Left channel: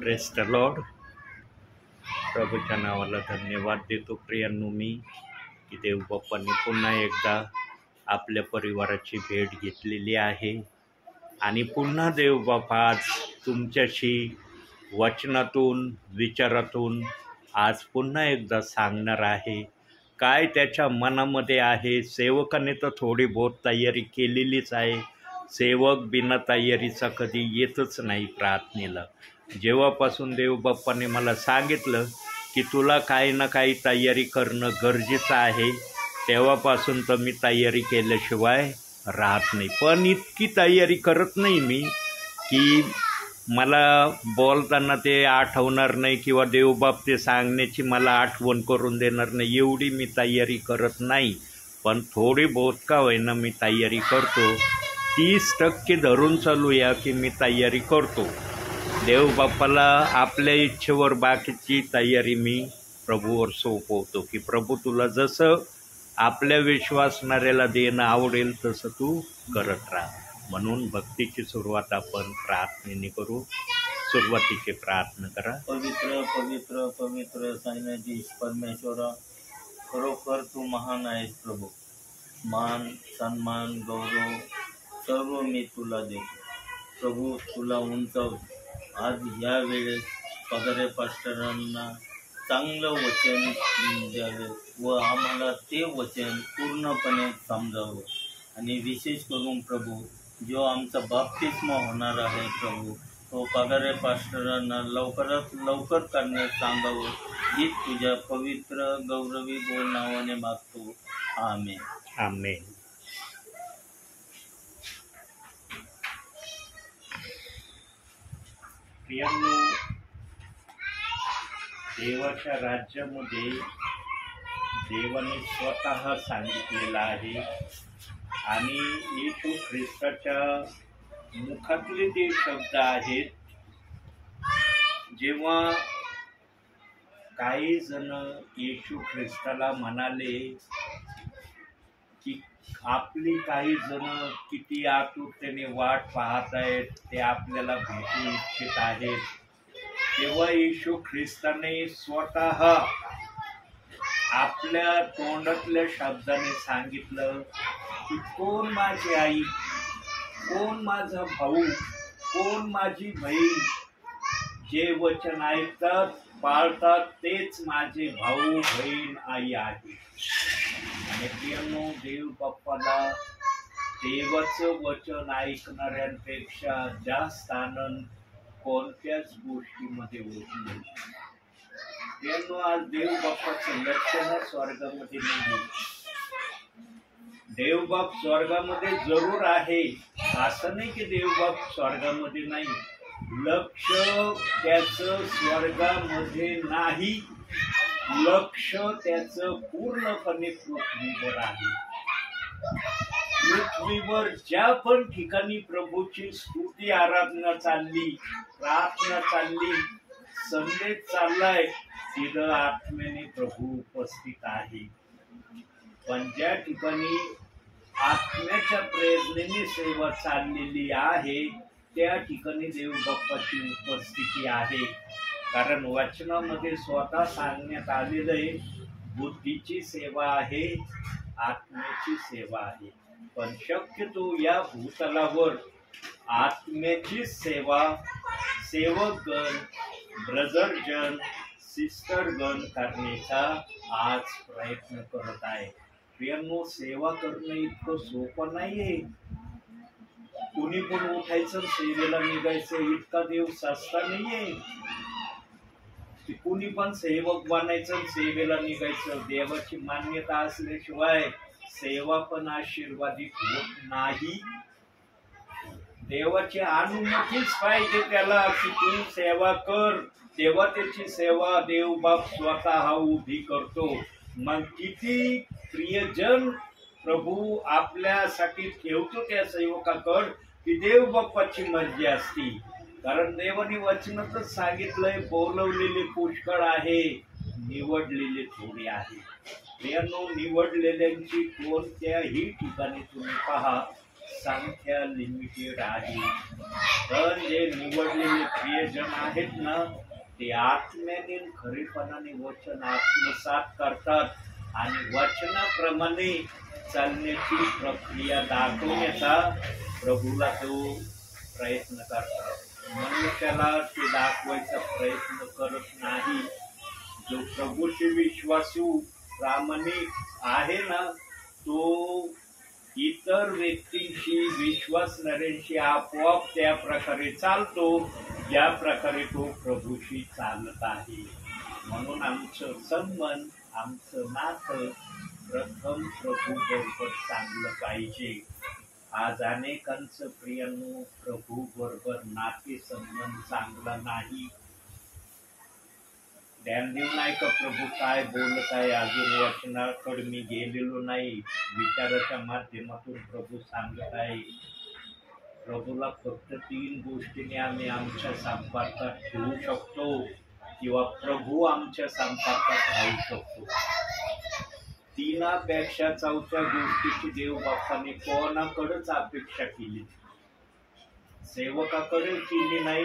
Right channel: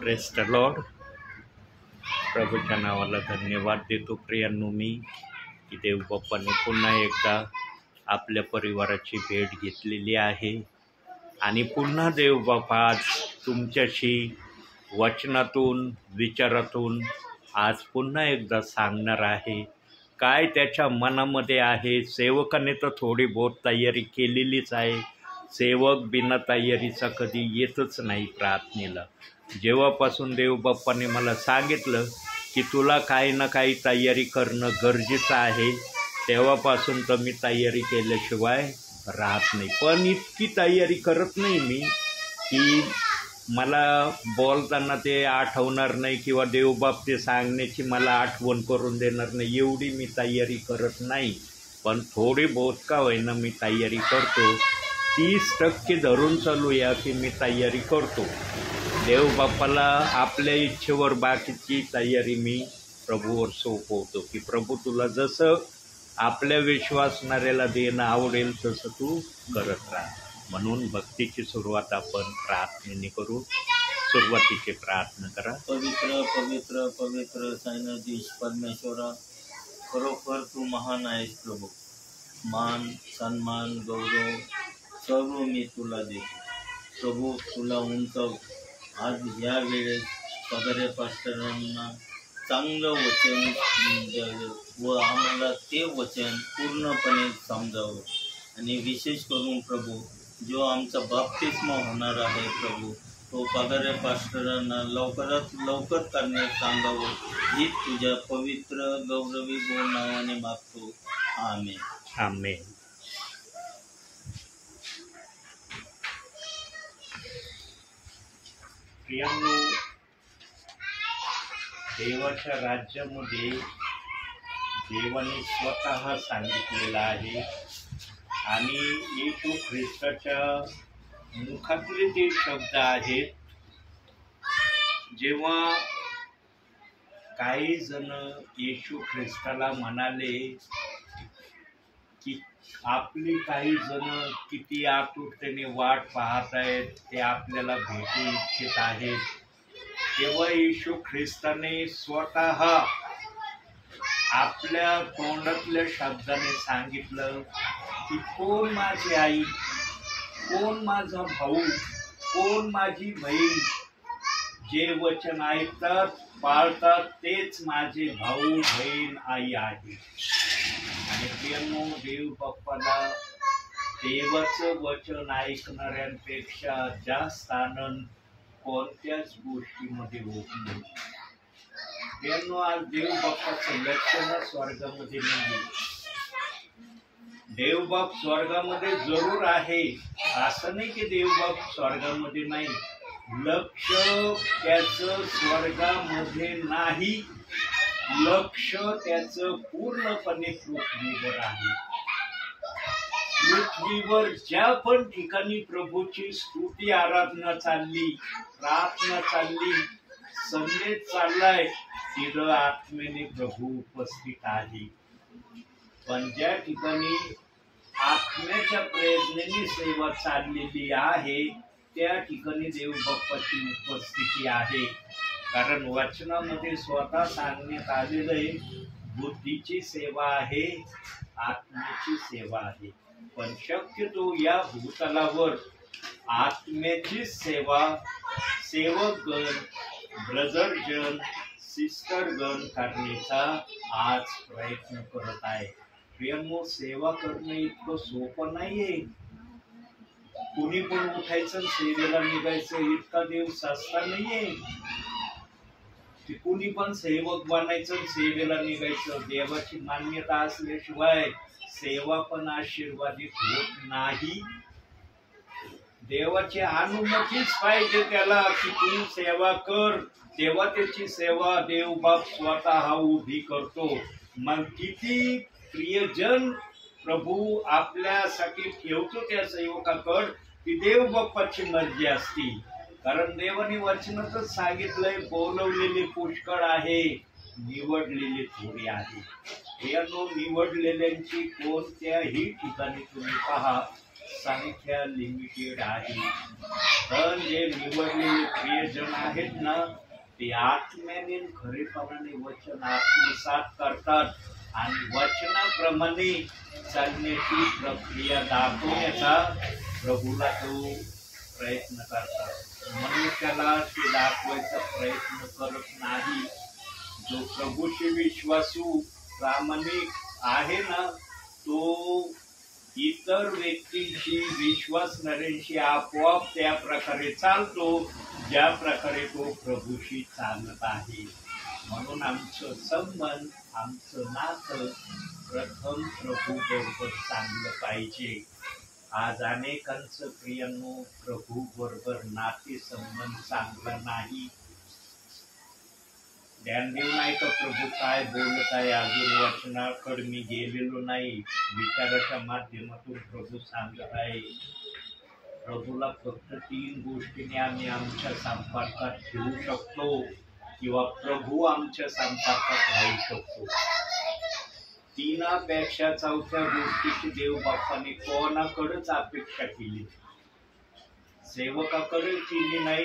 Press the Lord. प्रभूच्या नावाला धन्यवाद देतो प्रियांनो मी की देवबाप्पाने पुन्हा एकदा आपल्या परिवाराची भेट घेतलेली आहे आणि पुन्हा देवबाप्पा आज तुमच्याशी वचनातून विचारातून आज पुन्हा एकदा सांगणार आहे काय त्याच्या मनामध्ये आहे. सेवकाने तर थोडी बहुत तयारी केलेलीच आहे. सेवक बिना तयारीचा कधी येतच नाही प्रार्थनेला. जेव्हापासून देवबाप्पाने मला सांगितलं की तुला काही ना काही तयारी करणं गरजेचं आहे तेव्हापासून तर मी तयारी केल्याशिवाय राहत नाही. पण इतकी तयारी करत नाही मी की मला बोलताना ते आठवणार नाही किंवा देवबाप ते सांगण्याची मला आठवण करून देणार नाही एवढी मी तयारी करत नाही. पण थोडी बहुत का होईना मी तयारी करतो. 30% धरून चालूया की मी तयारी करतो. देवबाप्पाला आपल्या इच्छेवर बाकीची तयारी मी प्रभूवर सोपवतो की प्रभू तुला जसं आपल्या विश्वासणाऱ्याला देणं आवडेल तसं तू करत राहा. म्हणून भक्तीची सुरुवात आपण प्रार्थनेने करू. सुरुवातीची प्रार्थना करा. पवित्र पवित्र पवित्र साईनाथीश परमेश्वरा, खरोखर तू महान आहेस प्रभू. मान सन्मान गौरव सर्व मी तुला देतो प्रभू. तुला उंचाव. आज या वेळेस पगारे पास्टरांना चांगलं वचन द्यावं व आम्हाला ते वचन पूर्णपणे समजावं. आणि विशेष करून प्रभू जो आमचा बाप्तिस्मा होणार आहे प्रभू तो पगारे पास्टरांना लवकरात लवकर करण्यास सांगावं ही तुझ्या पवित्र गौरवी गोड नावाने मागतो. आमेन. आमेन. प्रियांनो, देवाच्या राज्यामध्ये देवाने स्वतः सांगितलेलं आहे आणि येशू ख्रिस्ताच्या मुखातले ते शब्द आहेत. जेव्हा काही जण येशू ख्रिस्ताला म्हणाले की आपली काही जण किती आतुरतेने वाट पाहत आहेत, ते आपल्याला भेटू इच्छित आहेत, तेव्हा येशू ख्रिस्ताने स्वतः आपल्या तोंडातल्या शब्दाने सांगितलं की कोण माझी आई, कोण माझा भाऊ, कोण माझी बहीण. जे वचन ऐकतात पाळतात तेच माझे भाऊ बहीण आई आहे. आणि प्रियांनो, देवबाप्पाला देवाचं वचन ऐकणाऱ्यांपेक्षा जास्त आनंद कोणत्याच गोष्टीमध्ये होत नाही. प्रियांनो, आज देवबाप्पाचं लक्षण स्वर्गामध्ये नाही. देवबाप स्वर्गामध्ये जरूर आहे, असं नाही की देवबाप स्वर्गामध्ये नाही. लक्ष त्याचं स्वर्गामध्ये नाही, लक्ष त्याचं पूर्णपणे पृथ्वीवर आहे. पृथ्वीवर ज्या पण ठिकाणी प्रभूची स्तुती आराधना चालली, प्रार्थना चालली, संदेश चाललाय, तिथं आत्मेने प्रभू उपस्थित आहे. पण ज्या ठिकाणी आत्म्याच्या प्रयत्नाने सेवा चाललेली आहे त्या ठिकाणी देवबाप्पाची उपस्थिती आहे. कारण वचनामध्ये स्वतः सांगण्यात आलेलं आहे बुद्धीची सेवा आहे, आत्म्याची सेवा आहे. पण शक्यतो या भूतलावर आत्म्याची सेवा सेवकगण, ब्रदरजन, सिस्टरगण करण्याचा आज प्रयत्न करत आहे. प्रियांनो, सेवा करणं इतकं सोपं नाहीये. कुणी पण उठायचं सेवेला निघायचं इतका देव सस्ता नाहीये. कुणी पण सेवक बनायचं सेवेला निघायचं. देवाची मान्यता असल्याशिवाय सेवा पण आशीर्वादित होत नाही. देवाची अनुमतीच पाहिजे त्याला की तू सेवा कर, तेव्हा त्याची सेवा देवबाप स्वतः उभी करतो. मग किती प्रियजन प्रभू आपल्यासाठी ठेवतो त्या सेवकाकड ती देवबाप्पाची मर्जी असती. कारण देवाने वचनातच सांगितलंय बोलवलेले पुष्कळ आहे, निवडलेले थोडे आहे. यानो निवडलेल्यांची कोणत्याही ठिकाणी तुम्ही पहा संख्या लिमिटेड आहे, पण जे निवडलेले प्रियजन आहेत ना, ते आत्म्याने खरेपणाने वचन आत्मसात करतात आणि वचनाप्रमाणे चालण्याची प्रक्रिया दाखवण्याचा प्रभूला तो प्रयत्न करतात। मनुष्याला ते दाखवायचा प्रयत्न करत नाही। जो प्रभूशी विश्वासू प्रामाणिक आहे ना, तो इतर व्यक्तींशी विश्वासणाऱ्यांशी आपोआप त्या प्रकारे चालतो ज्या प्रकारे तो प्रभूशी चालत आहे। म्हणून आमचं संबंध, आमचं नातं प्रथम प्रभू बरोबर चांगलं पाहिजे। आज अनेकांचं प्रियांनो प्रभू बरोबर नाते संबंध चांगला नाही। ध्यान देऊ नाही का प्रभू काय बोलत आहे? अजून वचनाकडे मी गेलेलो नाही, विचाराच्या माध्यमातून प्रभू सांगत आहे। प्रभूला फक्त 3 गोष्टींनी आम्ही आमच्या संपर्कात ठेवू शकतो किंवा प्रभू आमच्या संपर्कात राहू शकतो। 3पेक्षा 4थ्या गोष्टीची देव बाप्पाने कोणाकडेच अपेक्षा केली, सेवकाकडे केली नाही,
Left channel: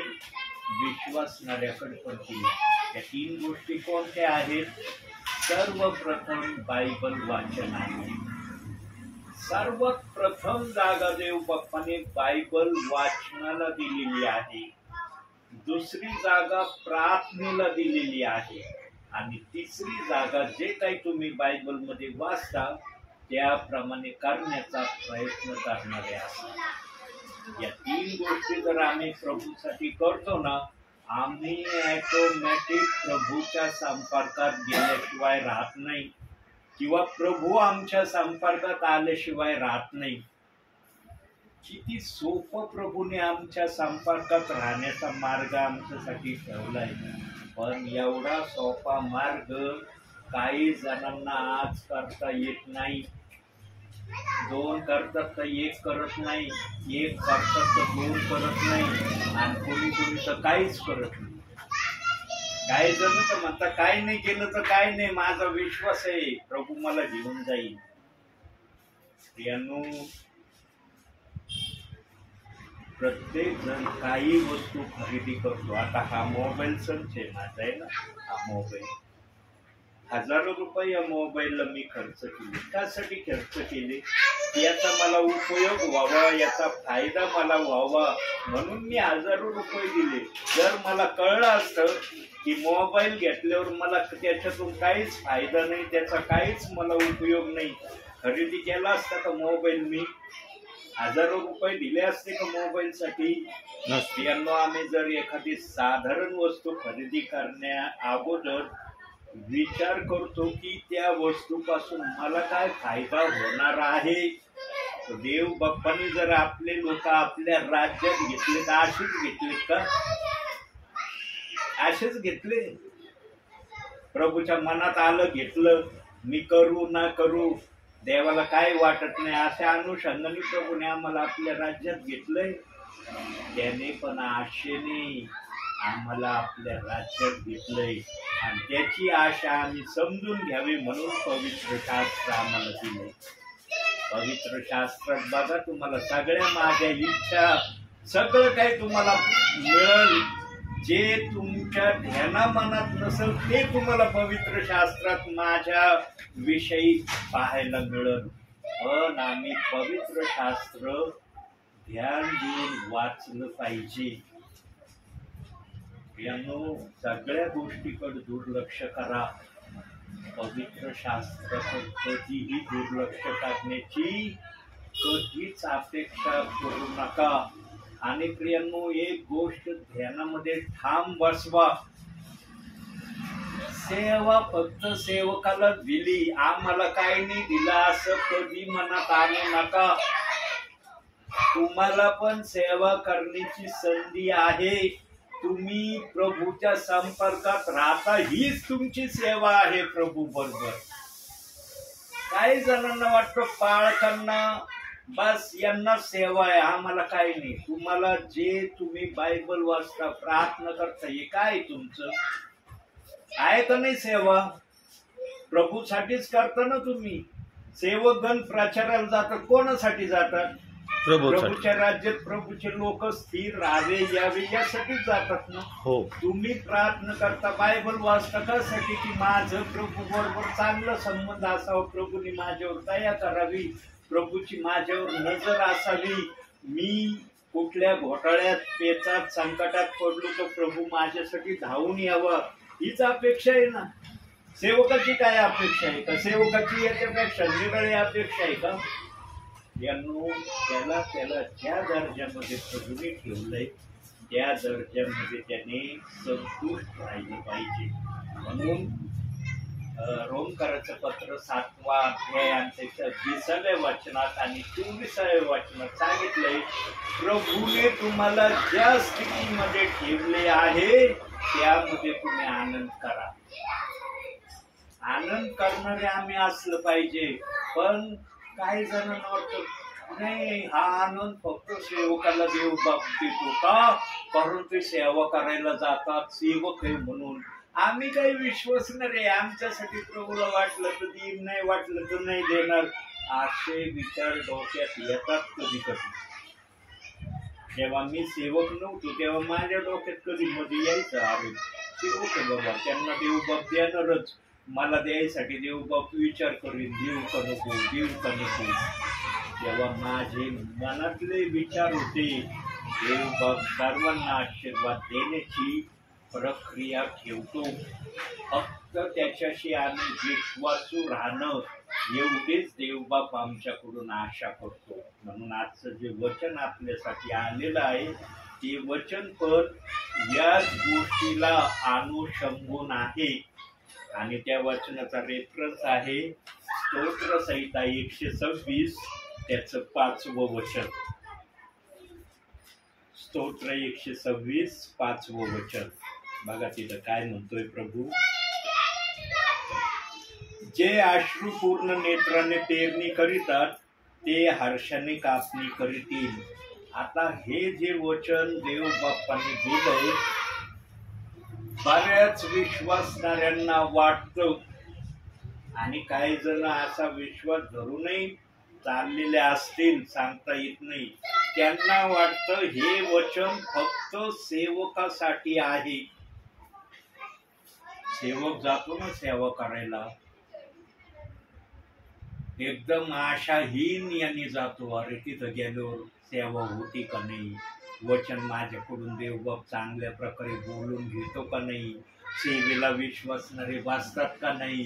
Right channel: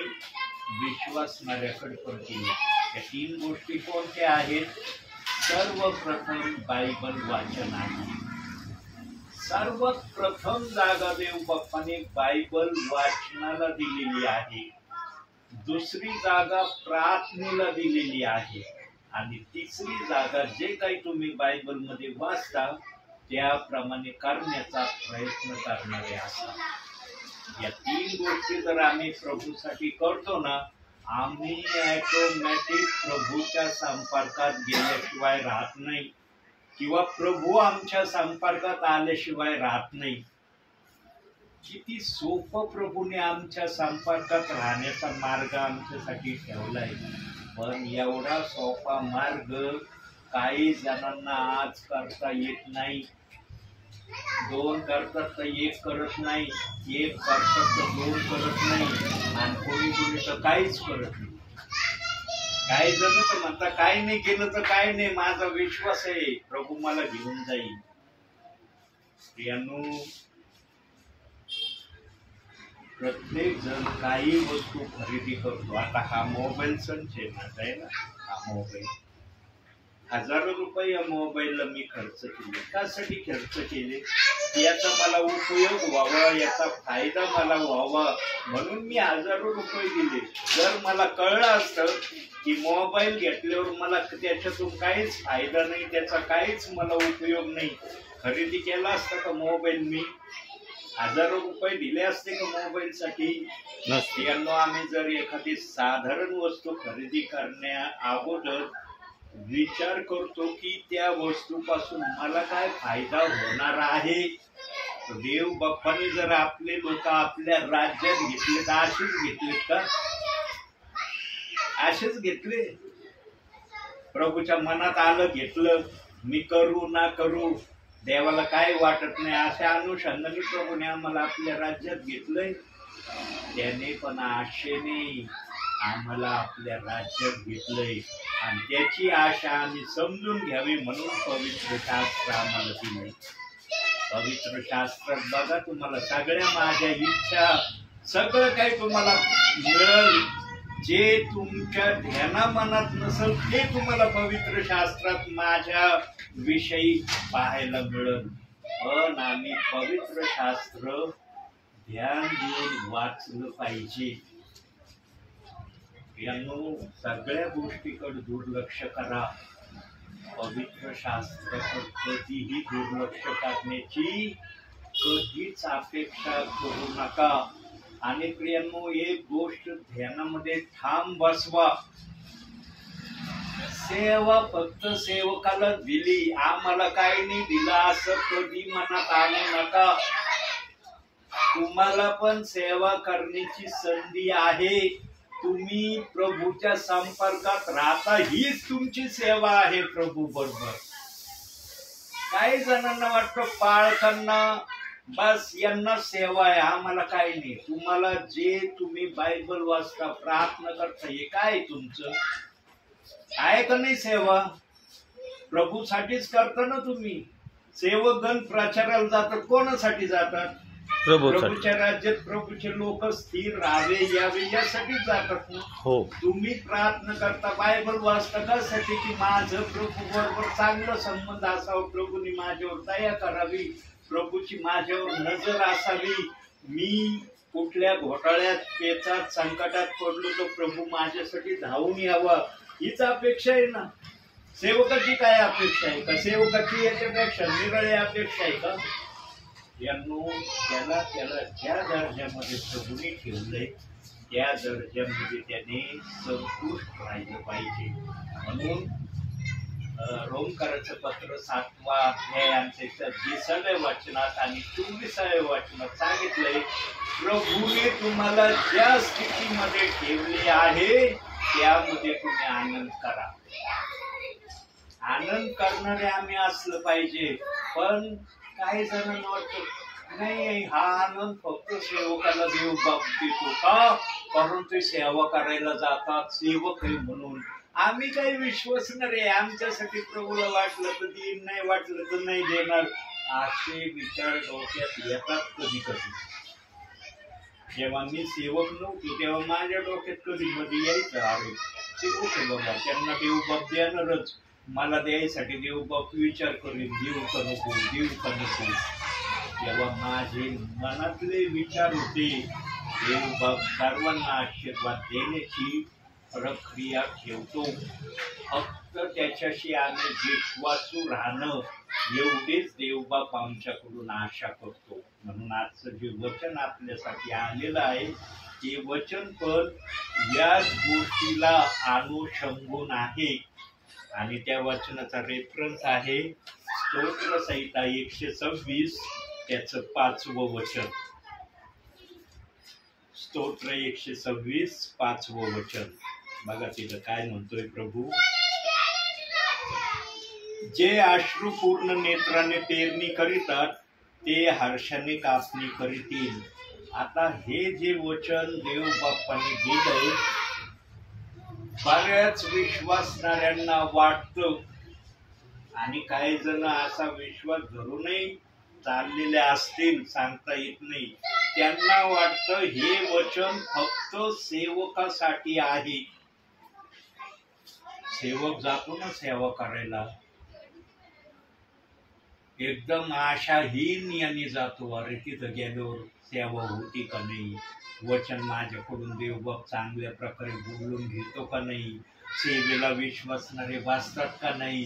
विश्वासणाऱ्याकडे पण केली। या 3 गोष्टी कोणत्या आहेत? सर्वप्रथम बायबल वाचन आहे। सर्वात प्रथम जागा देव बाप्पाने बायबल वाचनाला दिलेली आहे। दुसरी जागा प्रार्थनेला दिलेली आहे आणि तिसरी जागा जे काही तुम्ही बायबल मध्ये वाचता त्याप्रमाणे करण्याचा प्रयत्न करणारे असतात। या 3 गोष्टी जर आम्ही प्रभूसाठी करतो ना, आम्ही ऑटोमॅटिक प्रभूच्या संपर्कात गेल्याशिवाय राहत नाही किंवा प्रभू आमच्या संपर्कात आल्याशिवाय राहत नाही। किती सोपं प्रभूने आमच्या संपर्कात राहण्याचा मार्ग आमच्यासाठी ठेवलाय, पण एवढा सोपा मार्ग काही जणांना आज करता येत नाही। 2 करतात तर 1 करत नाही, 1 करतात तर 2 करत नाही आणि कोणी तर काहीच करत नाही। काही जण तर म्हणतात काही नाही केलं तर काही नाही, माझा विश्वास आहे प्रभू मला घेऊन जाईल। प्रत्येक जण काही वस्तू खरेदी करतो। आता हा मोबाईल संच आहे माझा आहे ना, हा मोबाईल हजारो रुपये या मोबाईलला मी खर्च केले। त्यासाठी खर्च केले याचा मला उपयोग व्हावा, याचा फायदा मला व्हावा म्हणून मी हजारो रुपये दिले। जर मला कळलं असतं की मोबाईल घेतल्यावर मला त्याच्यातून काहीच फायदा नाही, त्याचा काहीच मला उपयोग नाही, खरेदी केला असता का मोबाईल? मी हजारो रुपये दिले असते का मोबाईलसाठी? नसते। आम्ही जर एखादी साधारण वस्तू खरेदी करण्या अगोदर विचार करतो की त्या वस्तूपासून मला काय फायदा होणार आहे। देव बाप्पाने जर आपले लोक आपल्या राज्यात घेतले तर असेच घेतले का? असेच घेतले? प्रभूच्या मनात आलं घेतलं, मी करू ना करू देवाला काय वाटत नाही अशा अनुषंगाने प्रभूने आम्हाला आपल्या राज्यात घेतलंय। त्याने पण आशेने आम्हाला आपल्या राज्यात घेतलंय आणि त्याची आशा आम्ही समजून घ्यावी म्हणून पवित्र शास्त्र आम्हाला दिले। पवित्र शास्त्रात बघा तुम्हाला सगळ्या माझ्या इच्छा सगळं काही तुम्हाला मिळेल, जे तुमच्या ध्याना मनात नसेल ते तुम्हाला पवित्र शास्त्रात माझ्या विषयी पाहायला मिळेल। पण आम्ही पवित्र शास्त्र ध्यान देऊन वाचलं पाहिजे। सगळ्या गोष्टीकडे दुर्लक्ष करा, पवित्र शास्त्राकडे कधीही दुर्लक्ष करण्याची कधीच अपेक्षा करू नका। आणि प्रियांनो एक गोष्ट ध्यानामध्ये ठाम बसवा, सेवा फक्त सेवकाला दिली, आम्हाला काही नाही दिला असं कधी मनात आणू नका। तुम्हाला पण सेवा करण्याची संधी आहे, तुम्ही प्रभूच्या संपर्कात राहता हीच तुमची सेवा आहे प्रभू बरोबर। काही जणांना वाटतं पाळताना बस यांना सेवा आहे, आम्हाला काही नाही। तुम्हाला जे तुम्ही बायबल वाचता प्रार्थना करता हे काय तुमचं आहे का नाही? सेवा प्रभूसाठीच करता ना तुम्ही। सेवकगण प्रचाराला जातात कोणासाठी जातात? प्रभूच्या राज्यात प्रभूचे लोक स्थिर राहावे यावे यासाठी जातात ना. हो, तुम्ही प्रार्थना करता, बायबल वाचता कशासाठी? की माझं प्रभू बरोबर चांगलं संबंध असावं, प्रभूंनी माझ्यावर दया करावी, प्रभूची माझ्यावर नजर असावी, मी कुठल्या घोटाळ्यात पेचात संकटात पडलो तर प्रभू माझ्यासाठी धावून यावा, हीच अपेक्षा आहे ना. सेवकाची काय अपेक्षा आहे का? सेवकाची याच्यापेक्षा निराळी अपेक्षा आहे का? त्याला ज्या दर्जामध्ये प्रभूने ठेवलंय त्या दर्जामध्ये त्याने संतुष्ट राहिलं पाहिजे. म्हणून रोमकराचं पत्र 7वा अध्याय आणि त्याच्या 20व्या वचनात आणि 24व्या वचनात सांगितलंय, प्रभूने तुम्हाला ज्या स्थितीमध्ये ठेवले आहे त्यामध्ये तुम्ही आनंद करा. आनंद करणारे आम्ही असलं पाहिजे. पण काही जणांना वाटतं नाही, हा आनंद फक्त सेवकाला देव बाप देतो का? कारण ते सेवा करायला जातात, सेवक आहे म्हणून. आम्ही काही विश्वसणार आहे, आमच्यासाठी प्रभूला वाटलं तर देईन, नाही वाटलं तर नाही देणार, असे विचार डोक्यात येतात कधी कधी. जेव्हा मी सेवक नव्हतो तेव्हा माझ्या डोक्यात कधी मध्ये यायचं, अरे सेवक आहे बाबा, त्यांना देव बाप देणारच, मला द्यायसाठी देव बाप विचार करीन, देऊ का नको, देऊ का नको. तेव्हा माझे मनातले विचार होते, देव बाप सर्वांना आशीर्वाद देण्याची प्रक्रिया ठेवतो, फक्त त्याच्याशी आम्ही विश्वासू राहणं एवढेच देवबाप आमच्याकडून आशा करतो. म्हणून आजचं जे वचन आपल्यासाठी आलेलं आहे ते वचन पण याच गोष्टीला अनुषंगून आहे. आणि त्या वचनाचा रेफरन्स आहे स्तोत्र संहिता 126 त्याचं 5वं वचन. स्तोत्र 126 5वं वचन बघा तिथं काय म्हणतोय प्रभू. जे अश्रुपूर्ण नेत्राने पेरणी करीतात ते हर्षाने कापणी करीतील. आता हे जे वचन देव बाप्पाने दिलंय, बऱ्याच विश्वासणाऱ्यांना वाटतं आणि काही जण असा विश्वास धरूनही चाललेले असतील, सांगता येत नाही, त्यांना वाटतं हे वचन फक्त सेवकासाठी आहे. सेवक जातो ना सेवा करायला, एकदम आशाहीन यांनी जातो, अरे तिथं गेल्यावर सेवा होती का नाही, वचन माझ्याकडून देवबाप चांगल्या प्रकारे बोलून घेतो का नाही, सेवेला विश्वासणारे वाचतात का नाही,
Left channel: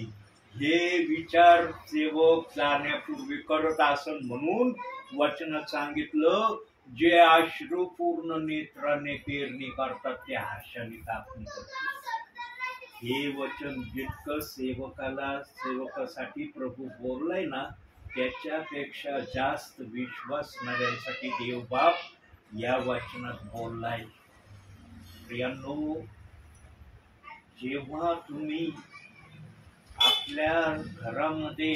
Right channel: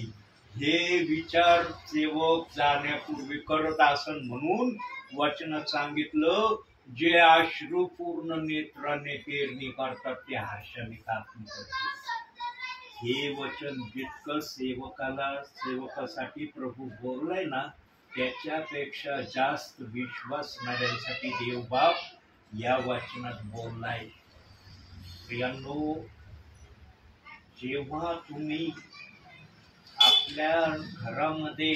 हे विचार सेवक जाण्यापूर्वी करत असन. म्हणून वचनात सांगितलं, जे अश्रुपूर्ण नेत्राने पेरणी करतात ते हर्षाने कापणी करतात. हे वचन जितकं सेवकासाठी प्रभू बोललाय ना, त्याच्यापेक्षा जास्त विश्वासणाऱ्यांसाठी देवबाप या वचनात बोललाय. प्रियांनो, जेव्हा तुम्ही आपल्या घरामध्ये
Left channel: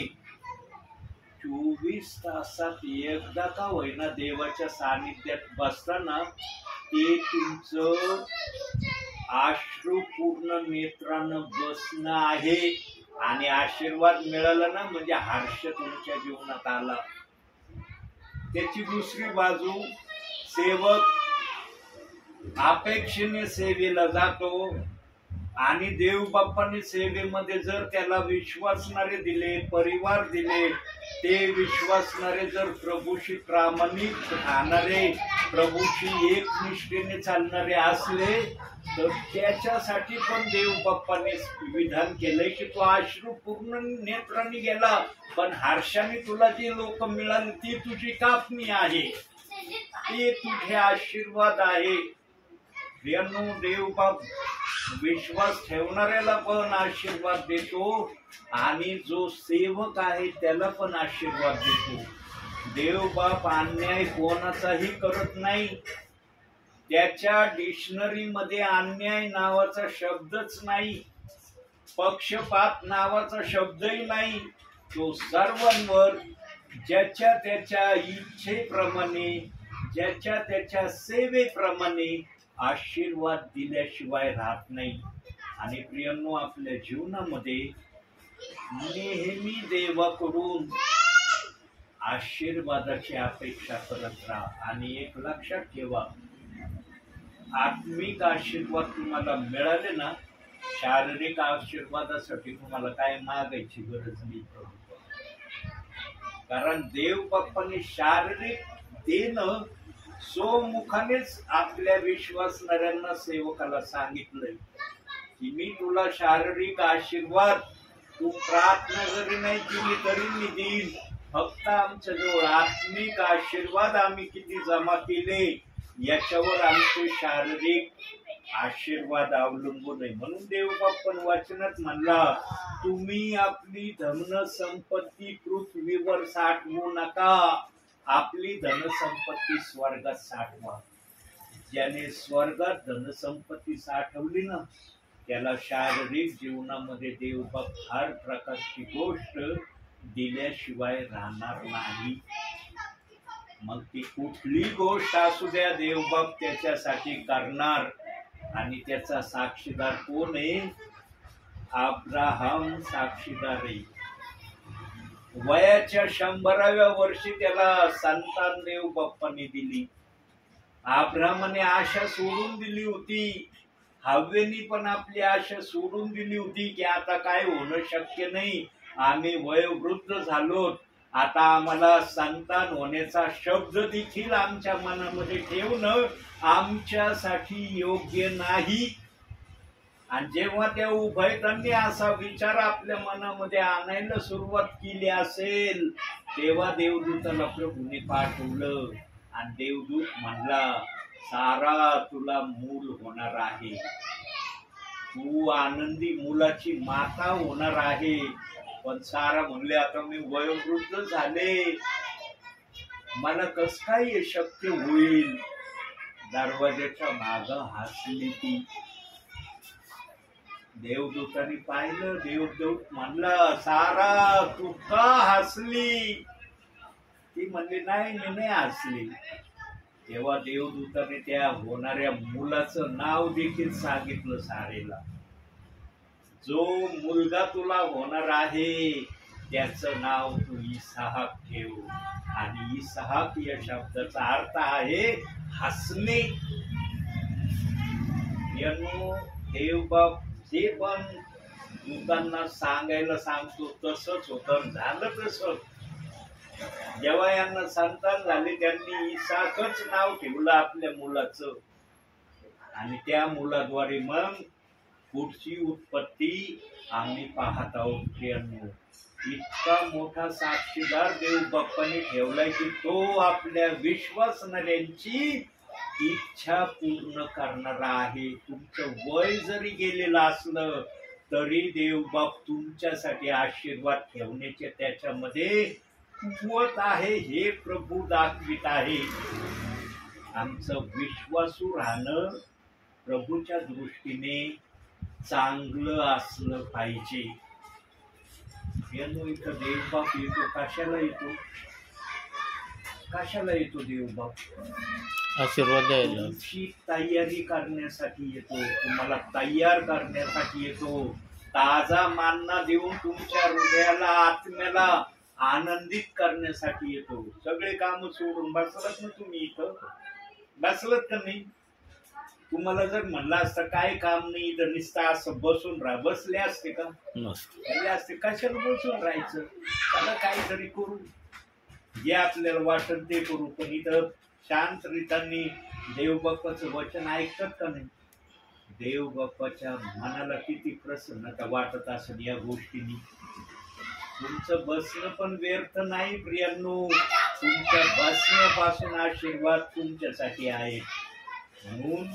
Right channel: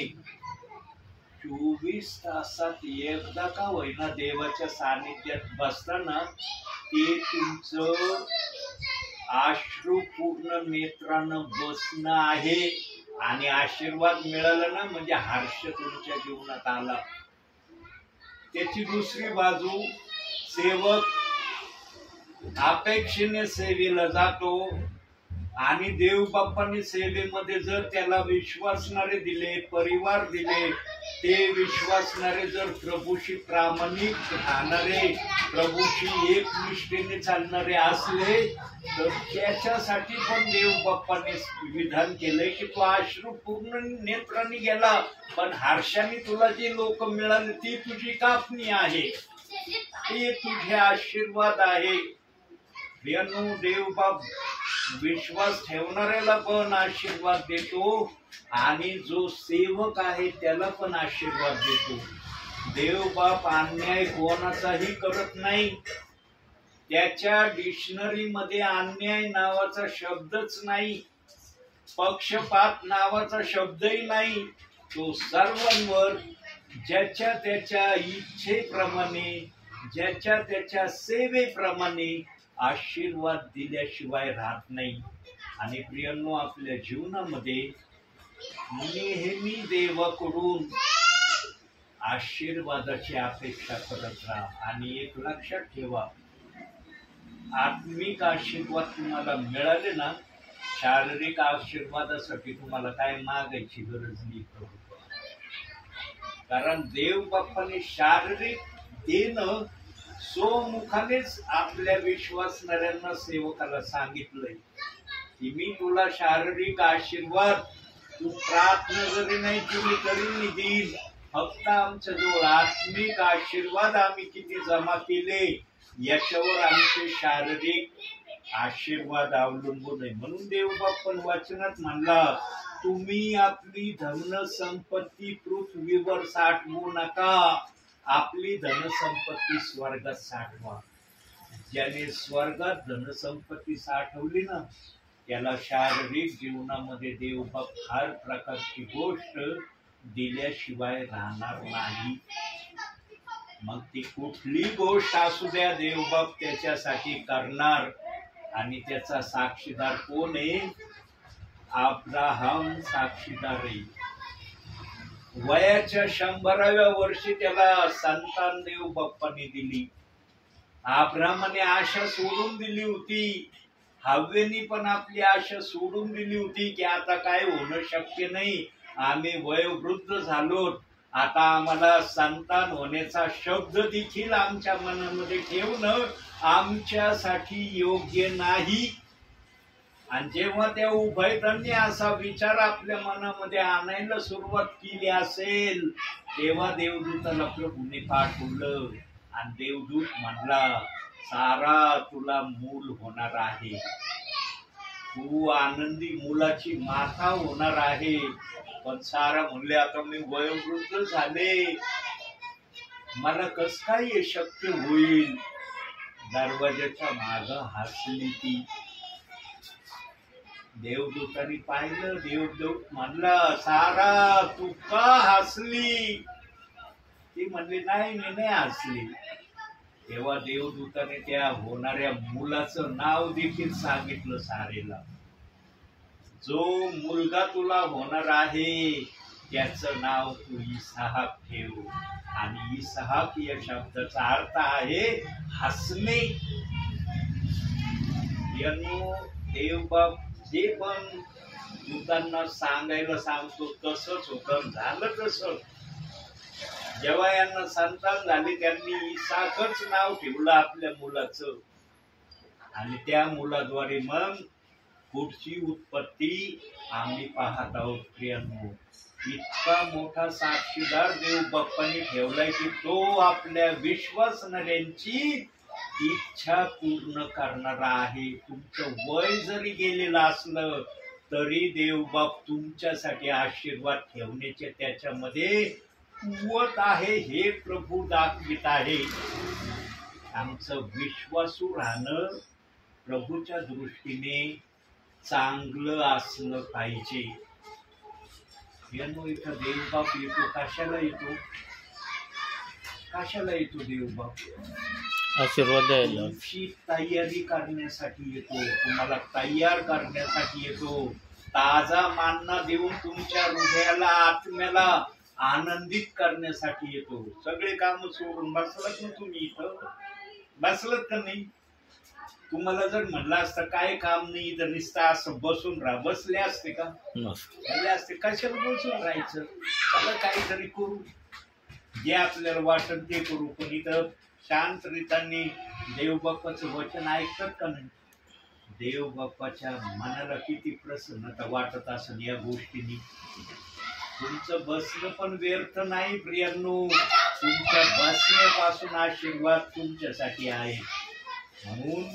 24 तासात एकदा का होईना देवाच्या सानिध्यात बसताना, ते तुमचं अश्रुपूर्ण नेत्रानं बसणं आहे. आणि आशीर्वाद मिळाला ना म्हणजे हर्ष तुमच्या जीवनात आला. त्याची दुसरी बाजू, सेवक अपेक्षेने सेवेला जातो आणि देव बाप्पांनी सेवेमध्ये जर त्याला विश्वासणारे दिले, परिवार दिले, ते विश्वासणारे जर प्रभूशी प्रामाणिक राहणारे, प्रभूशी एकनिष्ठेने चालणारे असले, तर त्याच्यासाठी पण देव बाप्पाने विधान केलंय की तो अश्रुपूर्ण नेत्रांनी गेला, पण हर्षाने तुला जी लोक मिळाली ती तुझी कापणी आहे, ते तुझे आशीर्वाद आहे. प्रियांनो, देव बाप विश्वास ठेवणाऱ्याला पण आशीर्वाद देतो आणि जो सेवक आहे त्याला पण आशीर्वाद देतो. देव बाप अन्याय कोणाचाही करत नाही. त्याच्या डिक्शनरीमध्ये अन्याय नावाचा शब्दच नाही, पक्षपात नावाचा शब्दही नाही. तो सर्वांवर ज्याच्या त्याच्या इच्छेप्रमाणे, ज्याच्या त्याच्या सेवेप्रमाणे आशीर्वाद दिल्याशिवाय राहत नाही. आणि प्रियांनो, आपल्या जीवनामध्ये नेहमी देवाकडून आशीर्वादाची अपेक्षा करत राहा. आणि एक लक्षात ठेवा, आत्मिक आशीर्वाद तुम्हाला मिळाले ना, शारीरिक आशीर्वादासाठी तुम्हाला काय मागायची गरज नाही प्रभू. कारण देव बाप्पाने शारीरिक देणं स्वमुखानेच आपल्या विश्वासणाऱ्यांना सेवकाला सांगितलंय की मी तुला शारीरिक आशीर्वाद तू प्रार्थना जरी नाही केली तरी मी देईन. फक्त आमच्या जवळ आत्मिक आशीर्वाद आम्ही किती जमा केले याच्यावर आमचे शारीरिक आशीर्वाद अवलंबून आहे. म्हणून देवबाप्पन वचनात म्हणला, तुम्ही आपली धन संपत्ती पृथ्वीवर साठवू नका, आपली धनसंपत्ती स्वर्गात साठवा. ज्याने स्वर्गात धनसंपत्ती साठवली ना, त्याला शारीरिक जीवनामध्ये देवबाप हर प्रकारची गोष्ट दिल्याशिवाय राहणार नाही. मग ती कुठली गोष्ट असू द्या, देवबाप त्याच्यासाठी करणार. आणि त्याचा साक्षीदार कोण आहे? अब्राहम साक्षीदार आहे. वयाच्या 100व्या वर्षी त्याला संतान देव बाप्पाने दिली. अब्राहमाने आशा सोडून दिली होती, हव्वेनी पण आपली आशा सोडून दिली होती की आता काय होणं शक्य नाही, आम्ही वयोवृद्ध झालो, आता आम्हाला संतान होण्याचा शब्द देखील आमच्या मनामध्ये ठेवणं आमच्यासाठी योग्य नाही. आणि जेव्हा त्या उभयतांनी असा विचार आपल्या मनामध्ये आणायला सुरुवात केली असेल, तेव्हा देवदूताला प्रभूने पाठवलं आणि देवदूत म्हणला, सारा तुला मूल होणार आहे, तू आनंदी मुलाची माता होणार आहे. पण सारा म्हणले, आता मी वयोवृद्ध झाले, मला कस काय हे शक्य होईल? दरवाजाच्या माग हसली ती. देवदूतांनी पाहिलं, देवदूत म्हणला, सारा तू का हसली? ती म्हणली, नाही मी नाही हसली. तेव्हा देवदूताने त्या होणाऱ्या मुलाचं नाव देखील सांगितलं सारेला. जो मुलगा तुला होणार आहे त्याचं नाव तू इसहाक ठेव. आणि इसहाक या शब्दाचा अर्थ आहे हसणे. यानो देवबाप जे पण दूतांना सांगायला सांगतो तसंच होतं, झालं तसं. जेव्हा यांना संतान झाले त्यांनी इसहाकच नाव ठेवलं आपल्या मुलाचं. आणि त्या मुलाद्वारे मग पुढची उत्पत्ती आम्ही पाहत आहोत. प्रियांनो, इतका मोठा साक्षीदार देव बाप्पाने ठेवलाय की तो आपल्या विश्वासणाऱ्यांची इच्छा पूर्ण करणारा आहे. तुमचं वय जरी गेलेलं असलं तरी देवबाप तुमच्यासाठी आशीर्वाद ठेवण्याचे त्याच्यामध्ये कुवत आहे, हे प्रभू दाखवित आहे. आमचं विश्वासू राहणं प्रभूच्या दृष्टीने चांगलं असलं पाहिजे. इथं देवबाप येतो, कशाला येतो? कशाला येतो देवबाप? आशीर्वाद द्यायला, तुमची तयारी करण्यासाठी येतो, तुम्हाला तयार करण्यासाठी येतो, ताजा मान्ना देऊन तुमच्या हृदयाला आत्म्याला आनंदित करण्यासाठी येतो. सगळे काम सोडून बसलात ना तुम्ही इथं? बसलात का नाही? तुम्हाला जर म्हणलं असतं काय काम नाही तर नुसतं असं बसून राहा, बसले असते का? बसले असते. कशाला बसून राहायचं? त्याला काहीतरी करू, जे आपल्याला वाटत ते करू. पण इथं शांत रीतांनी देवबाप्पाचं वचन ऐकतात का नाही? देवबाप्पाच्या मनाला किती प्रसन्नता वाटत असेल या गोष्टींनी. तुमचं बसणं पण व्यर्थ नाही प्रियांनो, तुमच्या बसण्यापासून आशीर्वाद तुमच्यासाठी आहे. म्हणून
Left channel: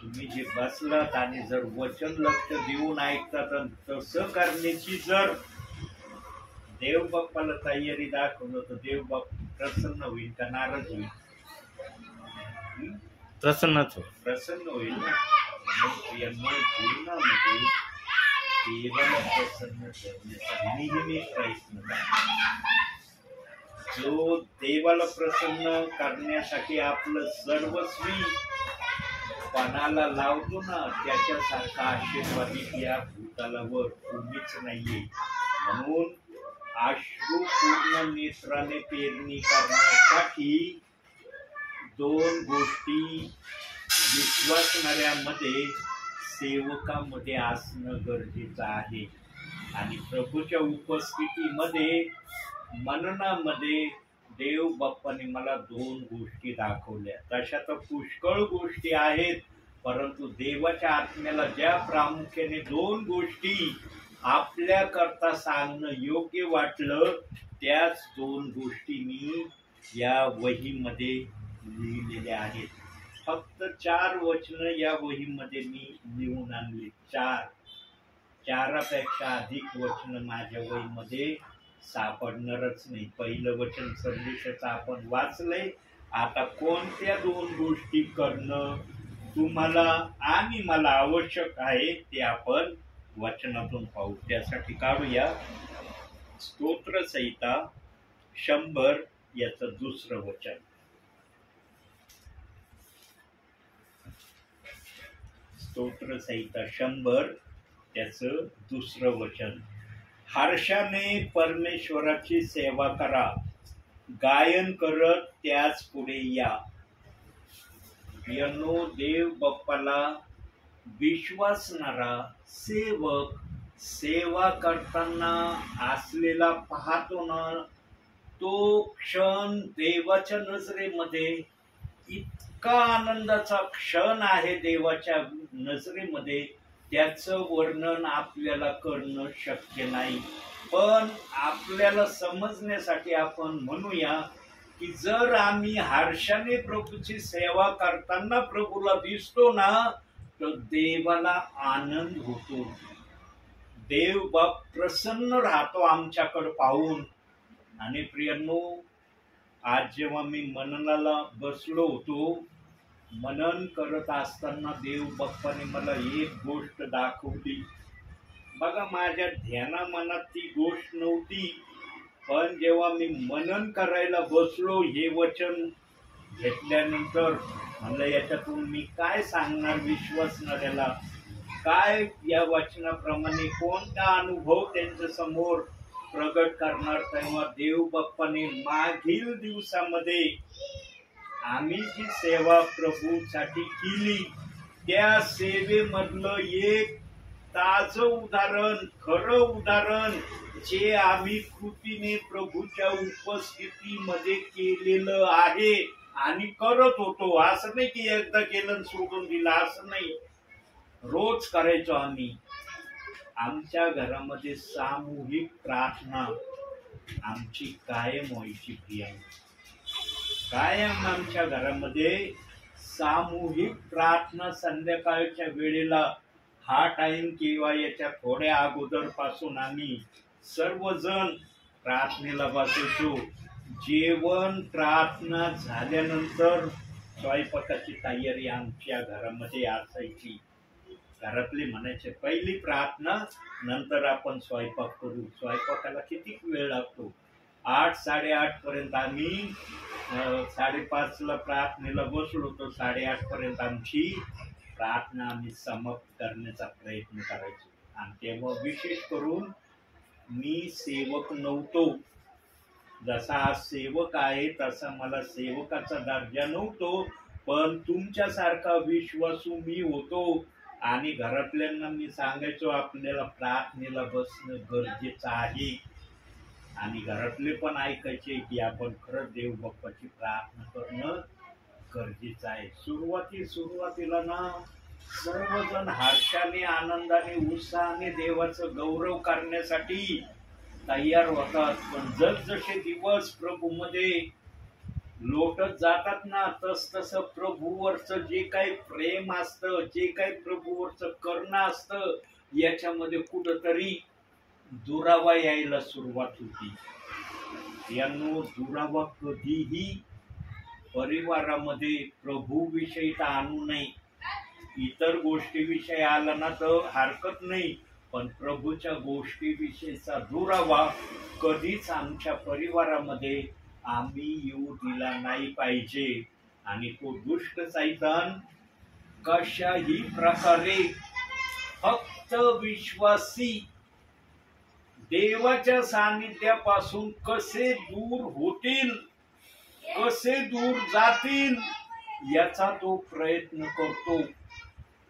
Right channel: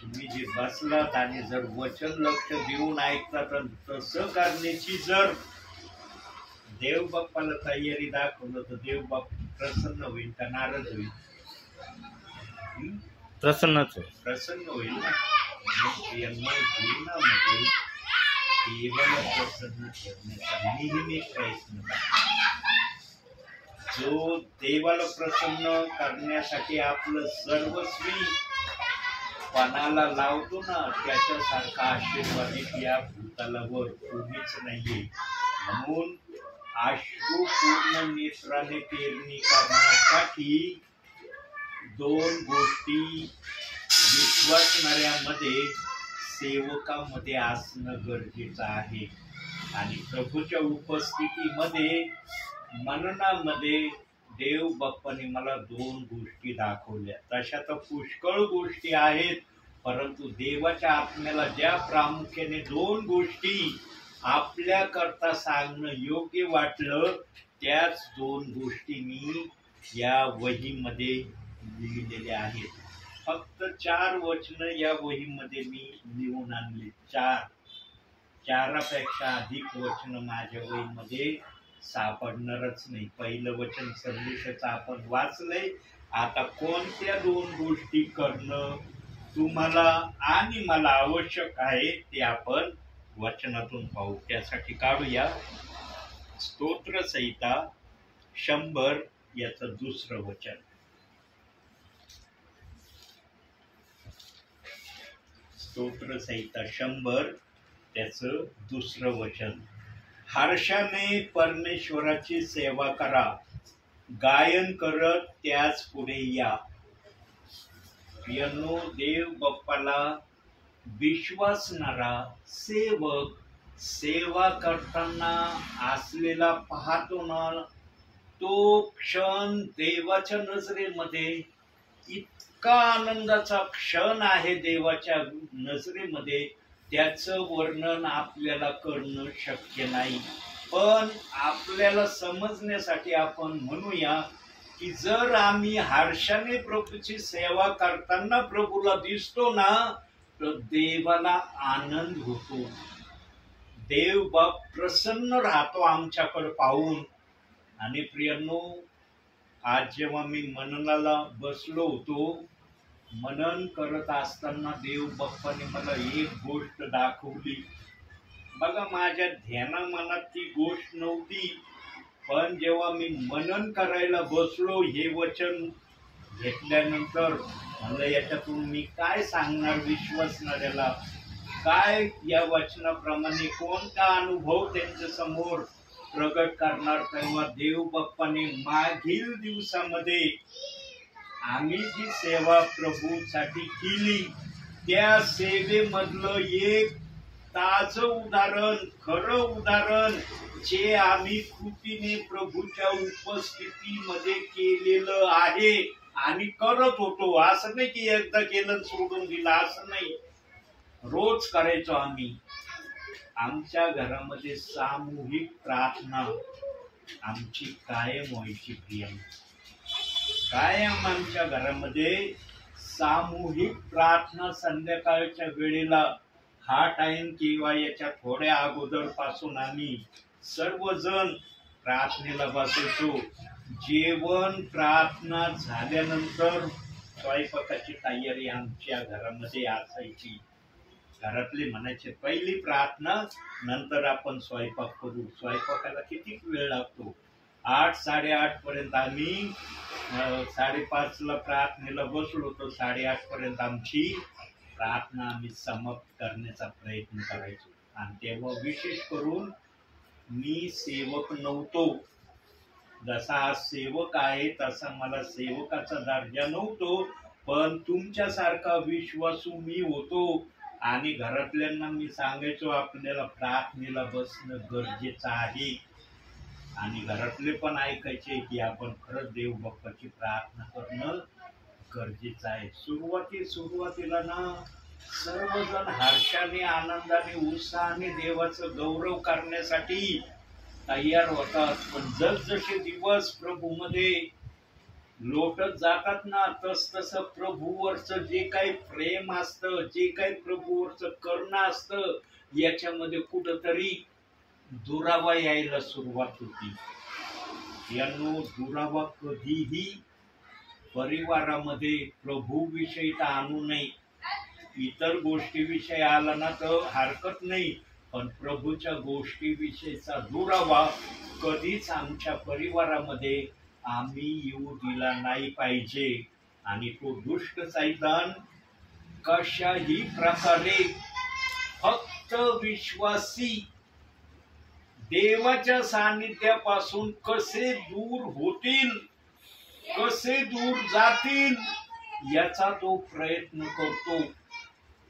तुम्ही जे बसलात आणि जर वचन लक्ष देऊन ऐकतात तसं करण्याची जर देवबाप्पाला तयारी दाखवलं तर देवबाप प्रसन्न होईल का नाराज होईल? प्रसन्न होईल ना. जीवनामध्ये देवाला प्रसन्न ठेवण्याचा नेहमी प्रयत्न करा. जो देवाला प्रसन्न करण्यासाठी आपलं सर्वस्वी पणाला लावतो ना, त्याच्यासारखा आशीर्वादित या भूतालावर कोणीच नाहीये. म्हणून अश्रुपूर्ण नेत्राने पेरणी करण्यासाठी दोन गोष्टी विश्वासणाऱ्यामध्ये, सेवकामध्ये असणं गरजेचं आहे. आणि प्रभूच्या उपस्थितीमध्ये, मननामध्ये देव बाप्पाने मला दोन गोष्टी दाखवल्या. तशा तर पुष्कळ गोष्टी आहेत, परंतु देवाच्या आत्म्याला ज्या प्रामुख्याने दोन गोष्टी आपल्या करता सांगणं योग्य वाटलं, त्याच दोन गोष्टी मी या वहीमध्ये लिहिलेल्या आहेत. फक्त 4 वचनं या वहीमध्ये मी लिहून आणली. 4पेक्षा अधिक वचनं माझ्या वहीमध्ये सापडणारच नाही. पहिलं वचन संदेशाचं आपण वाचलंय. आता कोणत्या दोन गोष्टी करणं तुम्हाला आणि मला आवश्यक आहे ते आपण वचनातून पाहू. त्यासाठी काढूया स्तोत्रसंहिता 100 याचं दुसरं वचन. स्तोत्रसंहिता 100 त्याचं दुसरं वचन. हर्षाने परमेश्वराची सेवा करा, गायन करत त्याच पुढे या. प्रियांनो, देव बाप्पाला विश्वासणारा सेवक सेवा करताना असलेला पाहतो ना, तो क्षण देवाच्या नजरेमध्ये इतका आनंदाचा क्षण आहे. देवाच्या नजरेमध्ये त्याचं वर्णन आपल्याला करणं शक्य नाही. पण आपल्याला समजण्यासाठी आपण म्हणूया की जर आम्ही हर्षाने प्रभूची सेवा करताना प्रभूला दिसतो ना, तर देवाला आनंद होतो. देव बाप प्रसन्न राहतो आमच्याकडे पाहून. आणि प्रियांनो, आज जेव्हा मी मननाला बसलो होतो, मनन करत असताना देव बाप्पाने मला एक गोष्ट दाखवली. बघा, माझ्या ध्यानामनात ती गोष्ट नव्हती, पण जेव्हा मी मनन करायला बसलो, हे वचन घेतल्यानंतर म्हणलं याच्यातून मी काय सांगणार विश्वासणाऱ्याला, काय या वचनाप्रमाणे कोणता अनुभव त्यांच्या समोर प्रगट करणार. तेव्हा देव बाप्पाने मागील दिवसामध्ये आम्ही जी सेवा प्रभूसाठी केली, त्या सेवेमधलं एक ताजं उदाहरण, खरं उदाहरण जे आम्ही कृतीने प्रभूच्या उपस्थितीमध्ये केलेलं आहे आणि करत होतो. असं नाही की एकदा केलं सोडून दिलं, असं नाही. रोज करायचो आम्ही. आमच्या घरामध्ये सामूहिक प्रार्थना आमची कायम व्हायची. प्रियांनो, कायम आमच्या घरामध्ये सामूहिक प्रार्थना संध्याकाळच्या वेळेला, हा टाइम किंवा याच्या थोड्या अगोदर पासून आम्ही सर्वजण प्रार्थनेला बसायचो. जेवण प्रार्थना झाल्यानंतर स्वयंपाकाची तयारी आमच्या घरामध्ये असायची. घरातले म्हणायचे पहिली प्रार्थना, नंतर आपण स्वयंपाक करू. स्वयंपाकाला किती वेळ लागतो? 8, 8:30 पर्यंत आम्ही 5:30ला प्रार्थनेला बसलो, तर 8:30 पर्यंत आमची प्रार्थना आम्ही समाप्त करण्याचा प्रयत्न करायचो. आणि तेव्हा विशेष करून मी सेवक नव्हतो. जसा आज सेवक आहे तसा मला सेवकाचा दर्जा नव्हतो, पण तुमच्यासारखा विश्वासू मी होतो. आणि घरातल्यांना मी सांगायचो आपल्याला प्रार्थनेला बसणं गरजेचं आहे. आणि घरातले पण ऐकायचे की आपण खरंच देव बाप्पाची प्रार्थना करणं गरजेचं आहे. सुरुवातीला ना सर्वजण हर्षाने, आनंदाने, उत्साहाने देवाचं गौरव करण्यासाठी तयार होतात. पण जसजसे दिवस प्रभूमध्ये लोटत जातात ना, तसं प्रभूवरचं जे काही प्रेम असतं, जे काही प्रभूवरचं करुणा असतं, याच्यामध्ये कुठंतरी दुरावा यायला सुरुवात होती. यांनो, दुरावा कधीही परिवारामध्ये प्रभूविषयी तर आणू नये. इतर गोष्टीविषयी आला ना तर हरकत नाही, पण प्रभूच्या गोष्टीविषयीचा दुरावा कधीच आमच्या परिवारामध्ये आम्ही येऊ दिला नाही पाहिजे. आणि तो दुष्ट सैतान कशाही प्रकारे फक्त विश्वासी देवाच्या सानिध्यापासून कसे दूर होतील, कसे दूर जातील याचा तो प्रयत्न करतो.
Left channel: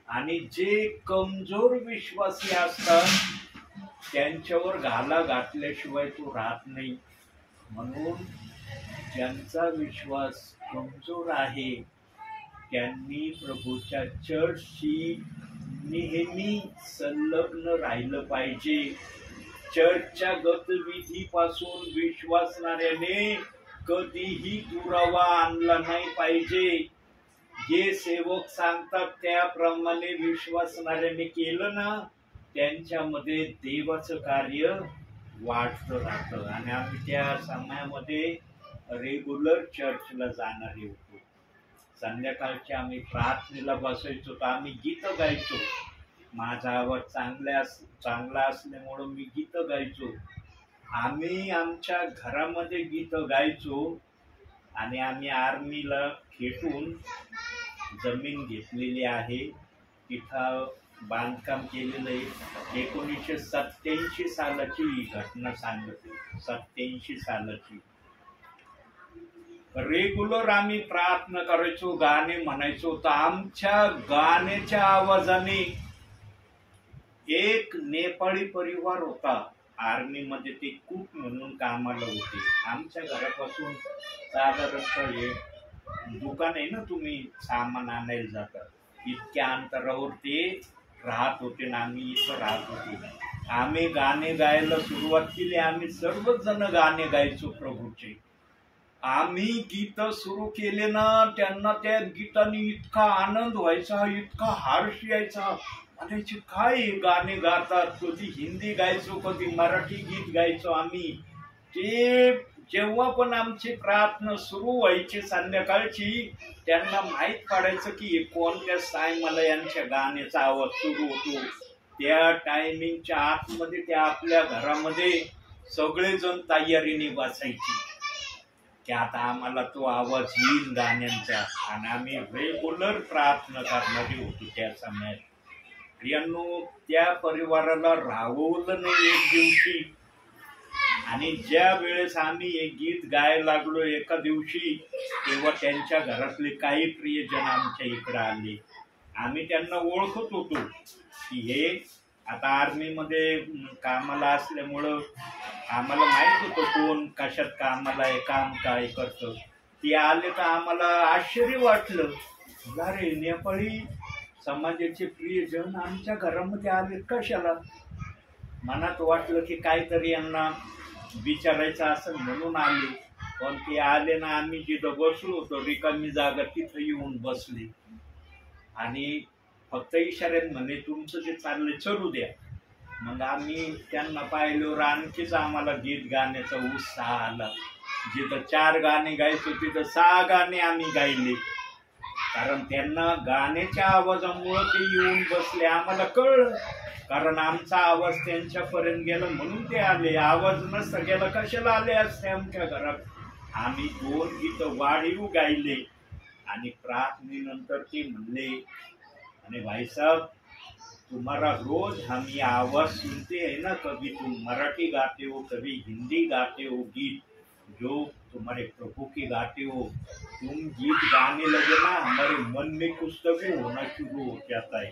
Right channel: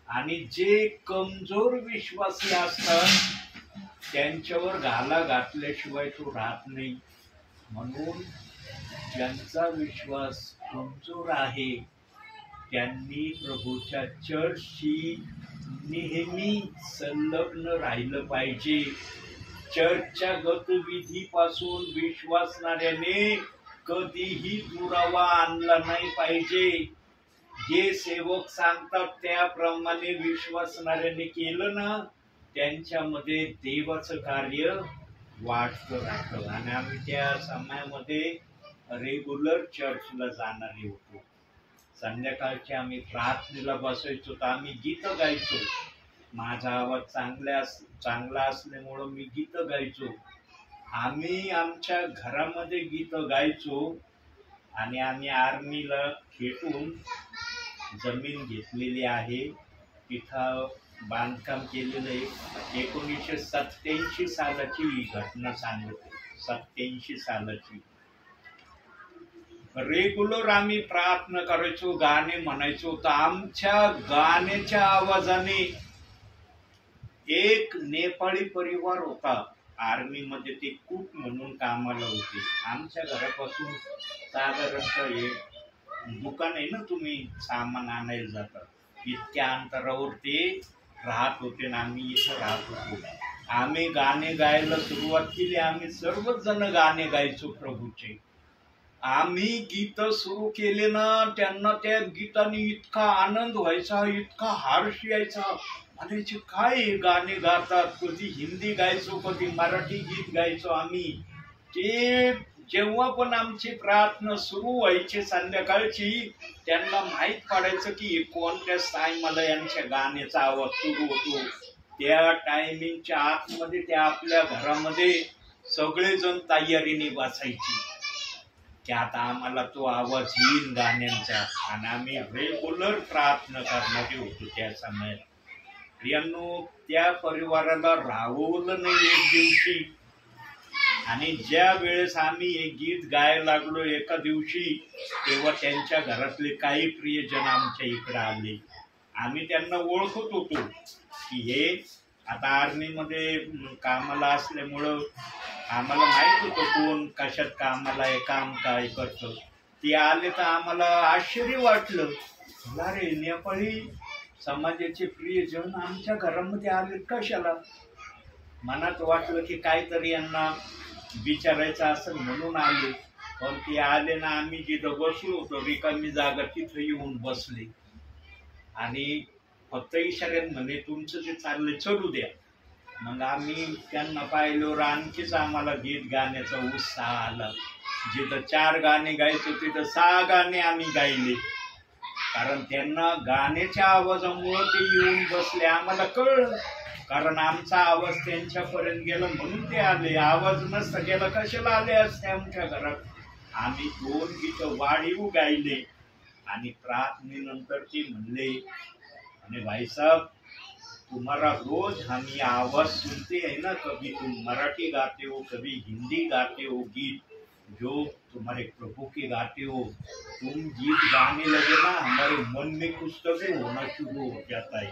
आणि जे कमजोर विश्वासी असतात त्यांच्यावर घाला घातल्याशिवाय तो राहत नाही. म्हणून ज्यांचा विश्वास कमजोर आहे त्यांनी प्रभूच्या चर्चशी नेहमी संलग्न राहिलं पाहिजे. चर्चच्या गतिविधीपासून विश्वासणाऱ्याने कधीही दुरावा आणला नाही पाहिजे. जे सेवक सांगतात त्याप्रमाणे विश्वासणाऱ्याने केलं ना, त्यांच्यामध्ये देवाचं कार्य वाढतं राहतं. आणि आम्ही त्या समयामध्ये रेग्युलर चर्चला जाणारे होतो. संध्याकाळचे आम्ही प्रार्थनेला बसायचो तर आम्ही गीत गायचो. माझा आवाज चांगला असल्यामुळं मी गीत गायचो. आम्ही आमच्या घरामध्ये गीत गायचो. आणि आम्ही आर्मीला खेटून जमीन घेतलेली आहे, तिथं बांधकाम केलेलं आहे. 1987 सालाची ही घटना सांगते. 87 सालाची. रेग्युलर आम्ही प्रार्थना करायचो, गाणे म्हणायचो. तर आमच्या गाण्याच्या आवाजाने एक नेपाळी परिवार होता आर्मीमध्ये, ते कुक म्हणून कामाला होते. आमच्या घरापासून साधारणतः हे दुकान आहे ना, तुम्ही सामान आणायला जातात, इतक्या अंतरावर ते राहत होते ना आम्ही इथं राहत होतो. आम्ही गाणे गायला सुरुवात केली. आम्ही सर्वच जण गाणे गायचो प्रभूचे. आम्ही गीत सुरू केले ना, त्यांना त्या गीताने इतका आनंद व्हायचा, इतका हर्ष यायचा. म्हणायचे काय हे गाणे गातात. कधी हिंदी गायचो, कधी मराठी गीत गायचो आम्ही. ते जेव्हा पण आमची प्रार्थना सुरू व्हायची संध्याकाळची, त्यांना माहीत पडायचं की कोणत्या टायमाला यांच्या गाण्याचा आवाज सुरू होतो. त्या टायमिंगच्या आतमध्ये त्या आपल्या घरामध्ये सगळेजण तयारीने बसायचे की आता आम्हाला तो आवाज येईल गाण्यांचा. आणि आम्ही रेग्युलर प्रार्थना करणारे होतो त्या समयात. प्रियांनो, त्या परिवाराला राहवलं नाही एक दिवशी. आणि ज्या वेळेस आम्ही हे गीत गायला लागलो एका दिवशी, तेव्हा त्यांच्या घरातले काही प्रियजन आमच्या इकडे आले. आम्ही त्यांना ओळखत होतो की हे आता आर्मीमध्ये कामाला असल्यामुळं आम्हाला माहित होतं कोण कशात कामाला आहे, काम काय करतं. ते आले तर आम्हाला आश्चर्य वाटलं. अरे, नेपाळी समाजाचे प्रियजन आमच्या घरामध्ये आले कशाला. मनात वाटलं की काहीतरी यांना विचारायचं असं म्हणून आले. पण ते आले ना, आम्ही जिथं बसलो होतो रिकामी जागा तिथं येऊन बसले. आणि फक्त इशाऱ्यात म्हणे तुमचं जे चाललंय चालू द्या. मग आम्ही त्यांना पाहिल्यावर आणखीच आम्हाला गीत गाण्याचा उत्साह आला. जिथं 4 गाणे गायचो तिथं 6 गाणे आम्ही गायले. कारण त्यांना गाण्याच्या आवाजामुळं ते येऊन बसले. आम्हाला कळलं, कारण आमचा आवाज त्यांच्यापर्यंत गेला म्हणून ते आले. आवाज नसता गेला कशाला आले असते आमच्या घरात. आम्ही 2 गीतं वाढीव गायले. आणि प्रार्थनेनंतर ते म्हणले, आणि भाई साहब तुम्हारा रोज हम ये आवाज सुनते हैं ना, कभी तुम मराठी गाते हो, कभी हिंदी गाते हो गीत, जो तुम्हारे प्रभु के गाते हो, तुम गीत गाने लगे ना, हमारे मन में कुछ तभी होना शुरू हो जाता है.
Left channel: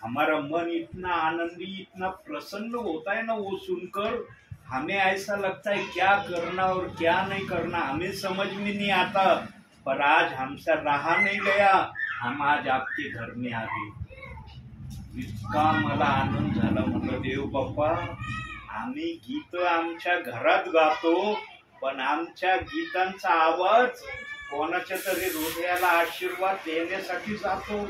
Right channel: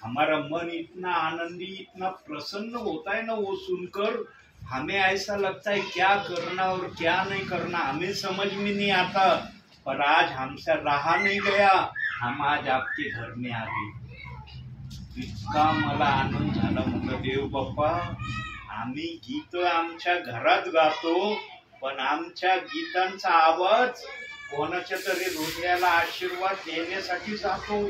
हमारा मन इतना आनंदी, इतना प्रसन्न होता है ना वो सुनकर. हमें ऐसा लगता है क्या करना और क्या नहीं करना हमें समझ में नहीं आता. पर आज हमसे रहा नहीं गया, हम आज आपके घर में आ गए. इतका मला आनंद झाला. म्हणलं देव बाप्पा, आम्ही गीत आमच्या घरात गातो, पण आमच्या गीतांचा आवाज कोणाच्या तरी हृदयाला आशीर्वाद देण्यासाठी जातो.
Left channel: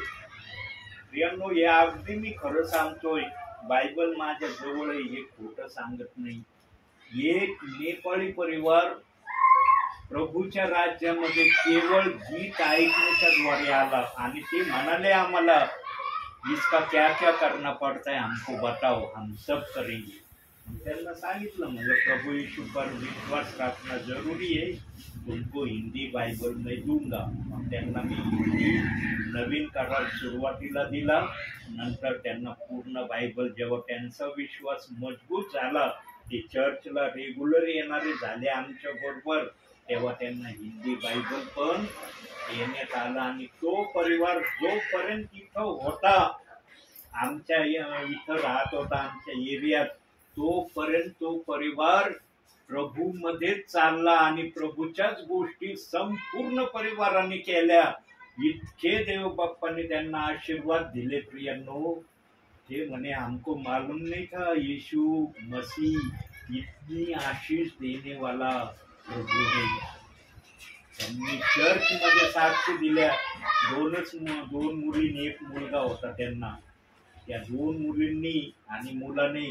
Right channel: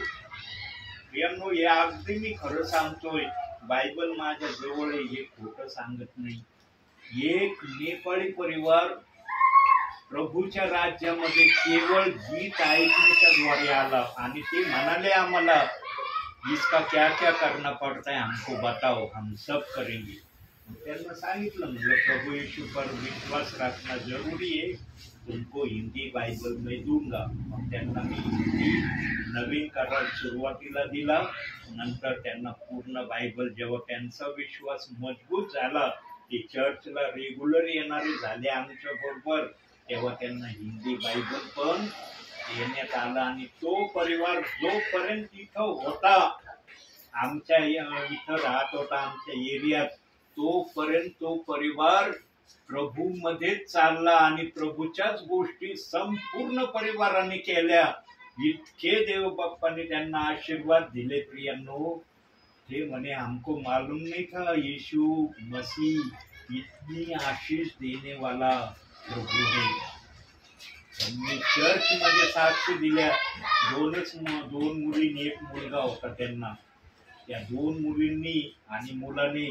प्रियांनो, हे अगदी मी खरं सांगतोय. बायबल माझ्या जवळ आहे, हे खोटं सांगत नाही. एक नेपाळी परिवार प्रभूच्या राज्यामध्ये केवळ गीत ऐकण्याच्या द्वारे आला. आणि ते म्हणाले आम्हाला, इसका क्या क्या करना पड़ता है हमको बताओ, हम सब करेंगे. त्यांना सांगितलं, म्हणजे प्रभु यीशु पर विश्वास रखना जरूरी है, तुमको हिंदी बाइबल में दूंगा. मग त्यांना मी हिंदी नवीन करार सुरुवातीला दिला. नंतर त्यांना पूर्ण बायबल. जेव्हा त्यांचा विश्वास मजबूत झाला ते चर्चला रेग्युलर येणारे झाले आमच्या बरोबर, तेव्हा त्यांना हिंदी बायबल पण देण्यात आला. आणि तो परिवार जोपर्यंत इथं होता, आमच्या इथं राहत होता आमच्या एरियात, तोपर्यंत तो परिवार प्रभू मध्येच चालला आणि प्रभूच्याच गोष्टी संपूर्ण परिवाराने केल्या. इतके देव बाप्पाने त्यांना आशीर्वाद दिले प्रियांनो. ते म्हणे हमको मालूम नहीं था यीशु मसीह इतनी आशीष देने वाला प्रभू है. त्यांनी चर्च मध्ये साक्ष दिल्या. दोन मुलींनी एक मुलगा होता त्यांना. त्या 2 मुलींनी आणि मुलाने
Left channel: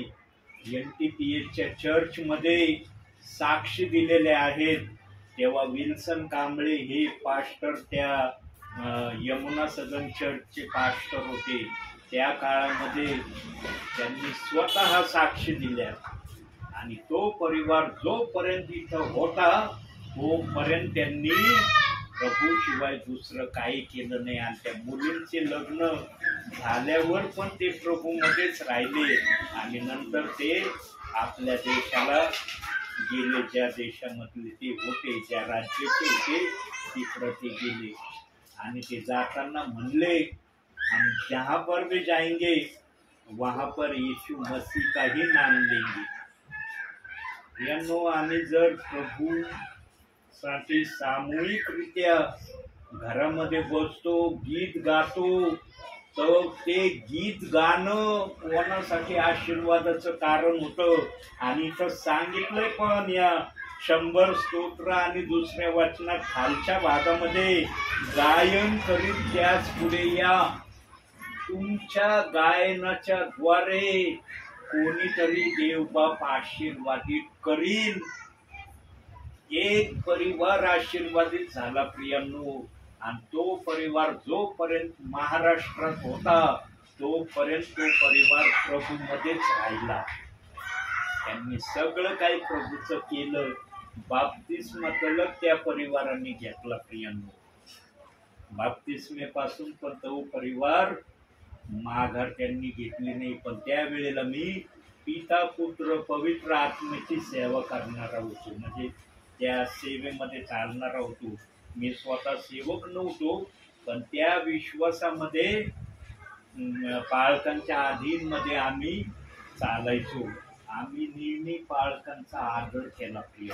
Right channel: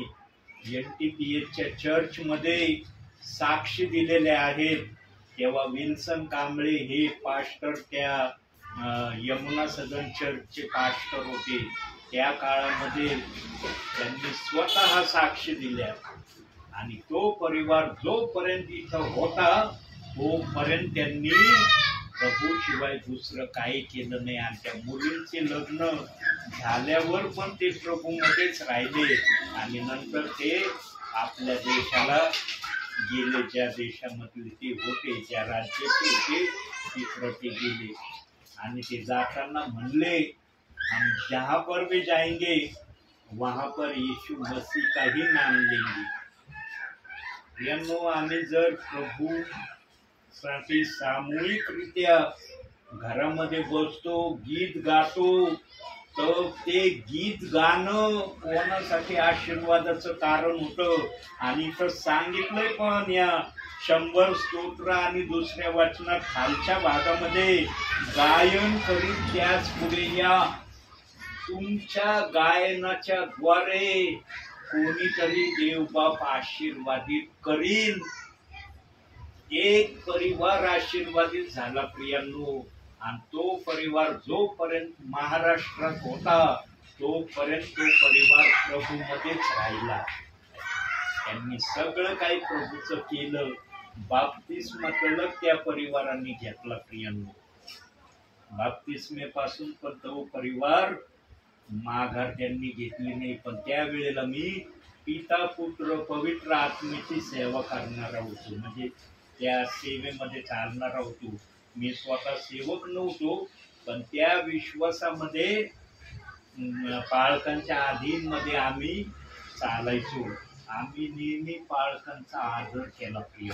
NTPHच्या चर्च मध्ये साक्ष दिलेले आहेत. तेव्हा विल्सन कांबळे हे पास्टर त्या यमुना सदन चर्चचे पास्टर होते. त्या काळामध्ये त्यांनी स्वतः साक्ष दिल्या. आणि तो परिवार जोपर्यंत इथं होता तोपर्यंत त्यांनी प्रभू शिवाय दुसरं काही केलं नाही. आणि त्या मुलींचे लग्न झाल्यावर पण ते प्रभू मध्येच राहिले. आणि नंतर ते आपल्या देशाला गेले, ज्या देशामधले ते होते, ज्या राज्याचे होते तिकडं ते गेले. आणि ते जाताना म्हणले, हम जहाँ पर भी जाएंगे वहाँ पर यीशु मसीह का ही नाम लेंगे. यांनो, आम्ही जर प्रभू साठी सामूहिकरित्या घरामध्ये बसतो, गीत गातो, तर ते गीत गाणं कोणासाठी आशीर्वादाचं कारण होतं. आणि इथं सांगितलंय पण या 100 स्तोत्र आणि दुसऱ्या वचनात खालच्या भागामध्ये, गायन करीत त्याच पुढे या. तुमच्या गायनाच्या द्वारे कोणीतरी देवबाप आशीर्वादित करील. एक परिवार आशीर्वादित झाला प्रियांनो. आणि तो परिवार जोपर्यंत महाराष्ट्रात होता तोपर्यंत तो परिवार प्रभूमध्येच राहिला. त्यांनी सगळं काही प्रभूचं केलं. बाप्तिस्मा तलक त्या परिवारांनी घेतला प्रियांनो. बाप्तिस्मेपासून पण तो परिवार माघार त्यांनी घेतली नाही. पण त्यावेळेला मी पिता पुत्र पवित्र आत्म्याची सेवा करणारा होतो, म्हणजे त्या सेवेमध्ये चालणारा होतो. मी स्वतः सेवक नव्हतो, पण त्या विश्वासामध्ये पाळकांच्या अधीनमध्ये आम्ही चालायचो. आम्ही नेहमी पाळकांचा आदर केला प्रिय.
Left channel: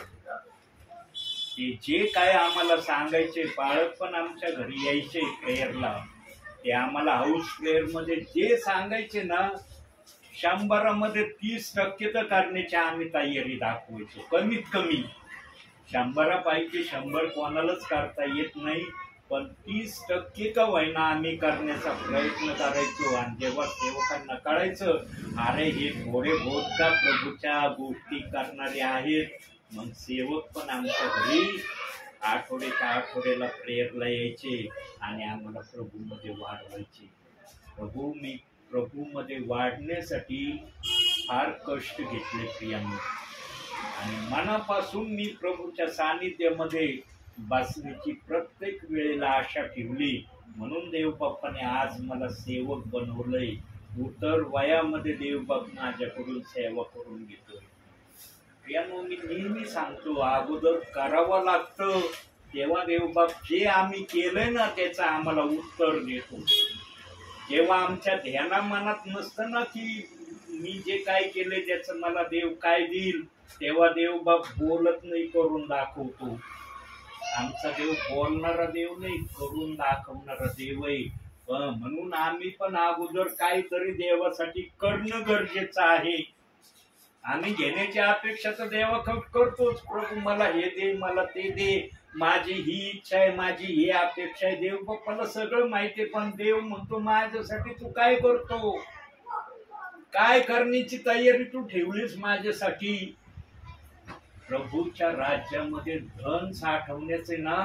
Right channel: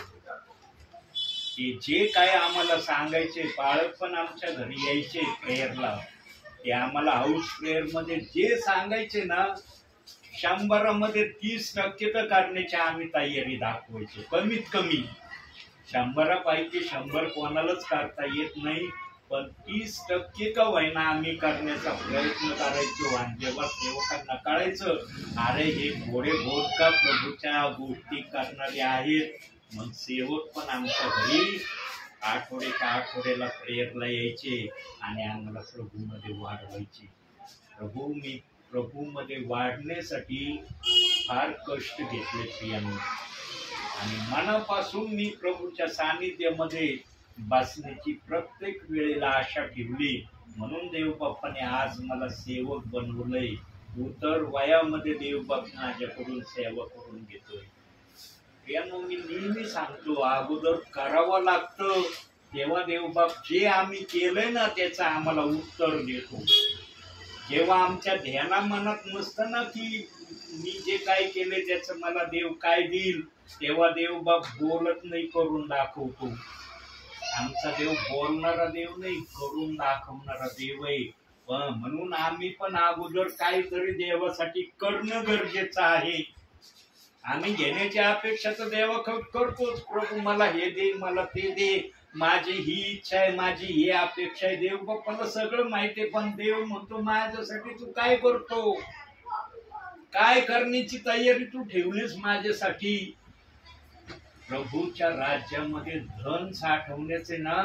ते जे काय आम्हाला सांगायचे, पाळक पण आमच्या घरी यायचे प्रेयरला. ते आम्हाला हाऊस प्रेयर मध्ये जे सांगायचे ना, 100 30% तर करण्याची आम्ही तयारी दाखवायचो. कमीत कमी 100 पैकी 100 कोणालाच करता येत नाही, पण 30% का होईना आम्ही करण्याचा प्रयत्न करायचो. आणि जेव्हा सेवकांना कळायचं, अरे हे थोडे बहुत का प्रभूच्या गोष्टी करणारे आहेत, मग सेवक पण आमच्या घरी आठवड्याच्या आठवड्याला प्रेयरला यायचे आणि आम्हाला प्रभूमध्ये वाढवायचे. मी प्रभूमध्ये वाढण्यासाठी फार कष्ट घेतले प्रियांनो. आणि मनापासून मी प्रभूच्या सानिध्यामध्ये बसण्याची प्रत्येक वेळेला आशा ठेवली. म्हणून देवबाप्पाने आज मला सेवक बनवलंय. उतर वयामध्ये देवबाप माझ्याकडून सेवा करून घेतोय. प्रियांनो, मी नेहमी सांगतो, अगोदर करावं लागतं, तेव्हा देवबाप जे आम्ही केलंय ना त्याचं आम्हाला उत्तर देतो. जेव्हा आमच्या ध्याना मनात नसतं ना की मी जे काय केले त्याचं मला देव काय देईल, तेव्हा देवबाप बोलत नाही, करून दाखवतो. आमचा देव बोलणारा देव नाही, करून दाखवणारा देव आहे. म्हणून आम्ही पण अगोदर काहीतरी देवासाठी करणं गरजेचं आहे. आम्ही घेण्याची अपेक्षा तर देवाकडे करतोच. प्रभू मला हे दे, मला ते दे, माझी ही इच्छा आहे, माझी ही अपेक्षा आहे. देव बाप्पाला सगळं माहिती आहे, पण देव म्हणतो माझ्यासाठी तू काय करतो, काय करण्याची तयारी तू ठेवलीस माझ्यासाठी. प्रभूच्या राज्यामध्ये धन साठवण्याचे ना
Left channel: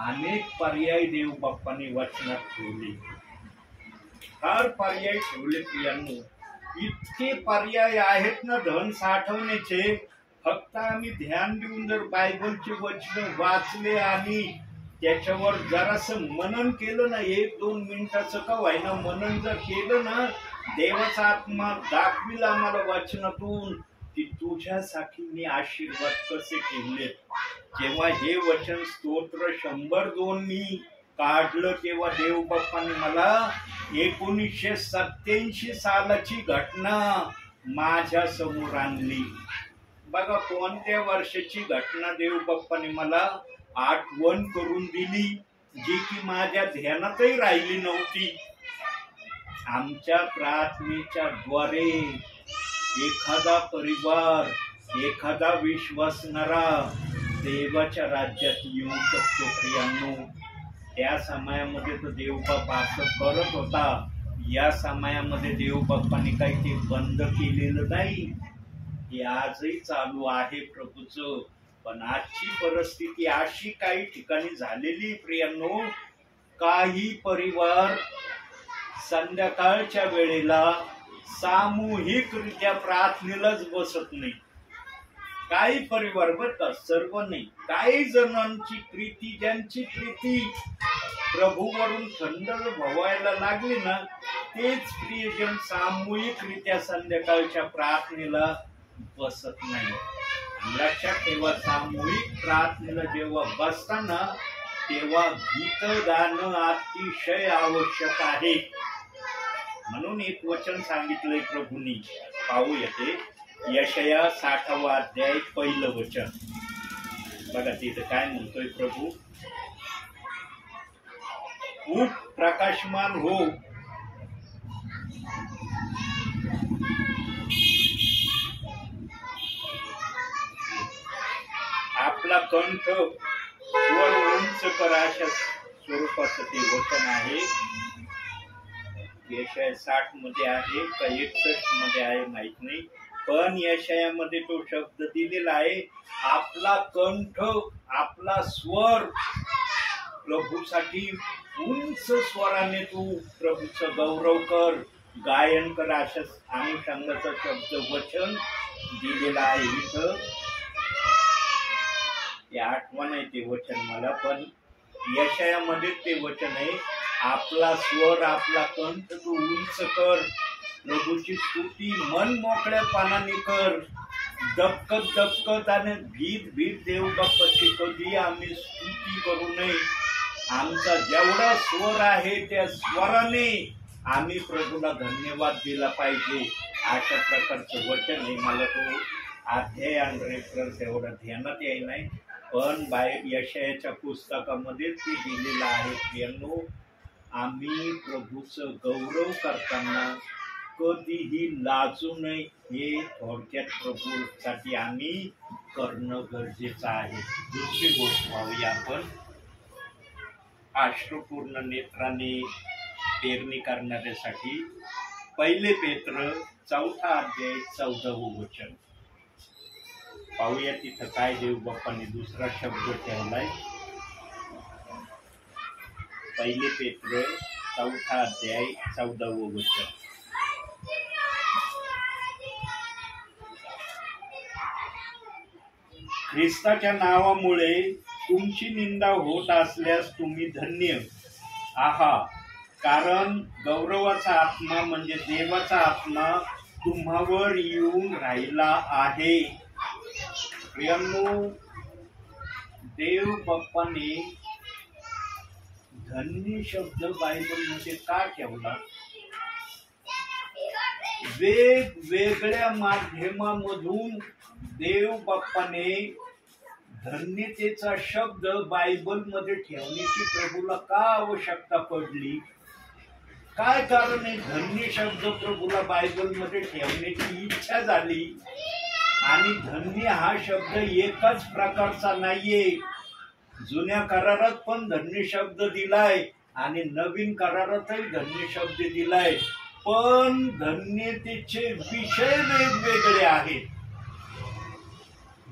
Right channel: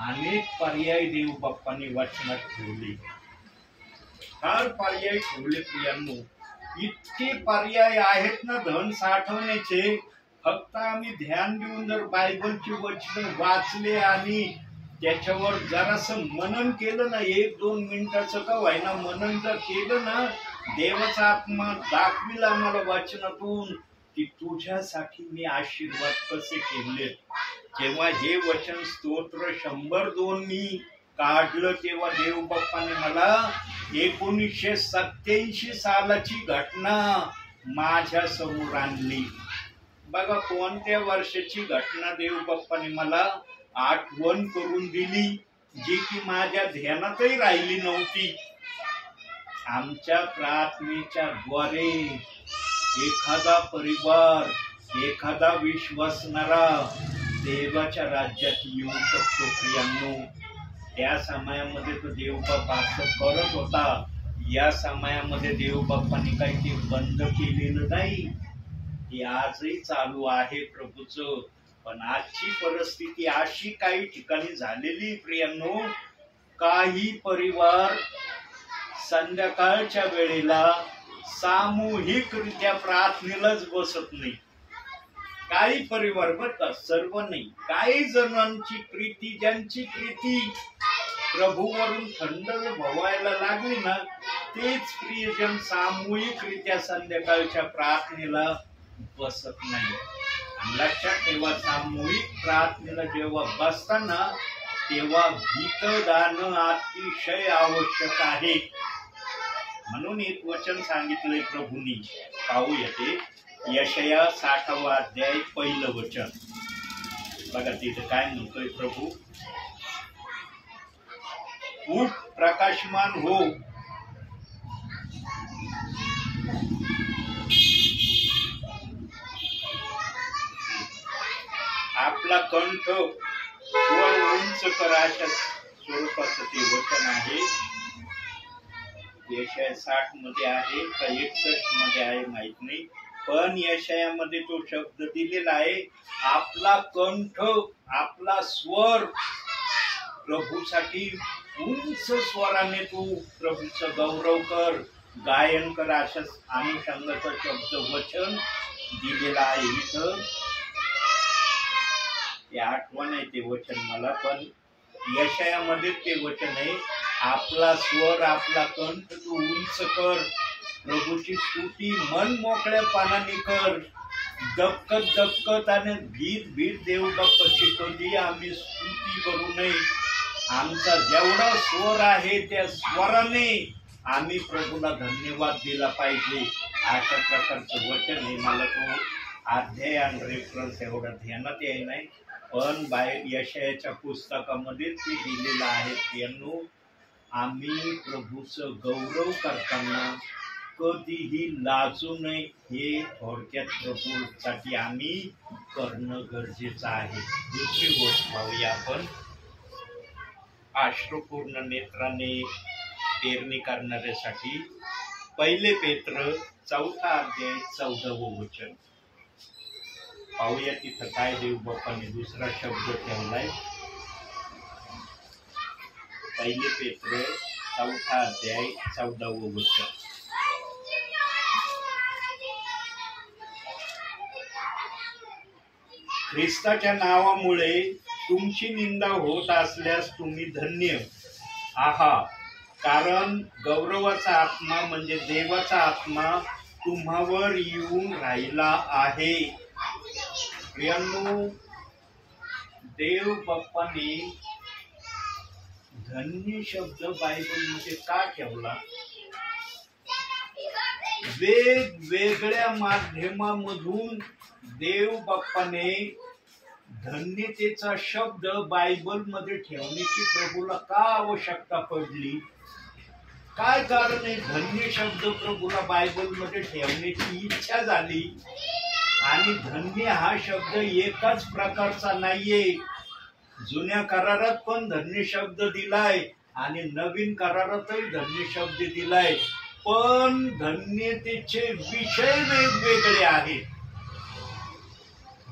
अनेक पर्याय देव बाप्पांनी वचनात ठेवले. फार पर्याय ठेवले प्रियांनो. इतके पर्याय आहेत ना धन साठवण्याचे. फक्त आम्ही ध्यान देऊन जर बायबलची वचन वाचले आणि त्याच्यावर जरासं मनन केलं ना, 1-2 मिनिटाचं का व्हायना मनन जर केलं ना, देवाचा आत्मा दाखविला आम्हाला वचनातून, की तुझ्यासाठी मी आशीर्वाद कसे ठेवलेत. जेव्हा हे वचन स्तोत्र 102 मी काढलं तेव्हा देव बाप्पाने मला 1987 सालाची घटना माझ्या समोर आणली. बघा कोणत्या वर्षाची घटना देव बाप्पाने मला आठवण करून दिली, जी की माझ्या ध्यानातही राहिली नव्हती. आमच्या प्रार्थनेच्या द्वारे एखादा परिवार, एखादा विश्वासणारा देवाच्या राज्यात येऊ शकतो. प्रियांनो, त्या समयामध्ये तो देवबाप्पा असं करत होता. या समयामध्ये देवबाप्पाने काही ते बंद केलेलं नाही, ते आजही चालू आहे प्रभूचं. पण आजची परिस्थिती अशी काही ठिकाणी झालेली प्रियांनो, काही परिवार संध्याकाळच्या वेळेला सामूहिकरित्या प्रार्थनेलाच बसत नाही. काही परिवार बर का, सर्व नाही, काही जणांची प्रीती, ज्यांची प्रीती प्रभूवरून थंड व्हायला लागली ना, तेच प्रियजन सामूहिकरित्या संध्याकाळच्या प्रार्थनेला बसत नाही. लक्षात ठेवा, सामूहिक प्रार्थनेला जेव्हा बसताना तेव्हा गीत गाणं अतिशय आवश्यक आहे. म्हणून एक वचन सांगितलंय प्रभूंनी, पाहूया ते यशया 60 अध्याय 1 वचन. बघा तिथं काय म्हणतोय प्रभू, उठ प्रकाशमान हो, आपला कंठ वर उंच करा, अशा स्वरूपाचं ते वचन आहे. यशया 60 मध्ये आहे का 61 मध्ये आहे माहित नाही, पण यशयामध्ये तो शब्द दिलेला आहे. आपला कंठ, आपला स्वर प्रभूसाठी उंच स्वराने तू प्रभूचं गौरव कर, गायन कर, अशा अनुषंगाचा शब्द वचन दिलेला आहे. इथं ते आठवण आहे ते वचन मला, पण यशयामध्ये ते वचन आहे. आपला स्वर, आपला कंठ तू उंच कर, प्रभूची स्तुती मन मोकळ्यापणाने कर. दबकत दबकत आणि भीत देव बाप्पाची कधी आम्ही स्तुती करू नये. आमचा जेवढा स्वर आहे त्या स्वराने आम्ही प्रभूला धन्यवाद दिला पाहिजे. अशा प्रकारचं वचन आहे. मला तो अध्याय आणि रेफरन्स एवढा ध्यानात येई नाही, पण यशयाच्या पुस्तकामध्ये ते दिलेलं आहे. प्रियांनो, आम्ही प्रभूचं गौरव करताना कधीही लाजू नये, हे थोडक्यात प्रभूसाठी आम्ही करणं गरजेचं आहे. दुसरी गोष्ट पाहूया आपण, अश्रुपूर्ण नेत्राने पेरणी करणाऱ्यासाठी 1 पेत्र 4 अध्याय 14 वचन. पाहूया तिथं काय देव बाप्पाने दुसरा शब्द ठेवलाय. 1 पेत्र 4 अध्याय 14 वचन. ख्रिस्ताच्या नावामुळे तुमची निंदा होत असल्यास तुम्ही धन्य आहात, कारण गौरवाचा आत्मा म्हणजे देवाचा आत्मा तुम्हावर येऊन राहिला आहे. प्रियांनो, देव बाप्पाने धन्य शब्द बायबलमध्ये का ठेवला? वेगवेगळ्या माध्यमामधून देव बाप्पाने धन्यतेचा शब्द बायबलमध्ये ठेवण्याची प्रभूला का आवश्यकता पडली? काय कारण आहे धन्य शब्द प्रभूला बायबलमध्ये ठेवण्याची इच्छा झाली? आणि धन्य हा शब्द एकाच प्रकारचा नाहीये. जुन्या करारात पण धन्य शब्द दिलाय आणि नवीन करारातही धन्य शब्द दिलाय, पण धन्यतेचे विषय वेगवेगळे आहेत.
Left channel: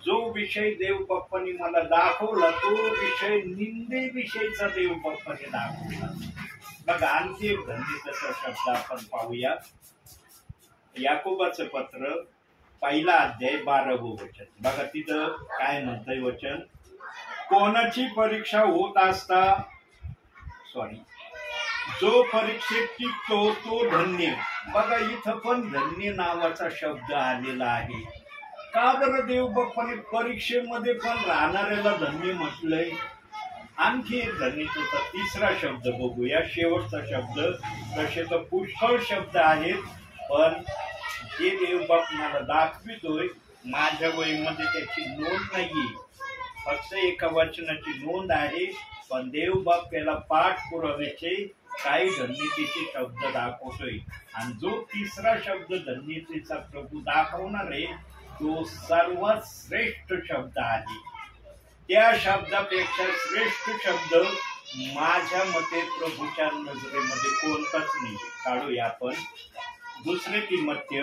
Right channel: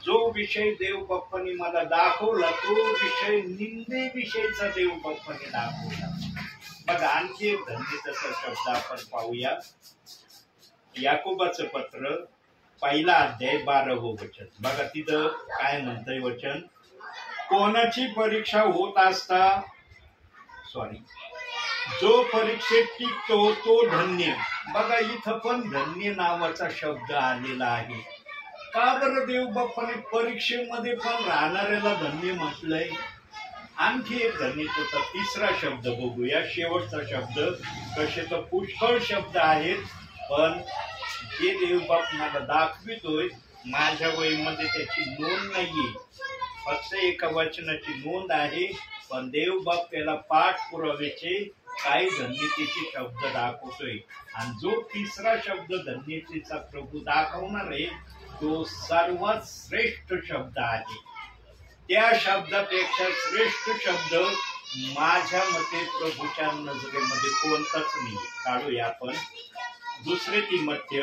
जो विषय देव बाप्पाने मला दाखवला तो विषय निंदेविषयीचा देव बाप्पाने दाखवला. बघा आणखी एक धन्यतेचा शब्द आपण पाहूया. याकोबाचं पत्र 1 अध्याय 12 वचन. बघा तिथं काय म्हणतंय वचन, कोणाची परीक्षा होत असता जो परीक्षेत टिकतो तो धन्य. बघा इथं पण धन्य नावाचा शब्द आलेला आहे. का बरं देव बाप्पाने परीक्षेमध्ये पण राहणाऱ्याला धन्य म्हटलंय? आणखी एक धन्यतेचा तिसरा शब्द बघूया, शेवटचा शब्द. कसे तर पुष्कळ शब्द आहेत, पण जे देवबाप मला दाखवितोय माझ्या वहीमध्ये त्याची नोंद नाहीये, फक्त एका वचनाची नोंद आहे. पण देवबाप त्याला पाठपुराव्याचे काही धन्यतेचे शब्द दाखवतोय. आणि जो तिसरा शब्द धन्यतेचा प्रभू दाखवणार आहे तो सर्वात श्रेष्ठ शब्द आहे. त्या शब्दापेक्षा श्रेष्ठ शब्द माझ्या मते प्रभूच्या नजरेमध्ये कोणताच नाही. काढूया आपण 2 तिमोथेय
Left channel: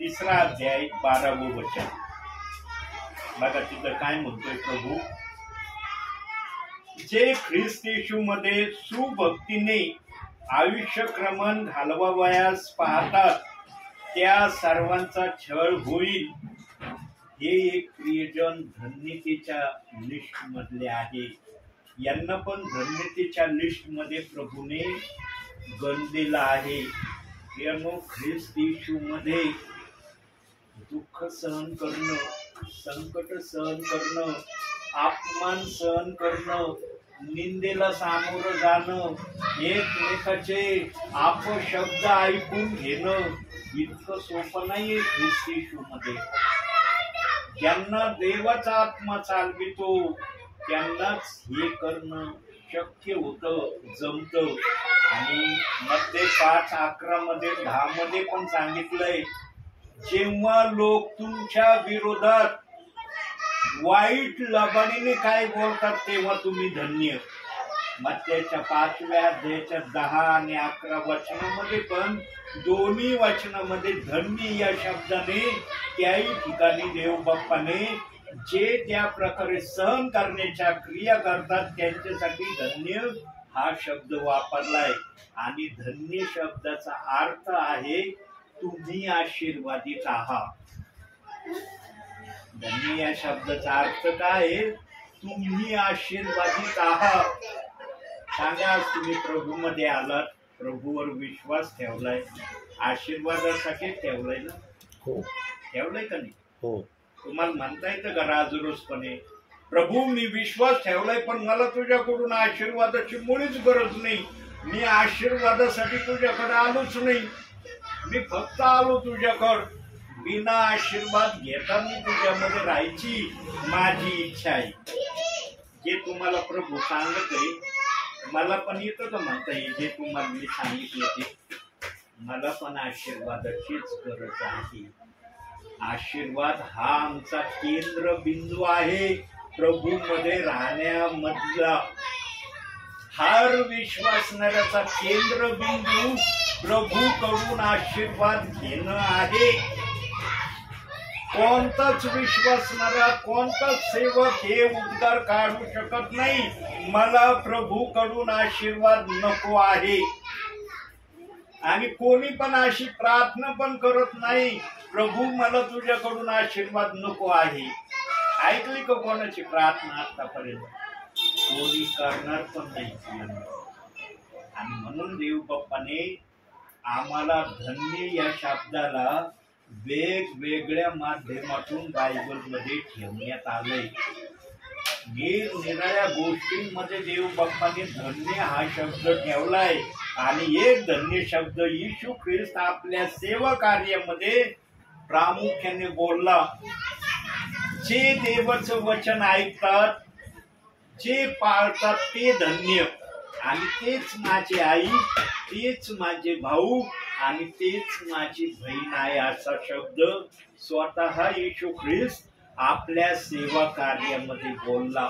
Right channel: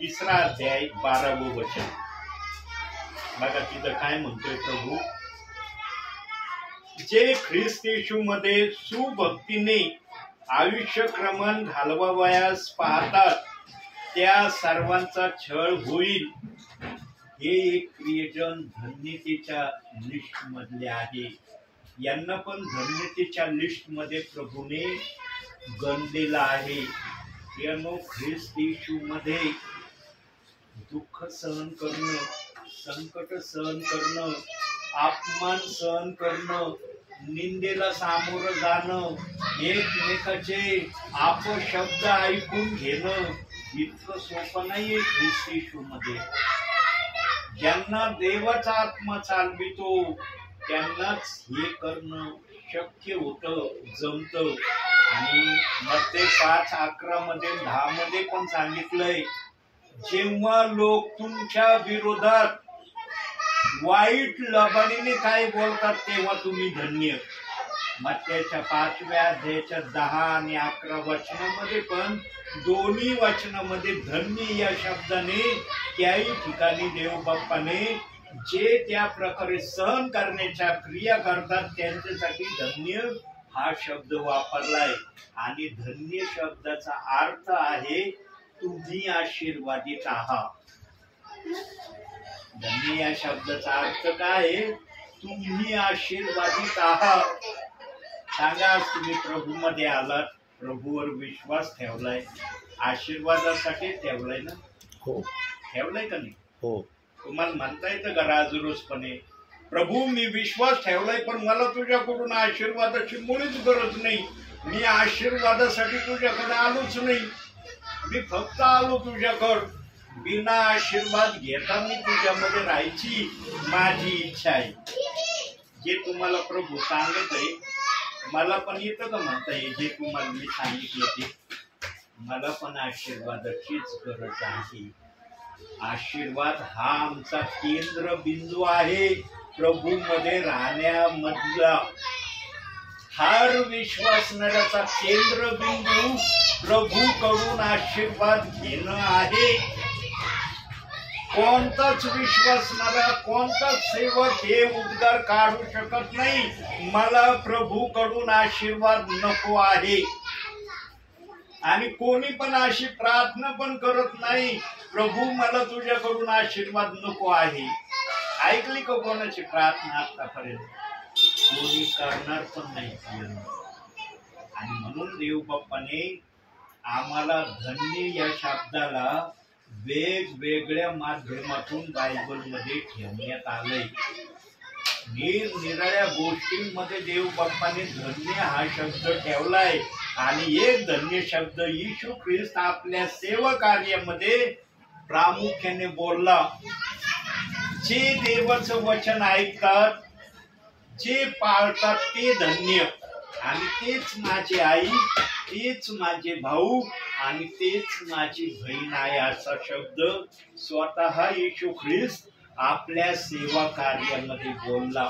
3 अध्याय 12वं वचन. बघा तिथं काय म्हणतोय प्रभू. जे ख्रिस्त येशूमध्ये सुभक्तीने आयुष्यक्रमण घालवावयास पाहतात त्या सर्वांचा छळ होईल. हे एक प्रियजन धन्यतेच्या लिस्ट मधले आहे. यांना पण धन्यतेच्या लिस्ट मध्ये प्रभूने गणलेलं आहे. यानो ख्रिस्त येशूमध्ये दुःख सहन करणं, संकट सहन करणं, अपमान सहन करणं, निंदेला सामोरं जाणं, एकमेकाचे अपशब्द ऐकून घेणं इतकं सोपं नाहीये ख्रिस्त येशूमध्ये. ज्यांना देवाचा आत्मा चालवितो त्यांनाच हे करणं शक्य होतं, जमतं. आणि मत्ते 5:11 मध्ये 10 मध्ये पण सांगितलंय, जेव्हा लोक तुमच्या विरोधात वाईट लबाडीने काय बोलतात तेव्हा तुम्ही धन्य. मत्तेच्या 5व्या अध्यायाच्या 10 आणि 11 वचनामध्ये पण दोन्ही वचनामध्ये धन्य या शब्दाने त्याही ठिकाणी देवबाप्पाने जे त्या प्रकारे सहन करण्याच्या क्रिया करतात त्यांच्यासाठी धन्य हा शब्द वापरलाय. आणि धन्य शब्दाचा अर्थ आहे तुम्ही आशीर्वादित आहात. धन्य या शब्दाचा अर्थ काय आहे? तुम्ही आशीर्वादित आहात. सांगा, तुम्ही प्रभूमध्ये आलात, प्रभूवर विश्वास ठेवलाय, आशीर्वादासाठी ठेवलाय ना? हो. ठेवलाय का नाही? हो. तुम्हाला म्हणता येतं का राजरोसपणे, प्रभू मी विश्वास ठेवलाय पण मला तुझ्याकडून आशीर्वादाची मुळीच गरज नाही, मी आशीर्वादासाठी तुझ्याकडे आलोच नाही, मी फक्त आलो तुझ्याकडं, बिना आशीर्वाद घेता मी तुझ्यामध्ये राहायची माझी इच्छा आहे. जे तुम्हाला प्रभू सांगत आहे मला पण येतं का म्हणता येईल, जे तुम्हाला मी सांगितलं ते मला पण आशीर्वादाचीच गरज आहे. आशीर्वाद हा आमचा केंद्रबिंदू आहे. प्रभू मध्ये राहण्यामधला हर विश्वासणाऱ्याचा केंद्रबिंदू प्रभूकडून आशीर्वाद घेणं आहे. कोणताच विश्वासणारा, कोणताच सेवक हे उद्गार काढू शकत नाही मला प्रभूकडून आशीर्वाद नको आहे. आणि कोणी पण अशी प्रार्थना पण करत नाही, प्रभू मला तुझ्याकडून आशीर्वाद नको आहे. ऐकली का कोणाची प्रार्थना आतापर्यंत? कोणी करणार पण नाही. आणि म्हणून देव बाप्पाने आम्हाला धन्य या शब्दाला वेगवेगळ्या माध्यमातून बायबलमध्ये ठेवण्यात आलंय. निरनिराळ्या गोष्टींमध्ये देव बाप्पाने धन्य हा शब्द ठेवलाय. आणि एक धन्य शब्द येशू ख्रिस्त आपल्या सेवा कार्यामध्ये प्रामुख्याने बोलला. जे देवाचं वचन ऐकतात, जे पाळतात ते धन्य. आणि तेच माझी आई, तेच माझे भाऊ आणि तेच माझी बहीण आहे असा शब्द स्वतः येशू ख्रिस्त आपल्या सेवा कार्यामध्ये बोलला.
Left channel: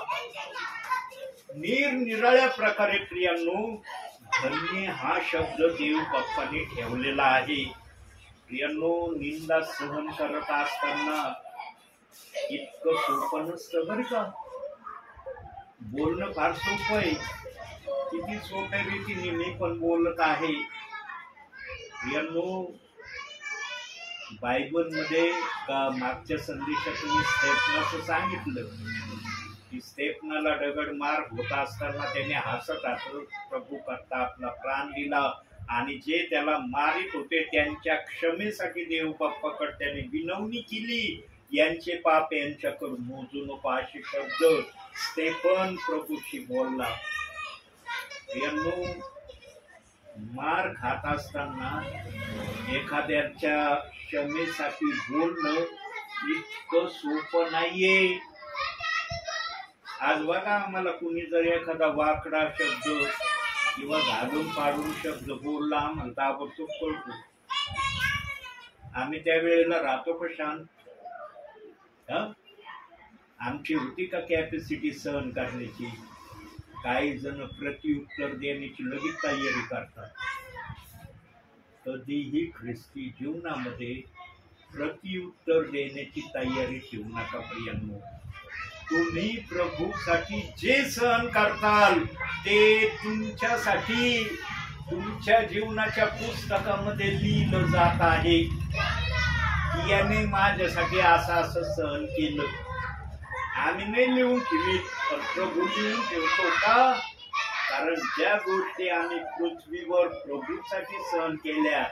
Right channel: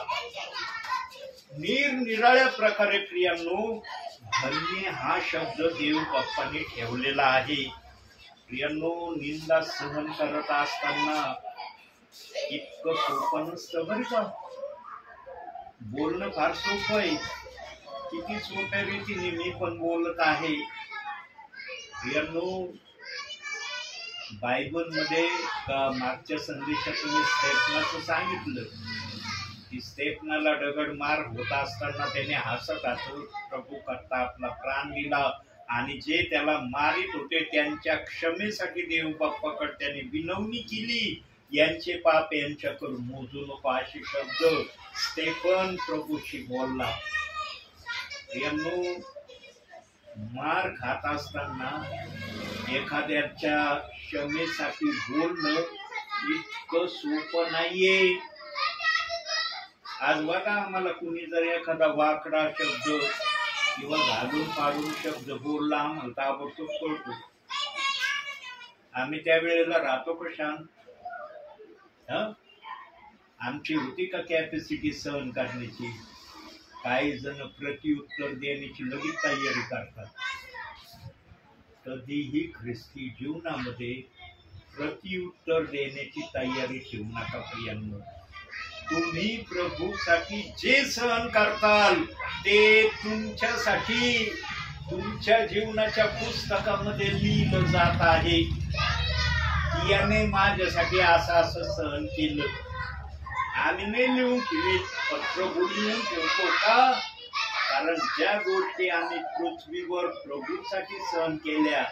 निरनिराळ्या प्रकारे प्रियांनो धन्य हा शब्द देव बाप्पाने ठेवलेला आहे. प्रियांनो निंदा सहन करत असताना इतकं सोपं नसतं बरं का. बोलणं फार सोपं आहे, किती सोप्या रीतीने मी पण बोलत आहे. प्रियांनो बायबल मध्ये मागच्या संदेशात तुम्ही स्टेफनाचं सांगितलं की स्टेफनाला दगड मार होत असताना त्याने हसत हसत प्रभू करता आपला प्राण दिला. आणि जे त्याला मारित होते त्यांच्या क्षमेसाठी देव बाप्पाकडे त्याने विनवणी केली. यांचे पाप यांच्याकडून मोजू नको असे शब्द स्टेफन प्रभूशी बोलला. यांनो, मार खात असताना एखाद्याच्या क्षमेसाठी बोलणं इतकं सोपं नाहीये. आज बघा, आम्हाला कुणी जर एखादा वाकडा शब्द किंवा घालून पाडून शब्द बोलला, आम्हाला ताबडतोब कळतो. आम्ही त्यावेळेला राहतो का शांत? आमची होती का कॅपॅसिटी सहन करण्याची? काही जण प्रत्युत्तर देण्याची लगेच तयारी करतात. कधीही ख्रिस्ती जीवनामध्ये प्रत्युत्तर देण्याची तयारी ठेवू नका प्रियांनो. तुम्ही प्रभूसाठी जे सहन करताल ते तुमच्यासाठी तुमच्या जीवनाच्या पुस्तकामध्ये लिहिलं जात आहे. याने माझ्यासाठी असं सहन केलं. आम्ही नाही लिहून ठेवीत, पण प्रभू लिहून ठेवतो का? कारण ज्या गोष्टी आम्ही पृथ्वीवर प्रभूसाठी सहन केल्या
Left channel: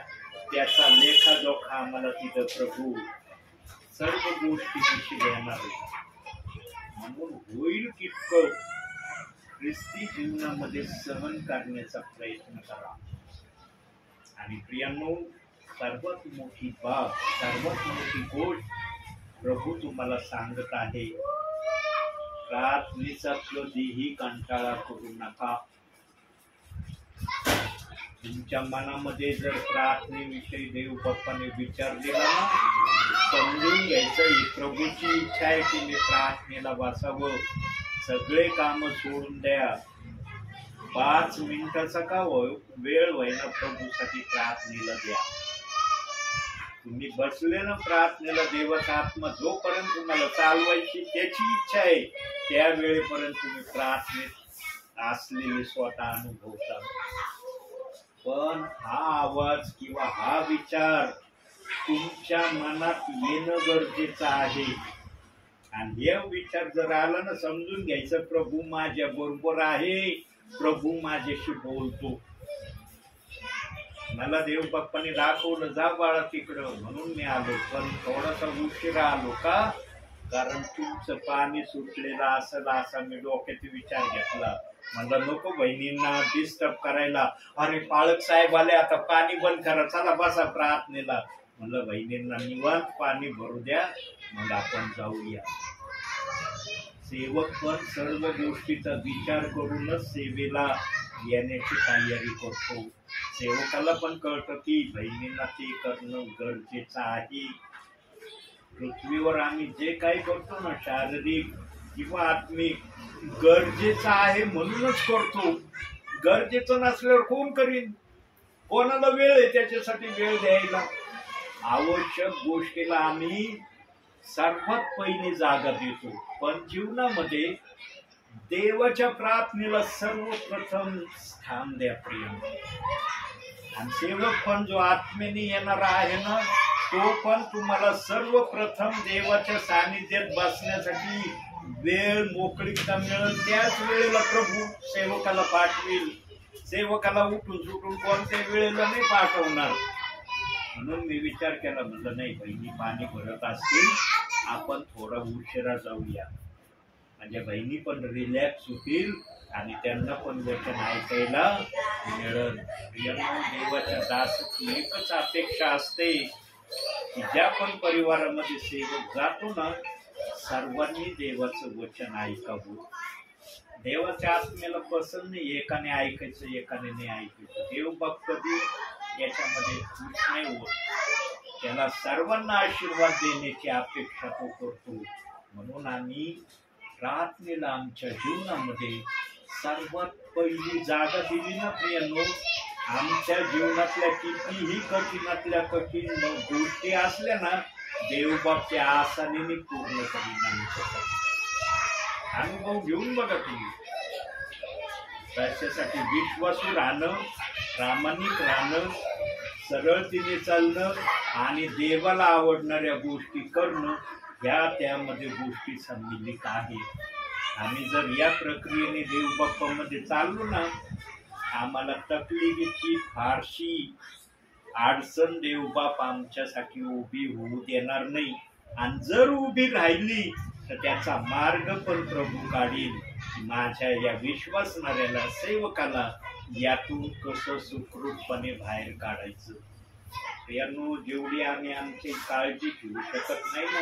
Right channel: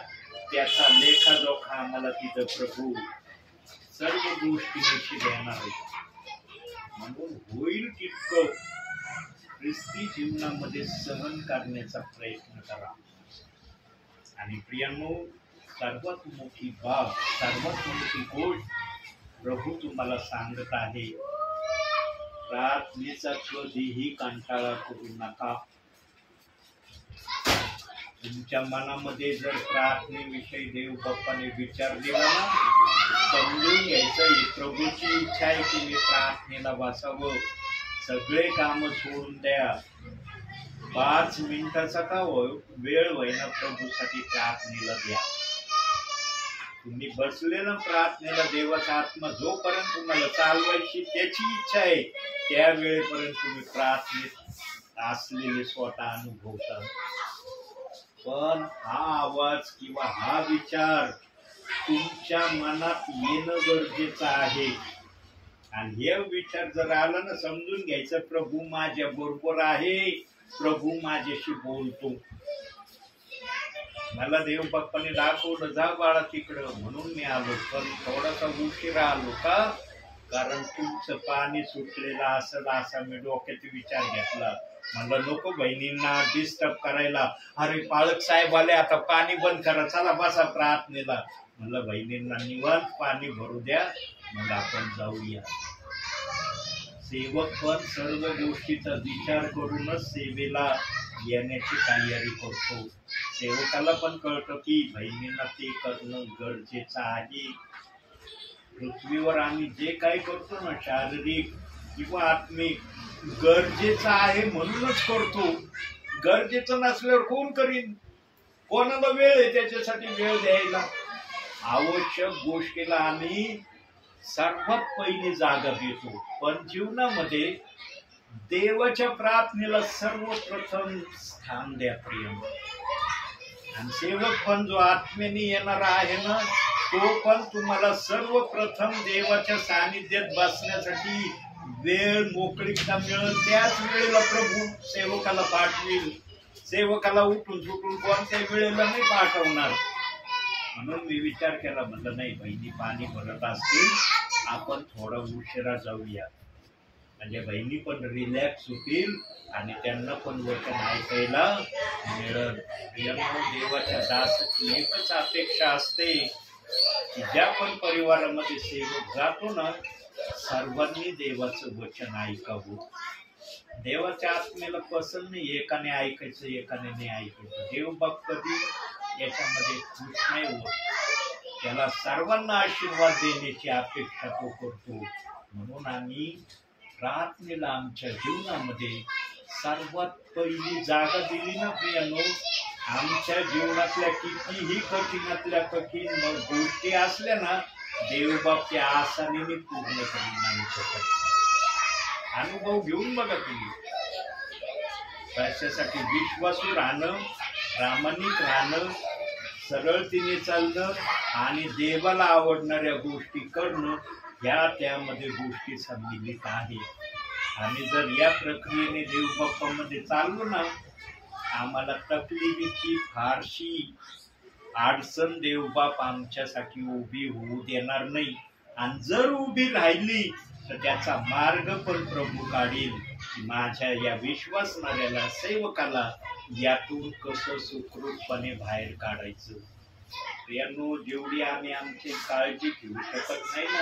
त्याचा लेखाजोखा आम्हाला तिथं प्रभू सर्व गोष्टी देणार आहे. म्हणून होईल तितकं ख्रिस्ती जीवनामध्ये सहन करण्याचा प्रयत्न करा. आणि प्रियांनो, सर्वात मोठी बाब, सर्वात मोठी गोष्ट प्रभू तुम्हाला सांगत आहे, प्रार्थनेचा कधीही कंटाळा करू नका. तुमच्या मनामध्ये जर प्रार्थनेविषयी देव बाप्पाने विचार दिला ना, समजून घ्यायचं ही प्रभूची इच्छा आहे की मी प्रार्थनेला बसावं. सगळे काम सोडून द्या. 5 मिनिटाचा का वेळ होईना प्रभूसाठी प्रार्थनेला द्या. तुम्ही बसले ना प्रार्थनेला, देवाचा आत्मा जोपर्यंत तुम्हाला चालवायची त्याची इच्छा आहे त्या वेळेपर्यंत तुम्ही प्रार्थनेत असलेले स्वतः अनुभवता. पण हा आवाज किंवा हा विचार तुमच्या मनात येणं गरजेचं आहे. आणि हे विचार जर आला ना, समजून घ्यायचं प्रभू माझ्या बरोबर आहे, प्रभू माझ्याशी बोलतो. मला देव बाप्पाने दाखवलं, जा बाळा तिकडं, म्हणून मी आलो. पण थोडासा उशिरा आलो का? कारण तुमचं पाणी सुटलेलं असेल असा मी डोक्यात विचार घेतला. म्हणलं नको बहिणींना डिस्टर्ब करायला. अरे पाळक साहेब आले, आता पाणी बंद करा, चला बसा प्रार्थनेला. म्हणलं बहिणींना निवांत पाणी भरू द्या, मग आपण जाऊया. सेवक पण सर्व गोष्टीचा विचार करूनच सेवेला येण्याची तयारी करतो. सेवकाला पण कळतं की बहिणींना ते करणं गरजेचं आहे. पृथ्वीवर आम्ही जे काही करतो ना, शारीरिक किंवा आत्मिक, गरजेचं आहे म्हणूनच करतो. गरजेचं नसल्यावर कोण करीन? कोणाला वेळ आहे त्याच्यासाठी वेळ द्यायला? आवश्यक गोष्टीला आम्ही सर्वात पहिली जागा देतो. पण जीवनामध्ये देवाच्या प्रार्थनेला सर्वप्रथम स्थान द्या प्रिय. आणि सेवक पण जो आत्मेने येणारा आहे ना, तो पण तुम्हाला सर्वप्रथम देवाच्या सानिध्यात बसण्यासाठी वेळ मोकळीकता मिळेल त्याच वेळेला प्रभू सेवकाला पाठवेल. सेवकाला उठून सुटून कोणत्या वेळेला नाही पाठवणार. म्हणून मी विचार केला, म्हणलं नाही, बहिणी पाणी भरत असतील, आपण थोडा उशिरा जाऊया, म्हणजे बहिणी पण रिलॅक्स होतील आणि त्यांना पण वचन ऐकायला मिळेल. देवाच्या दासाची एकच अपेक्षा असते की ज्या पण परिवारामध्ये सेवक जातो ना, सर्वांनी देवाचं वचन ऐकावं. देवाच्या आत्मेला पसंत नाही एकाने ऐकायचं एकाने नाही ऐकायचं. देव बाप कधी याच्यामध्ये खुश नाही होत. त्याला सर्वांना आशीर्वाद देण्याची अपेक्षा तो करतो. म्हणून आम्ही प्रार्थनेला आमच्या जीवनामध्ये सर्वात पहिली जागा दिली ना प्रियांनो. आमच्या जीवनातल्या कितीही कठीणातल्या कठीण गोष्टी असल्या ना, देवबाप त्या आसानीने पूर्ण करीन आमच्यासाठी. अनुभव घेऊन बघा तुम्ही. त्याच्यासाठी विश्वासू राहणं, प्रामाणिक राहणं, सरळतेने चालणं आणि देवाला आवडणाऱ्या गोष्टी करणं, ह्या त्यामध्ये गोष्टी सम्मिलित आहे. आम्ही जर या प्रक्रियेने देवबाप्पामध्ये चाललो ना, आम्हाला तकलीफीची फारशी अडचण देवबाप आमच्यासाठी उभी होऊ देणार नाही. आणि जर उभी राहिली तर त्याचा मार्ग पण प्रभू काढील. माझ्या या विश्वासणाऱ्याला, सेवकाला यातून कसं सुखरूपपणे बाहेर काढायचं. प्रियांनो, जेवढी आम्ही आमची काळजी घेऊ शकत नाही ना,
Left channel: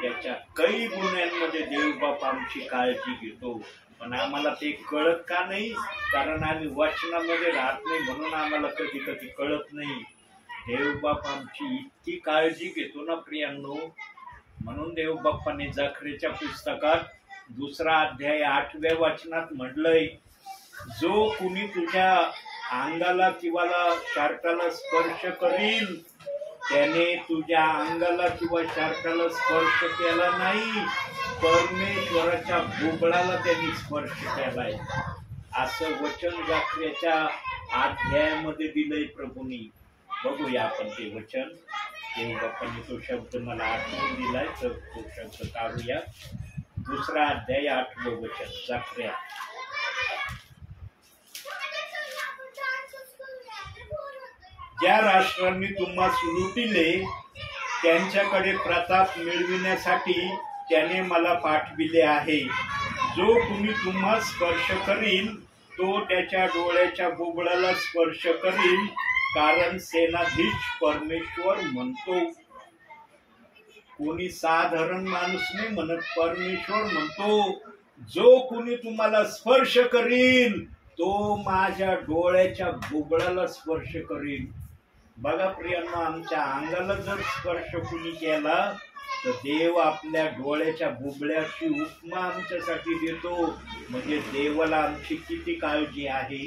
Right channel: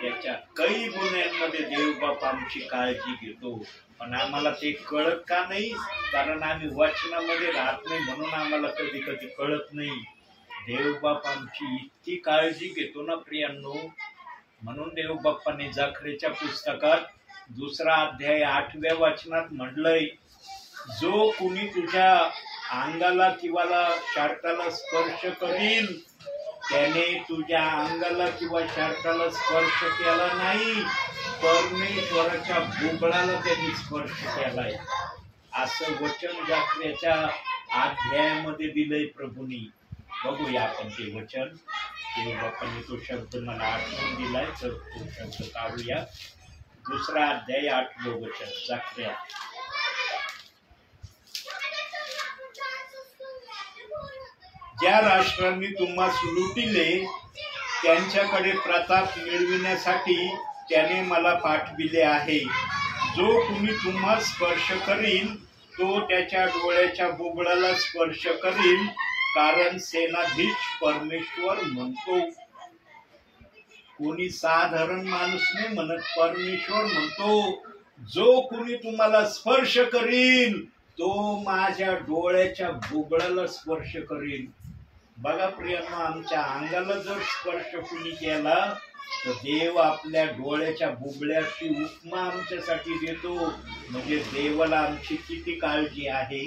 त्याच्या काही गुन्ह्यांमध्ये देवबाप आमची काळजी घेतो. पण आम्हाला ते कळत का नाही? कारण आम्ही वचनामध्ये राहत नाही, म्हणून आम्हाला कधी कधी कळत नाही. देवबाप आमची इतकी काळजी घेतो ना प्रियांनो. म्हणून देवबाप्पाने जखरेच्या पुस्तकात 2 अध्याय 8व्या वचनात म्हटलंय, जो कुणी तुझ्या अंगाला किंवा शर्टाला स्पर्श करील त्याने तुझ्या अंगाला किंवा शर्टाला स्पर्श केला नाही, परमेश्वराच्या बुबळाला त्यांनी स्पर्श केलाय. असं वचन जखरेच्या अध्यायामध्ये दिलंय प्रभूंनी. बघूया आपण ते वचन. देवबाप्पांनी तो शब्द मला आठवून दिलाय, तर तो शब्द काढूया. 2 अध्याय 8वं वचन जखऱ्या. ज्या राष्ट्रांनी तुम्हास लुटिले त्यांच्याकडे प्रताप मिळविण्यासाठी त्याने मला पाठविले आहे. जो कुणी तुम्हास स्पर्श करील तो त्याच्या डोळ्याच्या बुबुळाला स्पर्श करील, कारण सेनाधीश परमेश्वर म्हणतो. कोणी साधारण माणूस नाही म्हणत, परमेश्वर म्हणतो, जो कुणी तुम्हाला स्पर्श करील तो माझ्या डोळ्याच्या बुबुळाला स्पर्श करील. बघा प्रियांनो, आमच्या अंगाला जर स्पर्श कुणी केला तर देव आपल्या डोळ्याच्या बुबुळ्याची उपमा आमच्यासाठी देतो. म्हणजे देवाला आमची किती काळजी आहे.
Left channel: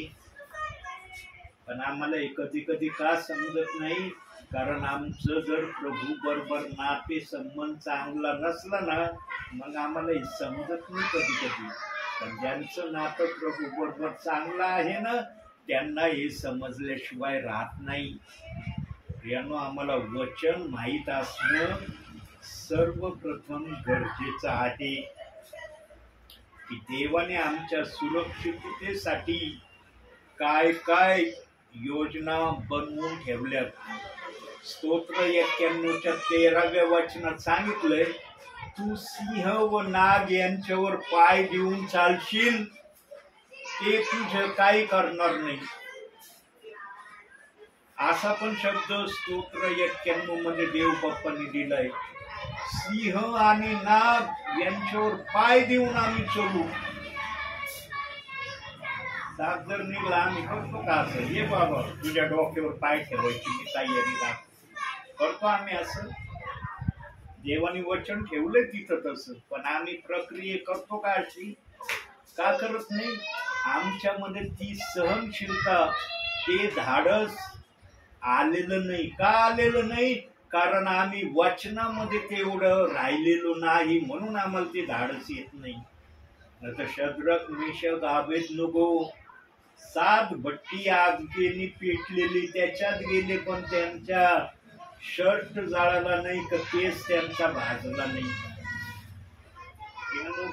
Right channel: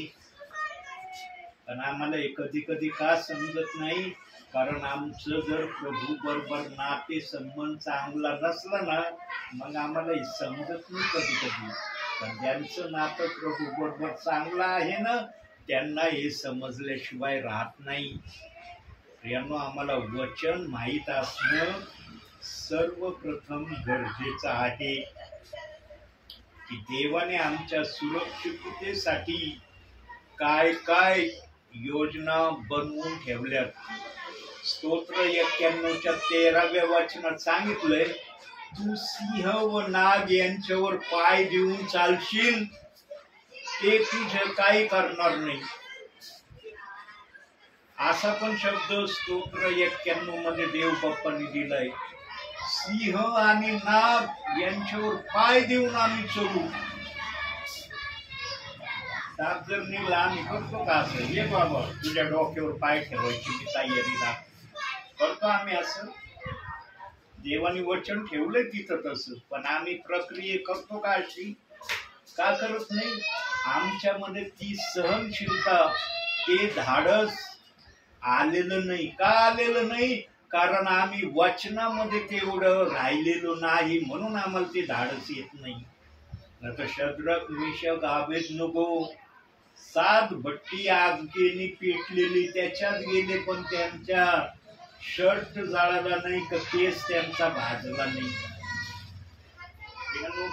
पण आम्हाला हे कधी कधी का समजत नाही? कारण आमचं जर प्रभू बरोबर नाते संबंध चांगला नसला ना, मग आम्हाला हे समजत नाही कधी कधी. पण ज्यांचं नातं प्रभू बरोबर चांगलं आहे ना, त्यांना हे समजल्याशिवाय राहत नाही. प्रियांनो, आम्हाला वचन माहीत असणं सर्वप्रथम गरजेचं आहे की देवाने आमच्या सुरक्षिततेसाठी काय काय योजना बनवून ठेवल्यात. स्तोत्र 91च्या 13व्या वचनात सांगितलंय, तू सिंह व नाग यांच्यावर पाय देऊन चालशील, ते तुझं काही करणार नाही. असा पण शब्द स्तोत्र 91 मध्ये देवबाप्पांनी दिलाय. सिंह आणि नाग यांच्यावर पाय देऊन आम्ही चलू. दात जर निघला आम्ही करतो का असं? ये बाबा, तुझ्या डोक्यावर पाय ठेवायची मी तयारी करतो आम्ही असं. देवाने वचन ठेवलंय तिथं तसं, पण आम्ही प्रक्रिया करतो का अशी? का करत नाही? आमच्यामध्ये ती सहनशीलता, ते धाडस आलेलं नाही. का आलेलं नाही? कारण आम्ही वचनामध्ये तेवढं राहिलेलो नाही, म्हणून आम्हाला ते धाडस येत नाही. तर शद्रक, मेषक, अबेदनगो 7 भट्टी आगीने पेटलेली त्याच्यात गेले, पण त्यांच्या शर्ट जाळाला नाही, का केस त्यांचा भाजला नाही.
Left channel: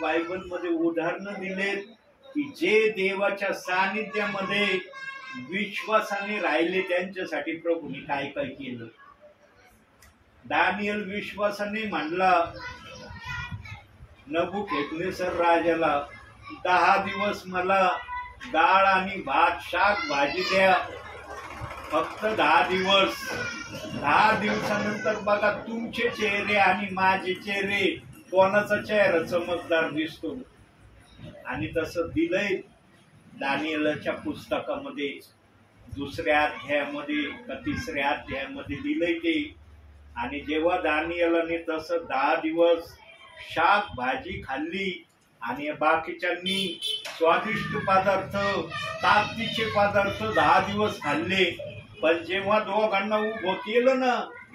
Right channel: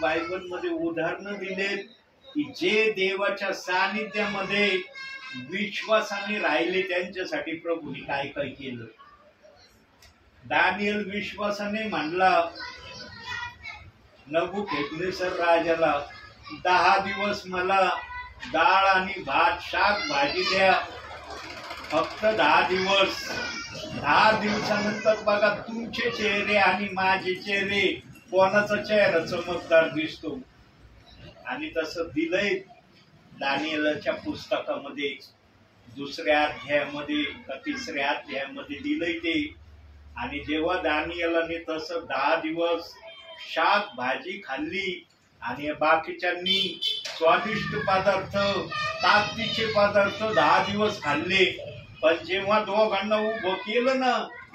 बायबल मध्ये उदाहरणं दिलेत की जे देवाच्या सानिध्यामध्ये विश्वासाने राहिले त्यांच्यासाठी प्रभूने काय काय केलं. दानियल विश्वासाने म्हणला नबुकदनेस्सर राजाला, 10 दिवस मला डाळ आणि भात, शाक भाजी द्या, फक्त 10 दिवस. 10 दिवसानंतर बघा तुमचे चेहरे आणि माझे चेहरे, कोणाचा चेहरा चमकदार दिसतो. आणि तसं दिलंय दानियेलच्या पुस्तकामध्ये 2ऱ्या अध्यायामध्ये का 3ऱ्या अध्यायामध्ये दिलंय ते. आणि जेव्हा दानियेलाने तसं 10 दिवस शाक भाजी खाल्ली आणि बाकीच्यांनी स्वादिष्ट पदार्थ, ताकदीचे पदार्थ 10 दिवस खाल्ले, पण जेव्हा दोघांना उभं केलं ना,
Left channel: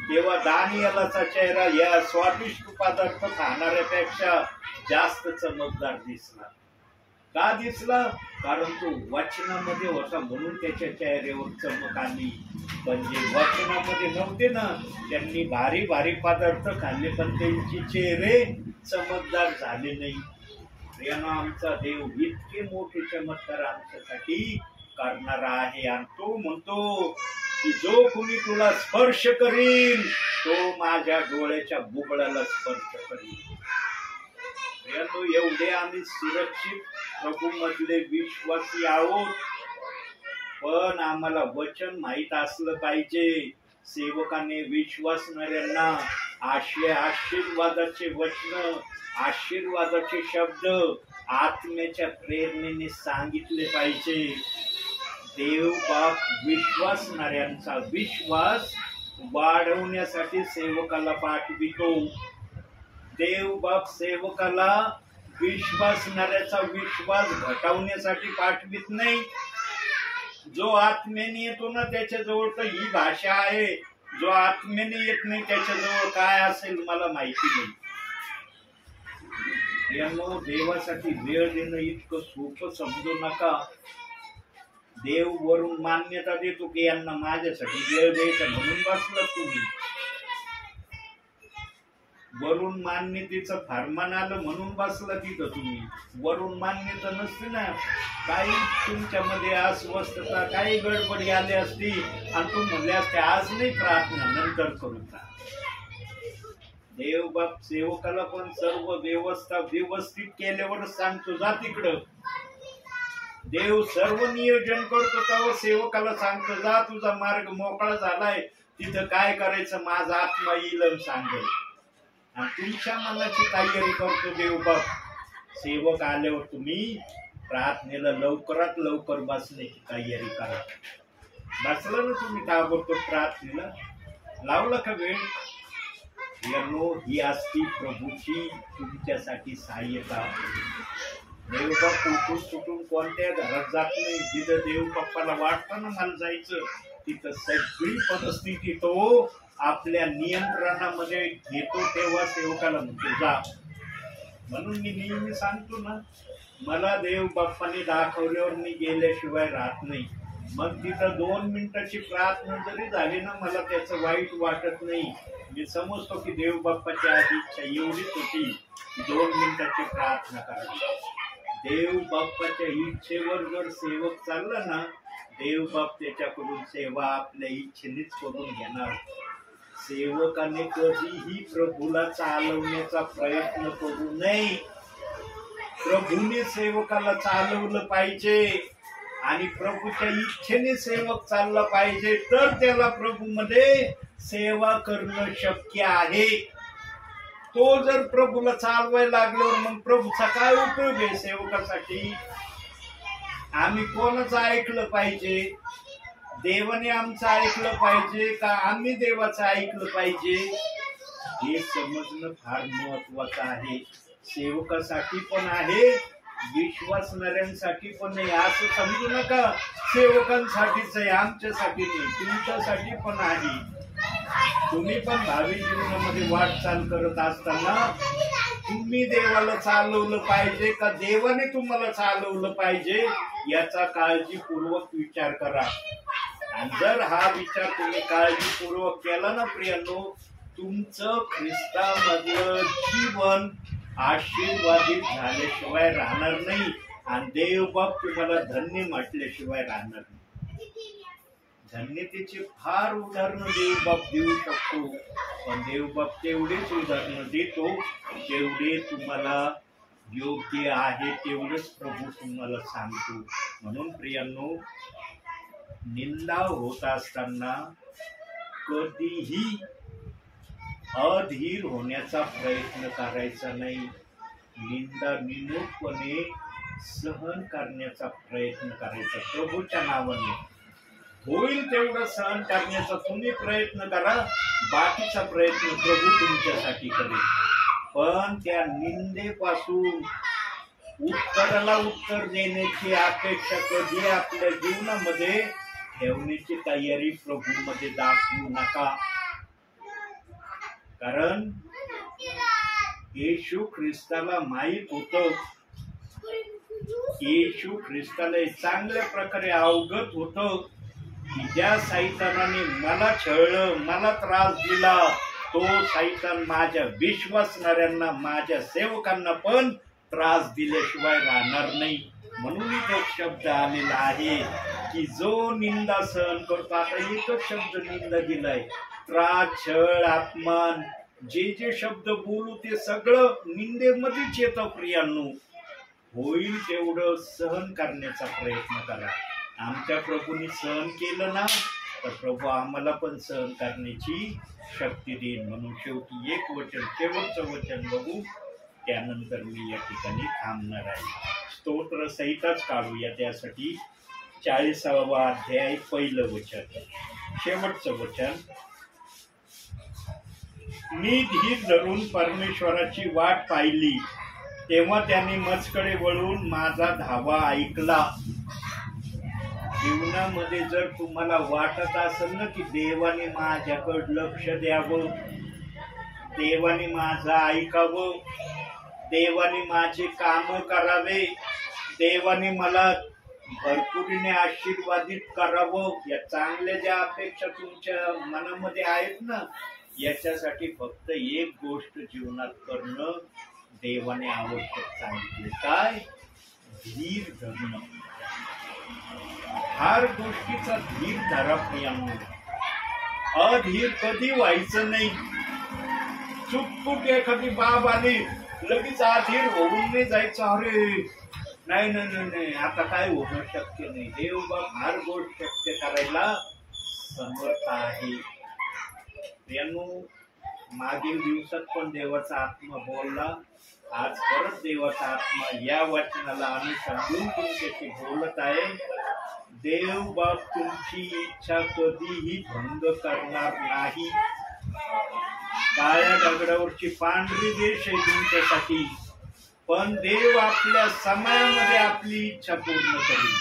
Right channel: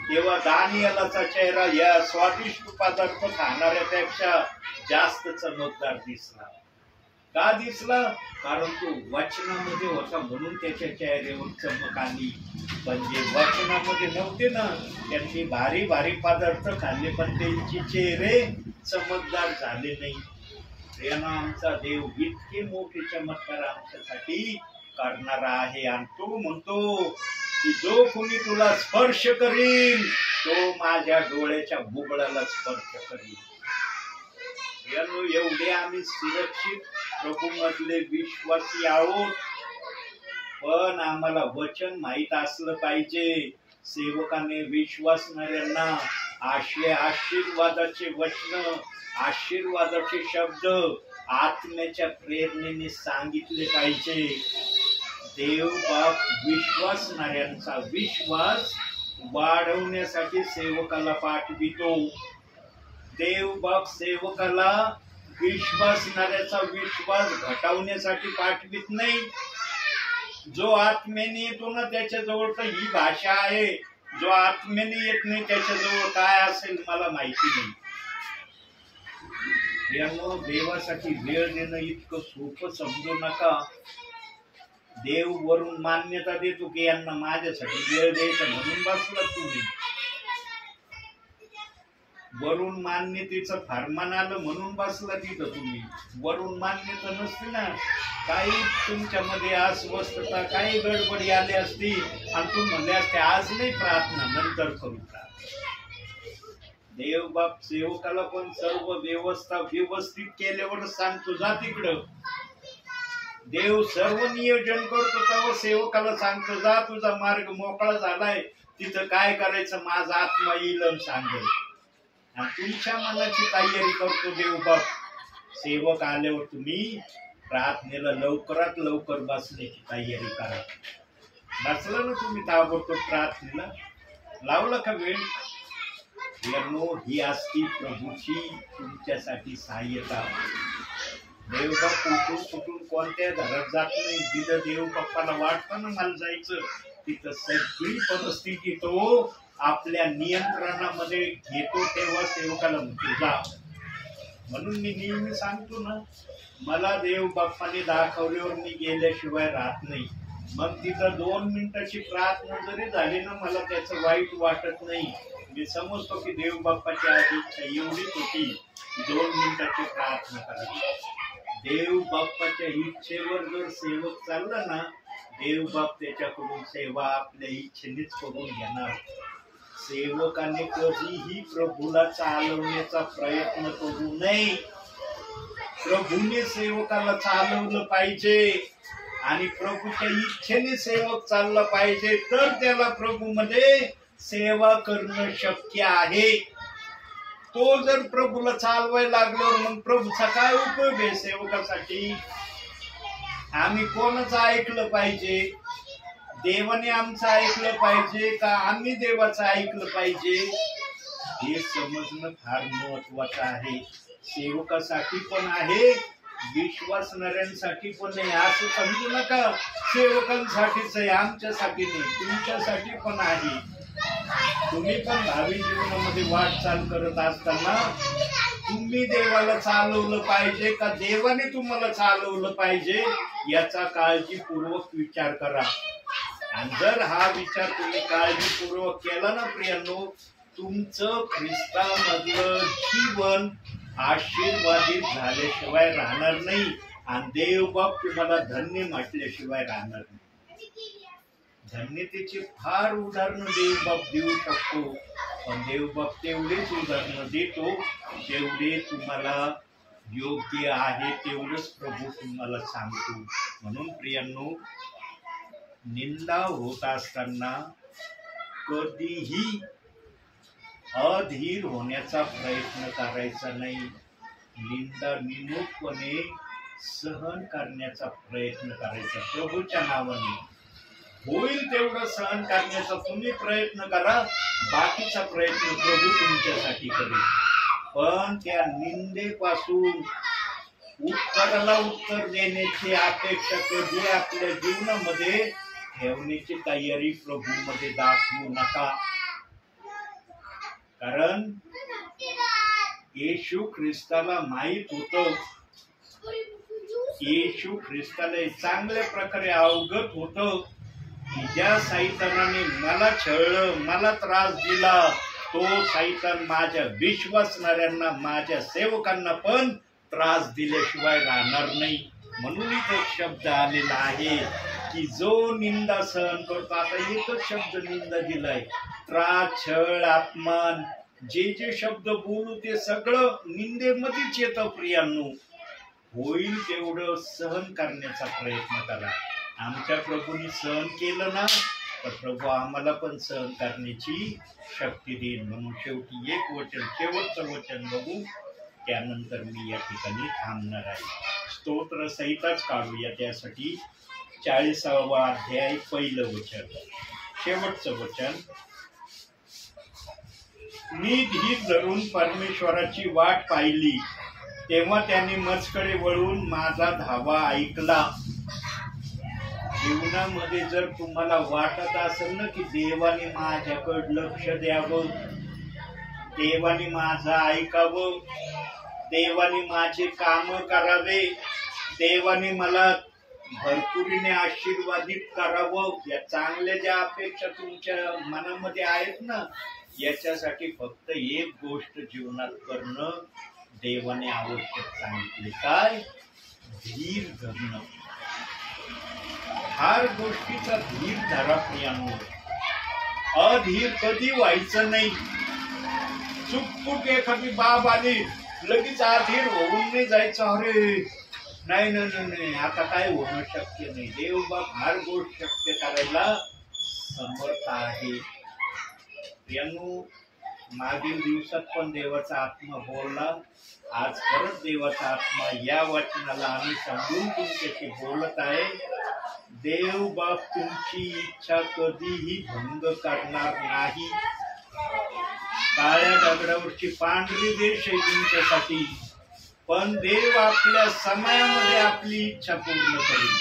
तेव्हा दानियेलाचा चेहरा या स्वादिष्ट पदार्थ खाणाऱ्यापेक्षा जास्त चमकदार दिसला. का दिसला? कारण तो वचनामध्ये होता म्हणून त्याच्या चेहऱ्यावर चमक आली. पण जे वचनामध्ये नव्हते ना, त्यांनी भारी भारी पदार्थ खाल्ले, पण त्यांचे चेहरे चमकदार झाले नाही. प्रियांनो, आमचा देव इतके मोठे चमत्कार आमच्यासाठी करणारा आहे. आणि तो म्हणतो की जो कुणी तुला स्पर्श करील तो माझ्या डोळ्याच्या बुबळाला स्पर्श करील. प्रियांनो, एवढे आम्ही सुरक्षित प्रभू मधले विश्वासी आहोत, पण आम्हाला वचन माहित असलं पाहिजे. सेवकाने विश्वासणाऱ्यांना आशीर्वादाचे वचन, आशीर्वादाचे शब्द आत्म्याच्या प्रेरणेने सांगितले पाहिजे. देव बाप विश्वासणाऱ्यांचा विश्वास वाढवण्यासाठी सेवकाला पाठवितो. देव बाप सेवकाला विश्वासणाऱ्याचा विश्वास घटवण्यासाठी पाठवित नाही. जो आत्म्याने येतो ना त्याच्याजवळ तर ही भाषा आहे. जो आत्म्याने येत नाही त्याच्याजवळ काय असेल मला माहिती नाही. यानो, देवासाठी वेळ देणं इतकं सोपं समजू नका. देव वरून मान्यता देतो की यांना माझ्यासाठी वेळ द्यायचा म्हणून बसला तुम्ही. वरून मान्यतेचं फरमान आलं म्हणून बसला तिथं तुम्ही. वरून मान्यता नसते ना, काही तुमच्यामध्ये अस्वस्थता, काही गडबडी आली असती आणि तुम्ही म्हणले असते आज नाही प्रार्थना, नंतर करू का. देव बाप सेवकाला पण सर्व व्यवस्था व्यवस्थित केल्यावर सांगतो जा तिकडं. देव सर्व नियोजन करतो तेव्हा सेवकाला सांगतो जा तुझा मार्ग मोकळा झालाय, तिथं काय करायचं माझा आत्मा येईल आणि सांगेल. आणि तुमच्या मनाची तयारी करतो देव बाप. सेवक आल्यावर तुम्ही प्रार्थनेला लवकरात लवकर बसण्याची तयारी करा. बसला ना तुम्ही ताबडतोब प्रार्थनेला, लावला का वेळ. यानो, ही असती प्रभूची तुमच्यासाठी सहाय्यता. देवबाप उठून सुटून कोणत्या घरात जात नाही. जिथं देव बाप्पाला वाटतं ना मला जायचं, तिथं सगळी परिस्थिती तो आपल्या नियंत्रणामध्ये घेतो. तेव्हा सेवकाला म्हणतो जा. म्हणून मी नेहमी सांगतो ना, मला देव बाप्पाने दाखवल्यावर मी गेल्याशिवाय राहत नाही. मग तिथं 2 मिनिटाची प्रार्थना जरी झाली ना, मला त्याचं वाईट वाटत नाही. मी समजतो की देव बाप्पाची आज इच्छा एवढीच होती की 2 मिनिटाची प्रार्थना करावी. देव बाप्पाच्या इच्छेवर जर सेवक चालला ना, देव बाप त्याच्याकडून सेवा आपल्या इच्छेनेच करून घेणार. सेवकाने कधीही प्रभूला चालवण्याचा प्रयत्न करू नये. प्रभूने सेवकाला चालवलं पाहिजे आणि प्रभूच्या इच्छेने सेवक चालला पाहिजे, तर त्याला प्रभूमध्ये सेवा करणं शक्य आहे. तो जर प्रभूला चालवायला लागल्यावर मग प्रभूचा काय उपयोग आहे सेवकासाठी. आम्ही कोणाचं ऐकलं पाहिजे. देवाने आमचं ऐकलं पाहिजे का आम्ही देवाचं ऐकलं पाहिजे, हे समजणं फार महत्वाचं आहे. सेवकासाठी पण आहे, विश्वासणाऱ्यांसाठी पण नाही. असं समजू नका सेवकांसाठीच आहे, आमच्यासाठी नाही. तुमच्यासाठी पण आहे. तुम्ही पण भावी जीवनामध्ये वाटचाल करत असताना तुम्ही देवाला चालवलं पाहिजे का देवाने तुम्हाला चालवलं पाहिजे, याचा काळजीपूर्वक विचार करा. आणि जर हा विचार तुम्ही काळजीपूर्वक केला ना प्रियांनो, तुमचं ख्रिस्तामधलं जीवन आशीर्वादित झाल्याशिवाय राहणार नाही आणि देवबाप तुम्हाला धन्य म्हटल्याशिवाय राहणार नाही. धन्यतेची फार उदाहरणं देवबाप देऊ शकतो, पण देवबाप तेवढेच उदाहरणं देतो जेवढे तुम्हाला योग्य आहे, तेवढंच प्रभू तुम्हाला सांगतो. म्हणून प्रियांनो, निंदा होत असताना कधीही अधीर होण्याचा प्रयत्न करायचा नाही. निंदा निमूटपणे सहन करण्याचा प्रयत्न करायचा. प्रभूच्या नावाने होईल तेवढं सहन करण्याचा तुम्ही प्रयत्न करा. बाकीचा प्रयत्न प्रभू तुमच्यासाठी करेल. पण त्या निंदेपासून उत्तराला उत्तर देण्याची अपेक्षा कधी आपल्या जीवनामध्ये ठेवण्याची तयारी प्रभूमध्ये दाखवू नका. कारण येशू ख्रिस्ताला माहित होतं, येशू ख्रिस्ताला चांगल्या प्रकारे अवगत होतं की ज्या सैतानाने मला छळलं, मला त्रास दिला, तो सैतान माझ्या विश्वासणाऱ्यांना, माझ्या सेवकांना पण त्रास दिल्याशिवाय राहणार नाही. म्हणून एक शब्द आलेला आहे की जो निंदा सहन करतो, आता एकच शब्द निंदा दिलाय, त्रास, छळ, अपमान, जे जे शब्द बोलू ते सगळं निंदेमध्येच येतं प्रियांनो. होईल तेवढं सहन करण्याचा प्रयत्न करा. आमच्या प्रभूंनी सहन केलं ना, तर प्रभू आम्हाला पण सहन करण्याची शक्ती देईल. म्हणून शेवटी एक वचन, शेवटचं वचन बघू, त्यानंतर मी या ठिकाणी थांबणार आहे. स्तोत्र संहिताच काढूया. त्यासाठी 40वा अध्याय, पहिलं वचन, शेवटचं वचन. मी धीर धरून परमेश्वराची वाट पाहिली, तेव्हा त्यांनी मजकडे वळून माझा धावा ऐकला. जीवनामध्ये जर तुम्हाला वाटत असेल ना की देवाने माझ्याकडे लक्ष द्यावं, देवाने माझं ऐकावं, देवाने माझे काम करावे, देवाने मला भरपुरीने आशीर्वादित करावं, या चांगल्या ज्या अपेक्षा तुमच्या मनामध्ये आहेत ना, याच्यासाठी फक्त एक गोष्ट जीवनात करणं देवाने आवश्यक सांगितले. काय? धीर धरणं. हर गोष्टीचा धीर धरा प्रियांनो. अधीर कधी व्हायचं नाही. चुकपुक एखादी बाब आली लगेच अधीर होऊन नाही जायचं, अरे नाही नाही नाही आता काय होणं शक्य नाही. देव बाप हर गोष्ट शक्य करायला समर्थ आहे. प्रियांनो, मागील दिवसात पण देवाचा आत्मा बोलला, आज परत देवाचा आत्मा या वचनाला अनुसरून तुमच्याशी बोलत आहे. देव बाप तुमची इच्छा कधीही भंग करणार नाही. काळ्या दगडावरची पांढरी देश आहे तुमच्यासाठी, पण देव आपल्या समयामध्ये आपली इच्छा पूर्ण करेल.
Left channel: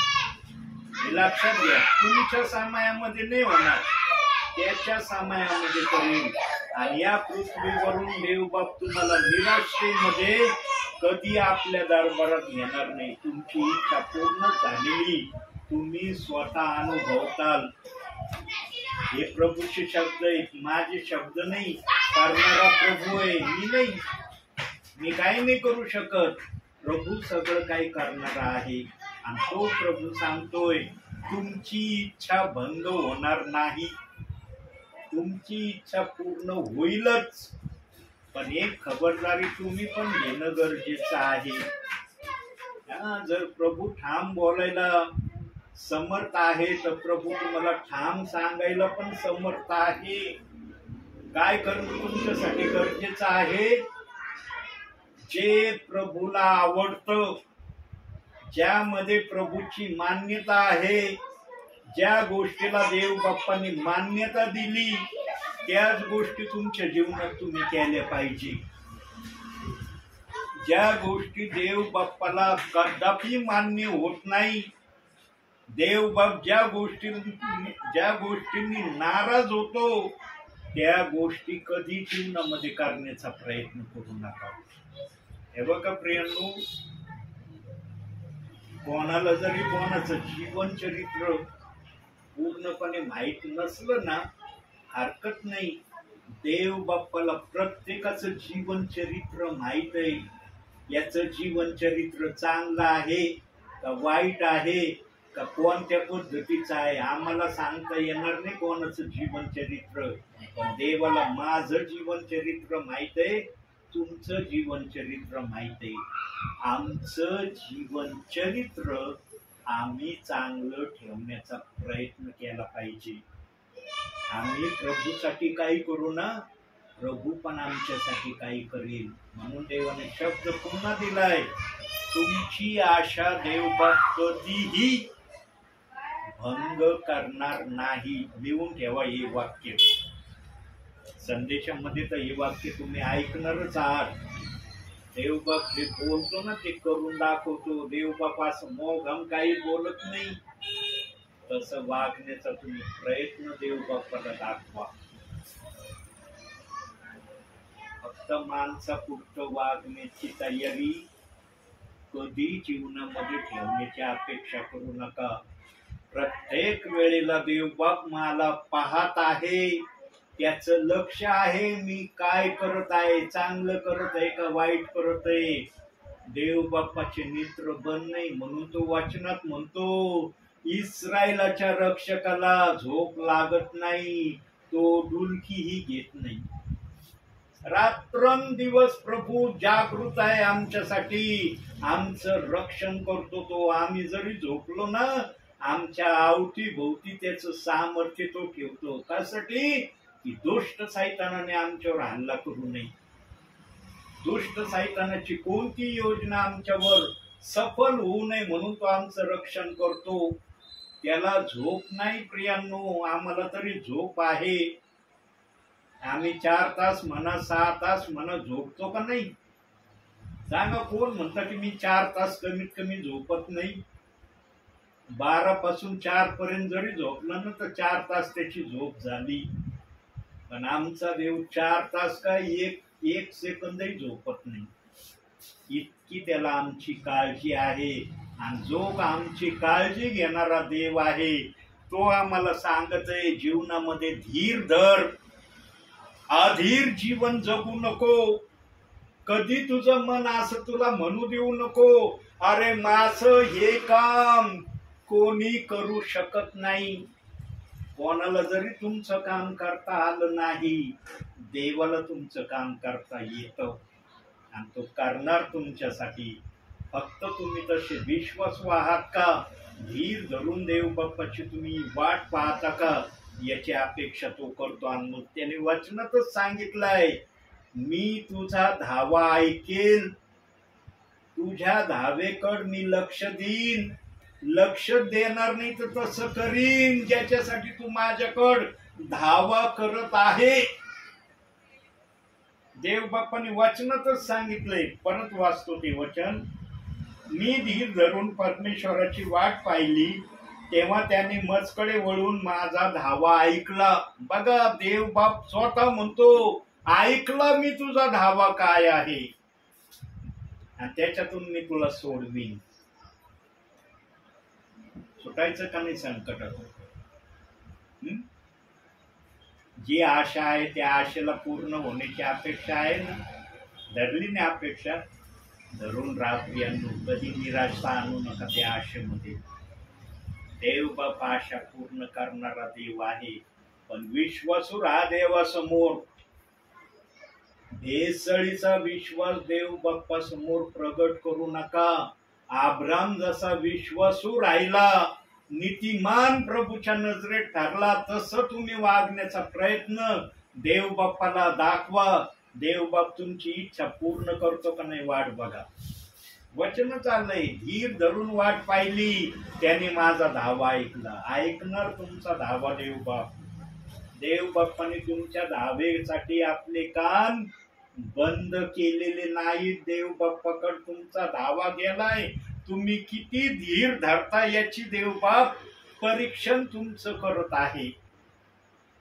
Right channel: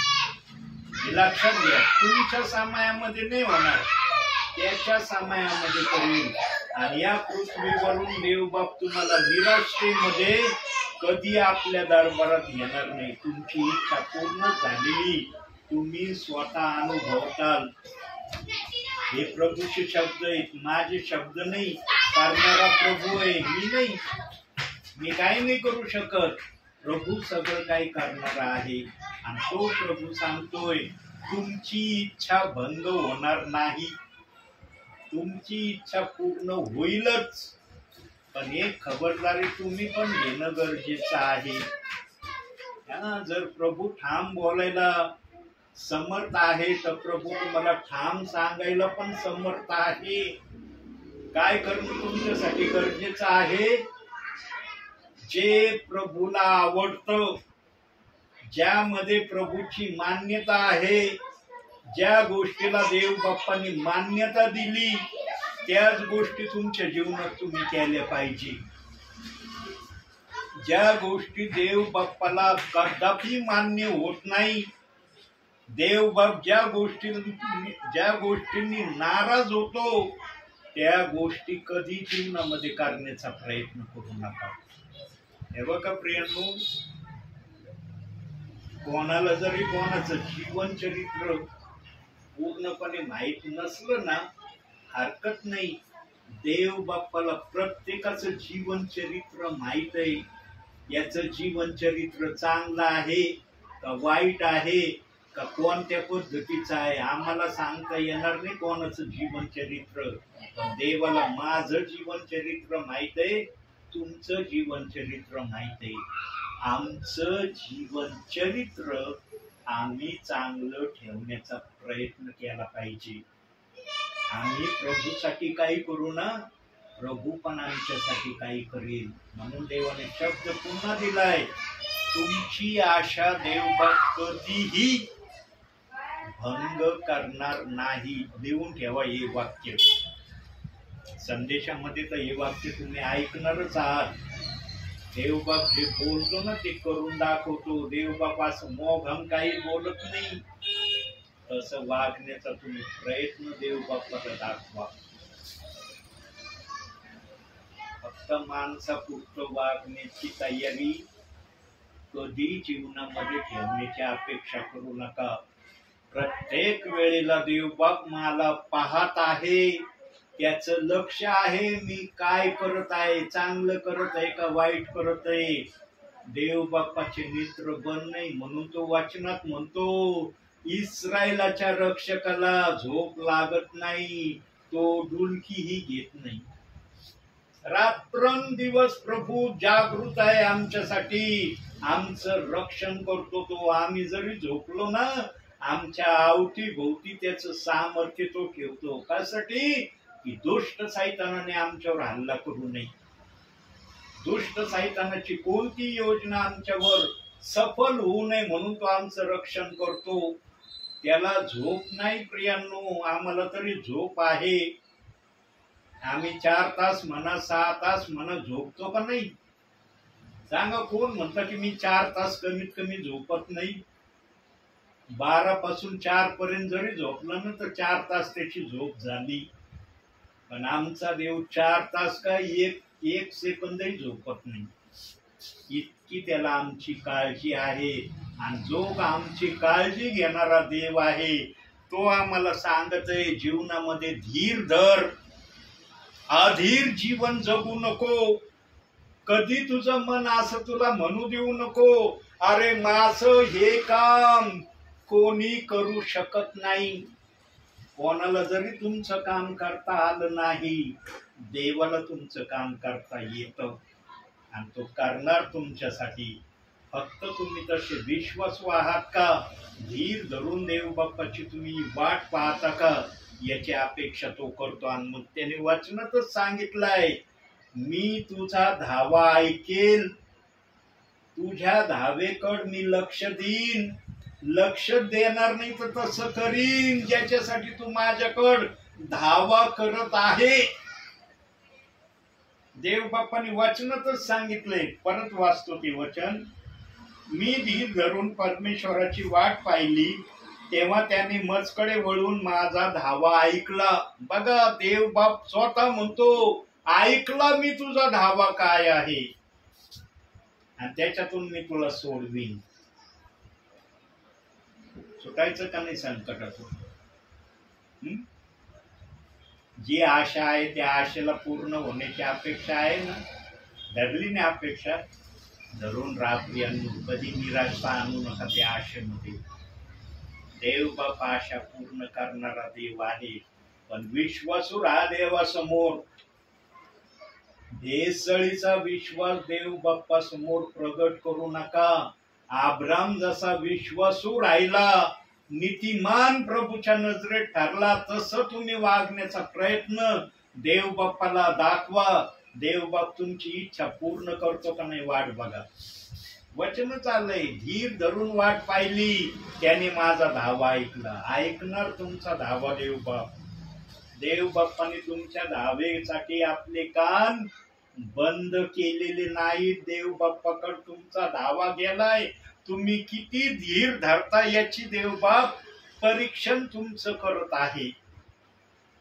हे लक्षात घ्या. तुमच्या समयामध्ये नाही होणार, त्याच्या समयामध्ये करेल. आणि या पृथ्वीवरून देवबाप तुम्हाला निराशेमध्ये कधी आपल्या दरबारात घेणार नाही. तुमची इच्छा पूर्ण झालेली तुम्ही स्वतः अनुभवताल. हे प्रभूचे शब्द आहेत, माझे शब्द नाही. करणारा प्रभू आहे, मी नाही. मी काही नाही करू शकत, प्रभू सगळं काही करणारा आहे. आणि तो प्रभू सांगतोय तुमची इच्छा भंग होणार नाही, तुमची इच्छा पूर्ण होईलच. पण एक खबरदारी तुम्ही पण घेणं गरजेचं आहे. जर प्रभू ठाम बोलायला समर्थ आहे तर प्रभू तुम्हाला ठाम सांगायला पण समर्थ आहे. काय करणं तुमच्यासाठी गरजेचं आहे? जे प्रभूला आवडतं, ज्यामध्ये प्रभूची मान्यता आहे, ज्या गोष्टीला देव बाप्पांनी मान्यता दिली, त्याच गोष्टी तुमच्या जीवनात तुम्ही केल्या पाहिजे. ज्या गोष्टी देव बाप्पाला कदापि मान्य होत नाही, देव बाप ज्या गोष्टींनी नाराज होतो, त्या गोष्टी कधी जीवनामध्ये करण्याचा प्रयत्न करू नका. हे बघा प्रियांनो, कोणाला जरी कोणाचं जीवन चरित्र पूर्णपणे माहित नसलं ना, हरकत नाही. देव बाप्पाला प्रत्येकाचं जीवन चरित्र माहित आहे. याचं जीवन चरित्र चांगलं आहे का वाईट आहे का कोणत्या पद्धतीचं आहे आम्हाला सांगता येणार नाही कोणाचं जीवन चरित्र. पण देवाला माझं जीवन चरित्र माहित आहे, तुमचं जीवन चरित्र माहित आहे. आमचं जीवन चरित्र आम्ही चांगलं ठेवण्याचा प्रयत्न केला पाहिजे. आम्ही प्रभूसाठी काही करू ना, प्रभू पण आमच्यासाठी काही करेल. म्हणून देवाने शब्द पुन्हा दिलाय, तुमची आशा देवबाप कधीही भंग करणार नाही. लिहून ठेवा हे वाक्य. संदेशामध्ये तर हे वाक्य तुम्ही ऐकणारच आहात. देवबाप जे बोलतो ना ते करून दाखवतो. देवबाप असं मोघम काही बोलत नाही. तसं वागण्याचा तुम्ही प्रयत्न देवबापाला दाखवा. फक्त माणसापुरतं वागण्याची तयारी कधी जीवनामध्ये ठेवण्याची अपेक्षा करू नका. प्रत्येक वेळेला देवबाप मला पाहत आहे, त्याचं लक्ष आहे मी काय करत आहे, चांगलं करत आहे का वाईट करत आहे. देवबापाचे नेत्र बंद नाही. म्हणून तो वचनात म्हणतो इस्रायलाच्या रक्षकाला झोप लागत नाही, तो डुलकीही घेत नाही. रात्रंदिवस प्रभू जागृत आहे आमच्यासाठी, आमचं रक्षण करतो तो. आम्ही जरी झोपलो ना, आमच्या अवतीभोवती त्याचं सामर्थ्य तो ठेवतो. त्यासाठी की दुष्ट सैतानाने आमच्यावर हल्ला करू नये. दुष्ट सैतानाची कोणती योजना आमच्यावर सफल होऊ नये म्हणून तो आमचं रक्षण करतो. त्याला झोप नाही प्रियांनो, आम्हाला तरी झोप आहे. आम्ही 4 तास म्हणा 6 तास म्हणा झोपतो का नाही? सांगा, कोण म्हणतं की मी 4 तास कमीत कमी झोपत नाही? 12 पासून 4 पर्यंत जरी झोपलं ना तर 4 तास त्याची झोप झाली. पण आमचा देव 4 तास का एक सेकंदही झोपत नाही. इतकी त्याला आमची काळजी आहे. आणि जो आमची काळजी घेणारा देव आहे तो आम्हाला सांगत आहे, जीवनामध्ये धीर धर, अधीर जीवन जगू नको. कधी तुझं मन असं तुला म्हणू देऊ नको, अरे माझं हे काम कोणी करू शकत नाही. कोणाला जरी तुमचं काम करता आलं नाही, देवाला तुमचं काम करता येतं आणि तो करणार तुमच्यासाठी. फक्त तुम्ही तसे विश्वासू आहात का? धीर धरून देव बाप्पाची तुम्ही वाट पाहता का? याची अपेक्षा तो करतो. आणि मग त्याने वचनातच सांगितलंय, मी तुझा धावा ऐकेल, तुझ्या धावेकड मी लक्ष देईन. लक्ष देणार नाही तर तसं करीन ज्याच्यासाठी तू माझ्याकड धावा करत आहे. देव बाप्पाने वचनातच सांगितलंय. परत वाचतो ते वचन. मी धीर धरून परमेश्वराची वाट पाहिली, तेव्हा त्याने मजकडे वळून माझा धावा ऐकला. बघा, देव बाप स्वतः म्हणतो, ऐकला मी तुझा धावा काय आहे आणि त्याच्यातून मी तुला सोडवीन. सुटायचं का नाही संकटातून? जी आशा आहे त्या आशेला पूर्ण होण्याची अपेक्षा आहे ना. धरली नाही अपेक्षा, धरून रात्रियांनो कधी निराशा आणू नका त्या आशेमध्ये. देव बाप आशा पूर्ण करणारा देव आहे. पण विश्वासू राहा देवासमोर. भेसळीचा विश्वास देव बाप्पा समोर प्रगट करू नका. अब्राम जसा विश्वासू राहिला, नीतिमान प्रभूच्या नजरेत ठरला, तसं तुम्ही वागण्याचा प्रयत्न देव बाप्पाला दाखवा. देव बाप तुमची इच्छा पूर्ण करतो का नाही वाट बघा. वचन चाललंय, धीर धरून वाट पाहिली, त्याने माझा धावा ऐकला. ऐकणार तुमचा धावा देव बाप. देव बाप्पाने तुमच्या धावेसाठी आपले कान बंद केलेले नाहीत. देव बाप्पाकडे तुमचा धावा गेलाय. तुम्ही किती धीर धरता याची देव बाप परीक्षण तुमचं करत आहे.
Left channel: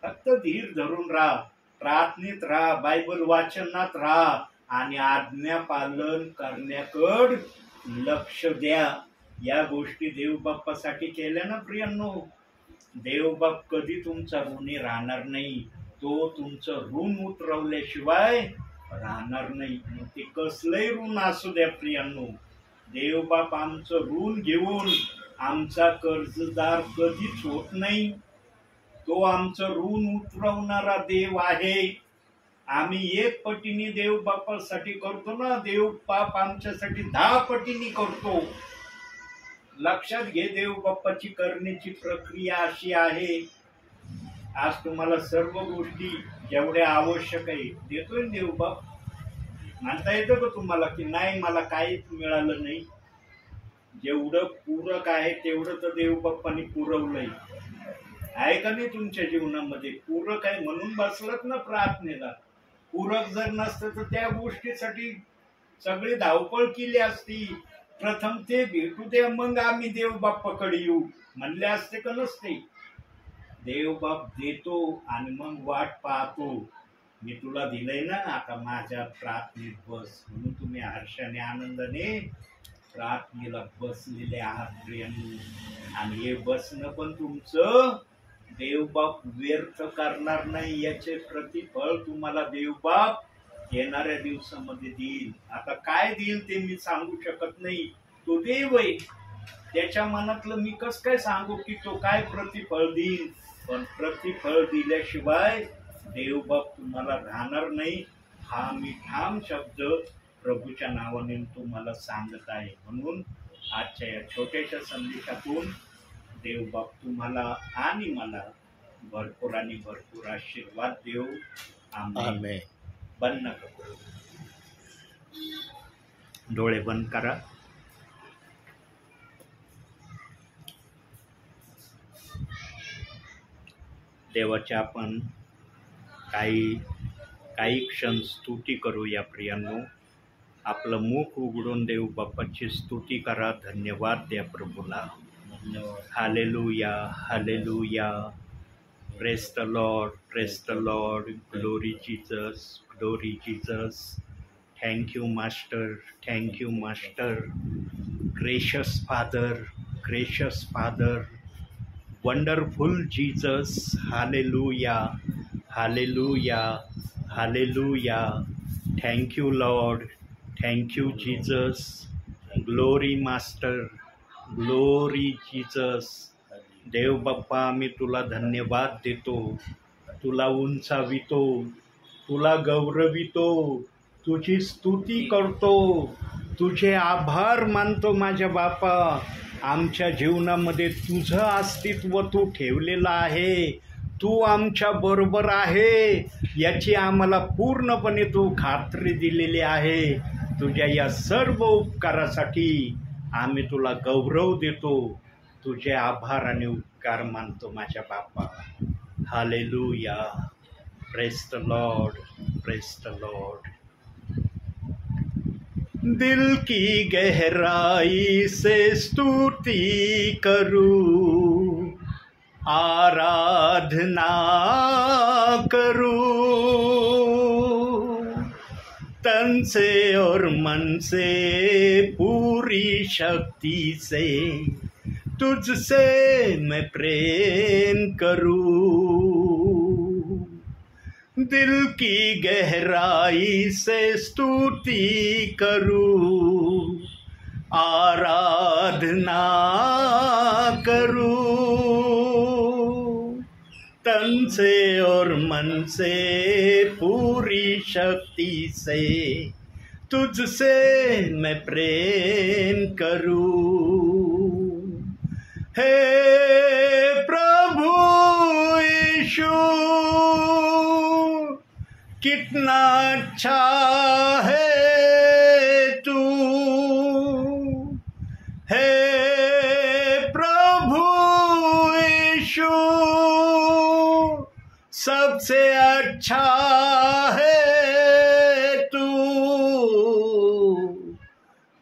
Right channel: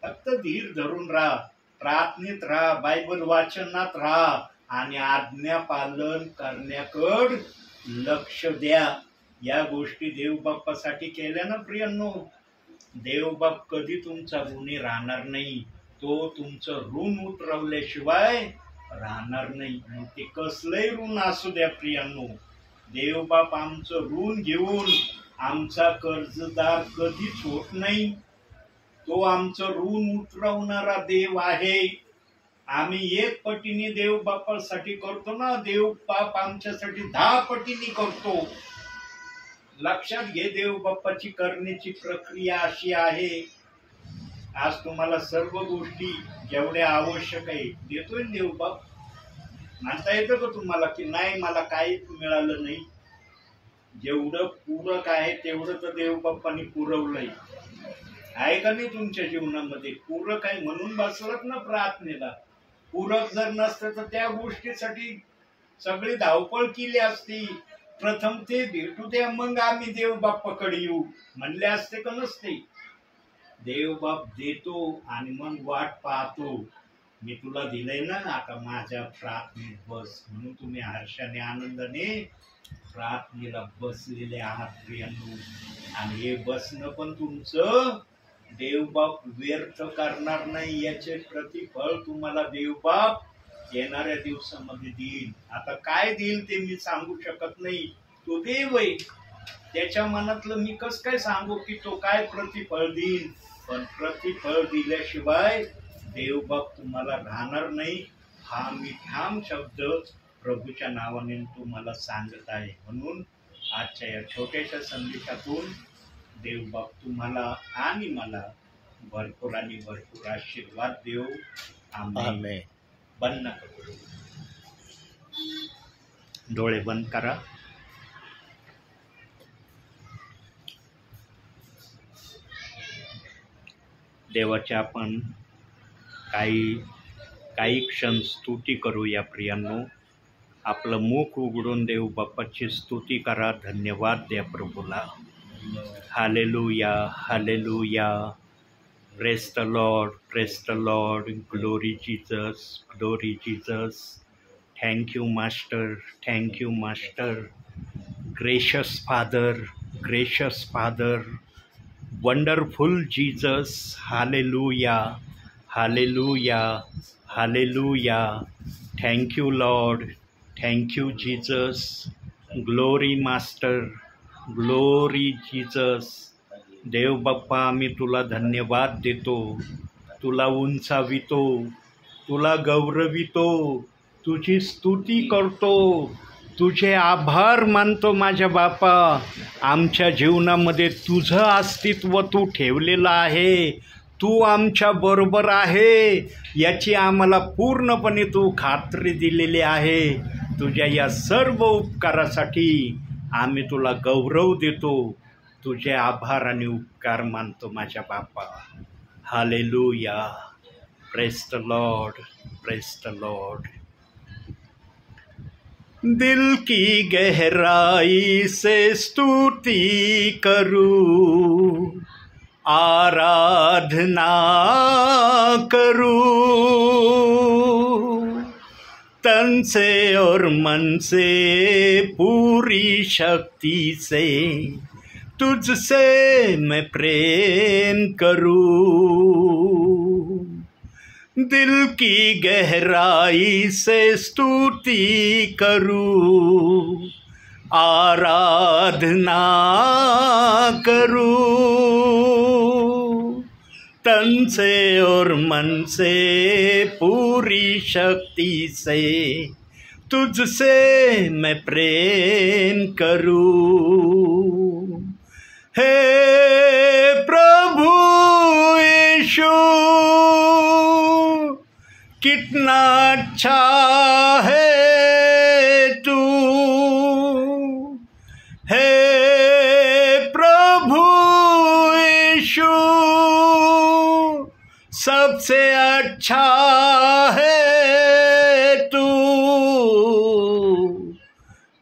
फक्त धीर धरून राहा, प्रार्थनेत राहा, बायबल वाचनात राहा आणि आज्ञा पालन करण्याकडे लक्ष द्या. या गोष्टी देव बाप्पासाठी केल्या ना प्रियांनो, देव बाप कधी तुमचा ऋणी राहणार नाही. तो तुमचं ऋण उतरवल्याशिवाय राहणार नाही. मग ते कसलंही ऋण असू द्या प्रियांनो, देव बाप आमचं ऋण घेऊन आमचा कर्जदार कधीच होत नाही. तो आमचं ऋण उतरवणारा देव आहे. आम्ही 1 पटीने देव बापासाठी करतो ना, देव बाप आमच्यासाठी 10 पटीने करतो. लक्षात घे, देव बाप्पाची करण्याची प्रक्रिया अशी आहे. आज तुम्हाला सर्व गोष्टी जेवढ्या आवश्यक आहे देतोय देव बाप. म्हणता येतं का तुम्हाला की नाही मला काहीच मिळालं नाही? जेवढं पूरक आहे तेवढं तर देव बाप्पांनी पुरवलंय. आहे का नाही तुमच्या जीवनामध्ये? पूरक आहे म्हणून बसलात ना प्रार्थनेला. पूरक जर नसतं तर त्या गोष्टीसाठी सगळी धावपळ केली असती. प्रथम ते भेटू द्या, मग आम्ही देव बाप्पाकडे येऊ म्हणले असते का नसते? देव बाप देतो आणि मग वाट पाहतो. मी तुला दिलंय ना, आता माझ्या प्रार्थनेत बस. म्हणून तुम्ही हर्षाने आनंदाने प्रार्थनेला बसलेले आहात प्रियांनो. आणि हे बसणं पण तुमचं देवबाप व्यर्थ करणार नाही. याचे प्रतिफळ तुम्हाला देवबाप येणाऱ्या दिवसामध्ये देईल. आता काय देईल ते मी सांगू शकत नाही, तो देव आहे. त्याच्या मनातलं मी कसं काय सांगू की तो काय प्रतिफळ देईल. पण प्रतिफळ दिल्याशिवाय देवबाप तुम्हाला राहणार नाही. हा मी ठाम शब्द प्रभूच्या नावाने तुम्हाला सांगत आहे. म्हणून आजच्या या छोट्याशा संदेशातून देवबाप तुम्हाला आणि मला भरपूर आणि भरपूर आशीर्वाद देव. आमेन. बंद नका करू, डोळे बंद करा. देवाच्या आपण काही क्षण स्तुती करूया प्रियांनो. आपलं मुख उघडून देव बाप्पाची स्तुती करा. धन्यवाद द्या प्रभूला. Hallelujah, hallelujah. Praise the Lord, praise the Lord. Glory Jesus, glory Jesus. Thank you master, thank you master. Gracious father, gracious father. Wonderful Jesus. Hallelujah, hallelujah, hallelujah. Thank you Lord, thank you Jesus. Glory master, glory Jesus. देव बाप्पा, आम्ही तुला धन्यवाद देतो, तुला उंचावितो, तुला गौरवितो, तुझी स्तुती करतो, तुझे आभार मानतो माझ्या बापा. आमच्या जीवनामध्ये तुझं अस्तित्व तू ठेवलेलं आहे. तू आमच्या बरोबर आहे याची आम्हाला पूर्णपणे तू खात्री दिलेली आहे. तुझ्या या सर्व उपकारासाठी आम्ही तुला गौरव देतो, तुझे आभार आणि उपकार मानतो माझ्या बापा. Hallelujah. Praise the Lord, praise the Lord. दिल की गहराई से स्तुति करूं, आराधना करूं, तन से और मन से पूरी शक्ति से तुझसे मैं प्रेम करूं. दिल की गहराई से स्तुति करूं, आराधना करूं, तन से और मन से पूरी शक्ति से तुझसे मैं प्रेम करूं. हे प्रभु यीशु, कितना अच्छा है तू. हे प्रभु यीशु, सबसे अच्छा है तू.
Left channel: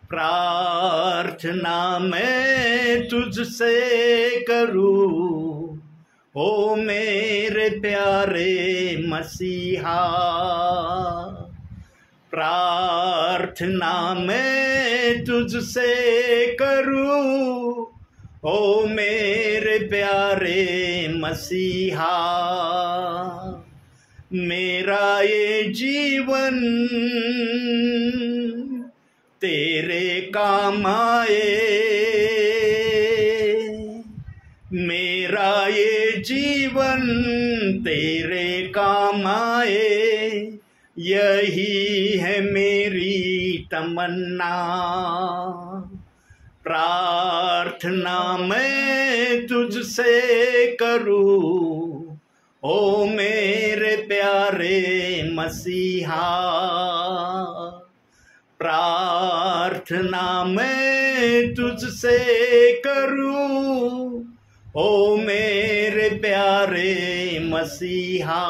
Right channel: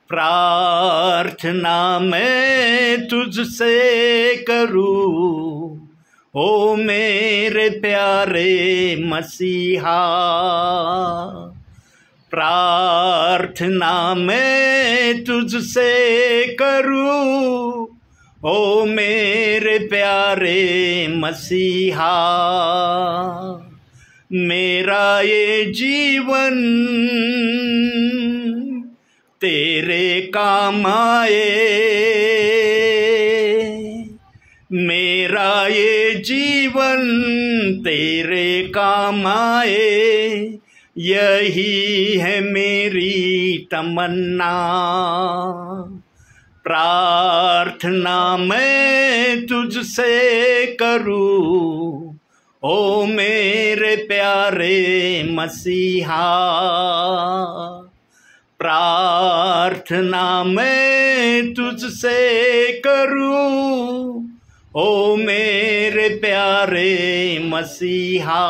प्रार्थना मैं तुझसे करूं, ओ मेरे प्यारे मसीहा. प्रार्थना मैं तुझसे करूं, ओ मेरे प्यारे मसीहा. मेरा ये जीवन तेरे काम आए, मेरा ये जीवन तेरे काम आए, यही है मेरी तमन्ना. प्रार्थना मैं तुझसे करूं, ओ मेरे प्यारे मसीहा. प्रार्थना मैं तुझसे करूं, ओ मेरे प्यारे मसीहा.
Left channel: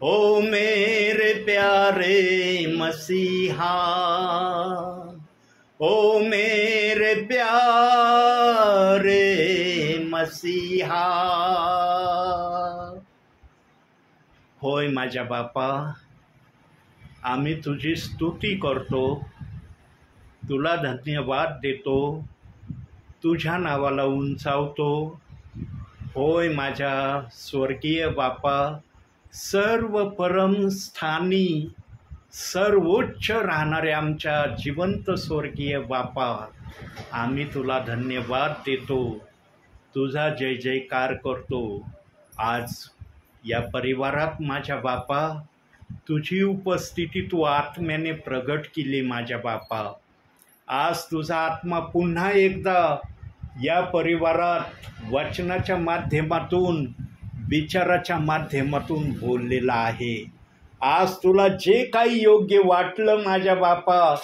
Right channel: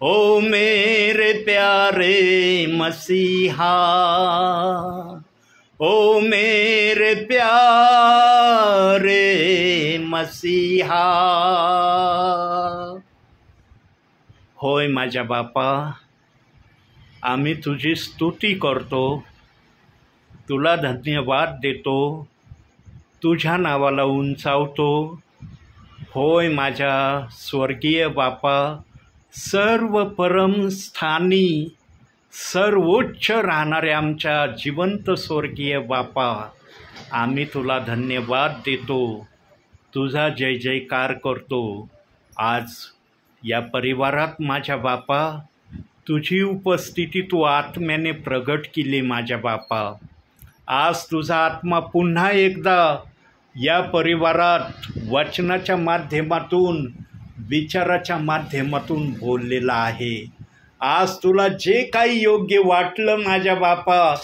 ओ मेरे प्यारे मसीहा. ओ मेरे प्यारे मसीहा. होय माझ्या बापा, आम्ही तुझी स्तुती करतो, तुला धन्यवाद देतो, तुझ्या नावाला उंचावतो. होय माझ्या स्वर्गीय बापा, सर्व परम स्थानी सर्वोच्च राहणाऱ्या आमच्या जिवंत स्वर्गीय बापा, आम्ही तुला धन्यवाद देतो, तुझा जय जयकार करतो. आज या परिवारात माझ्या बापा तुझी उपस्थिती तू आत्म्याने प्रगट केली माझ्या बापा. आज तुझा आत्मा पुन्हा एकदा या परिवारात वचनाच्या माध्यमातून, विचाराच्या माध्यमातून बोललेला आहे. आज तुला जे काही योग्य वाटलं माझ्या बापा,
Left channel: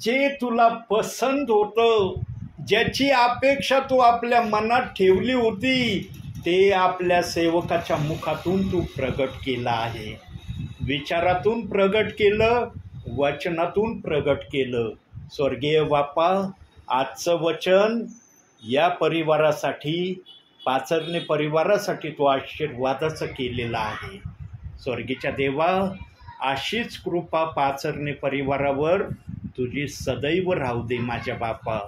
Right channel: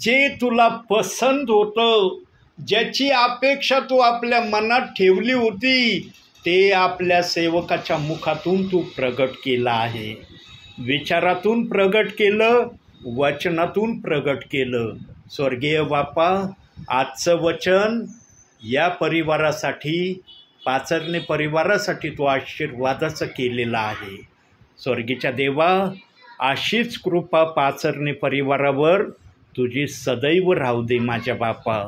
जे तुला पसंत होतं, ज्याची अपेक्षा तू आपल्या मनात ठेवली होती, ते आपल्या सेवकाच्या मुखातून तू प्रगट केलं आहे. विचारातून प्रगट केलं, वचनातून प्रगट केलं. स्वर्गीय बापा, आजचं वचन या परिवारासाठी, पाचरणे परिवारासाठी तो आशीर्वादाचं केलेलं आहे. स्वर्गीच्या देवा, अशीच कृपा पाचरणे परिवारावर तुझी सदैव राहू दे माझ्या बापा.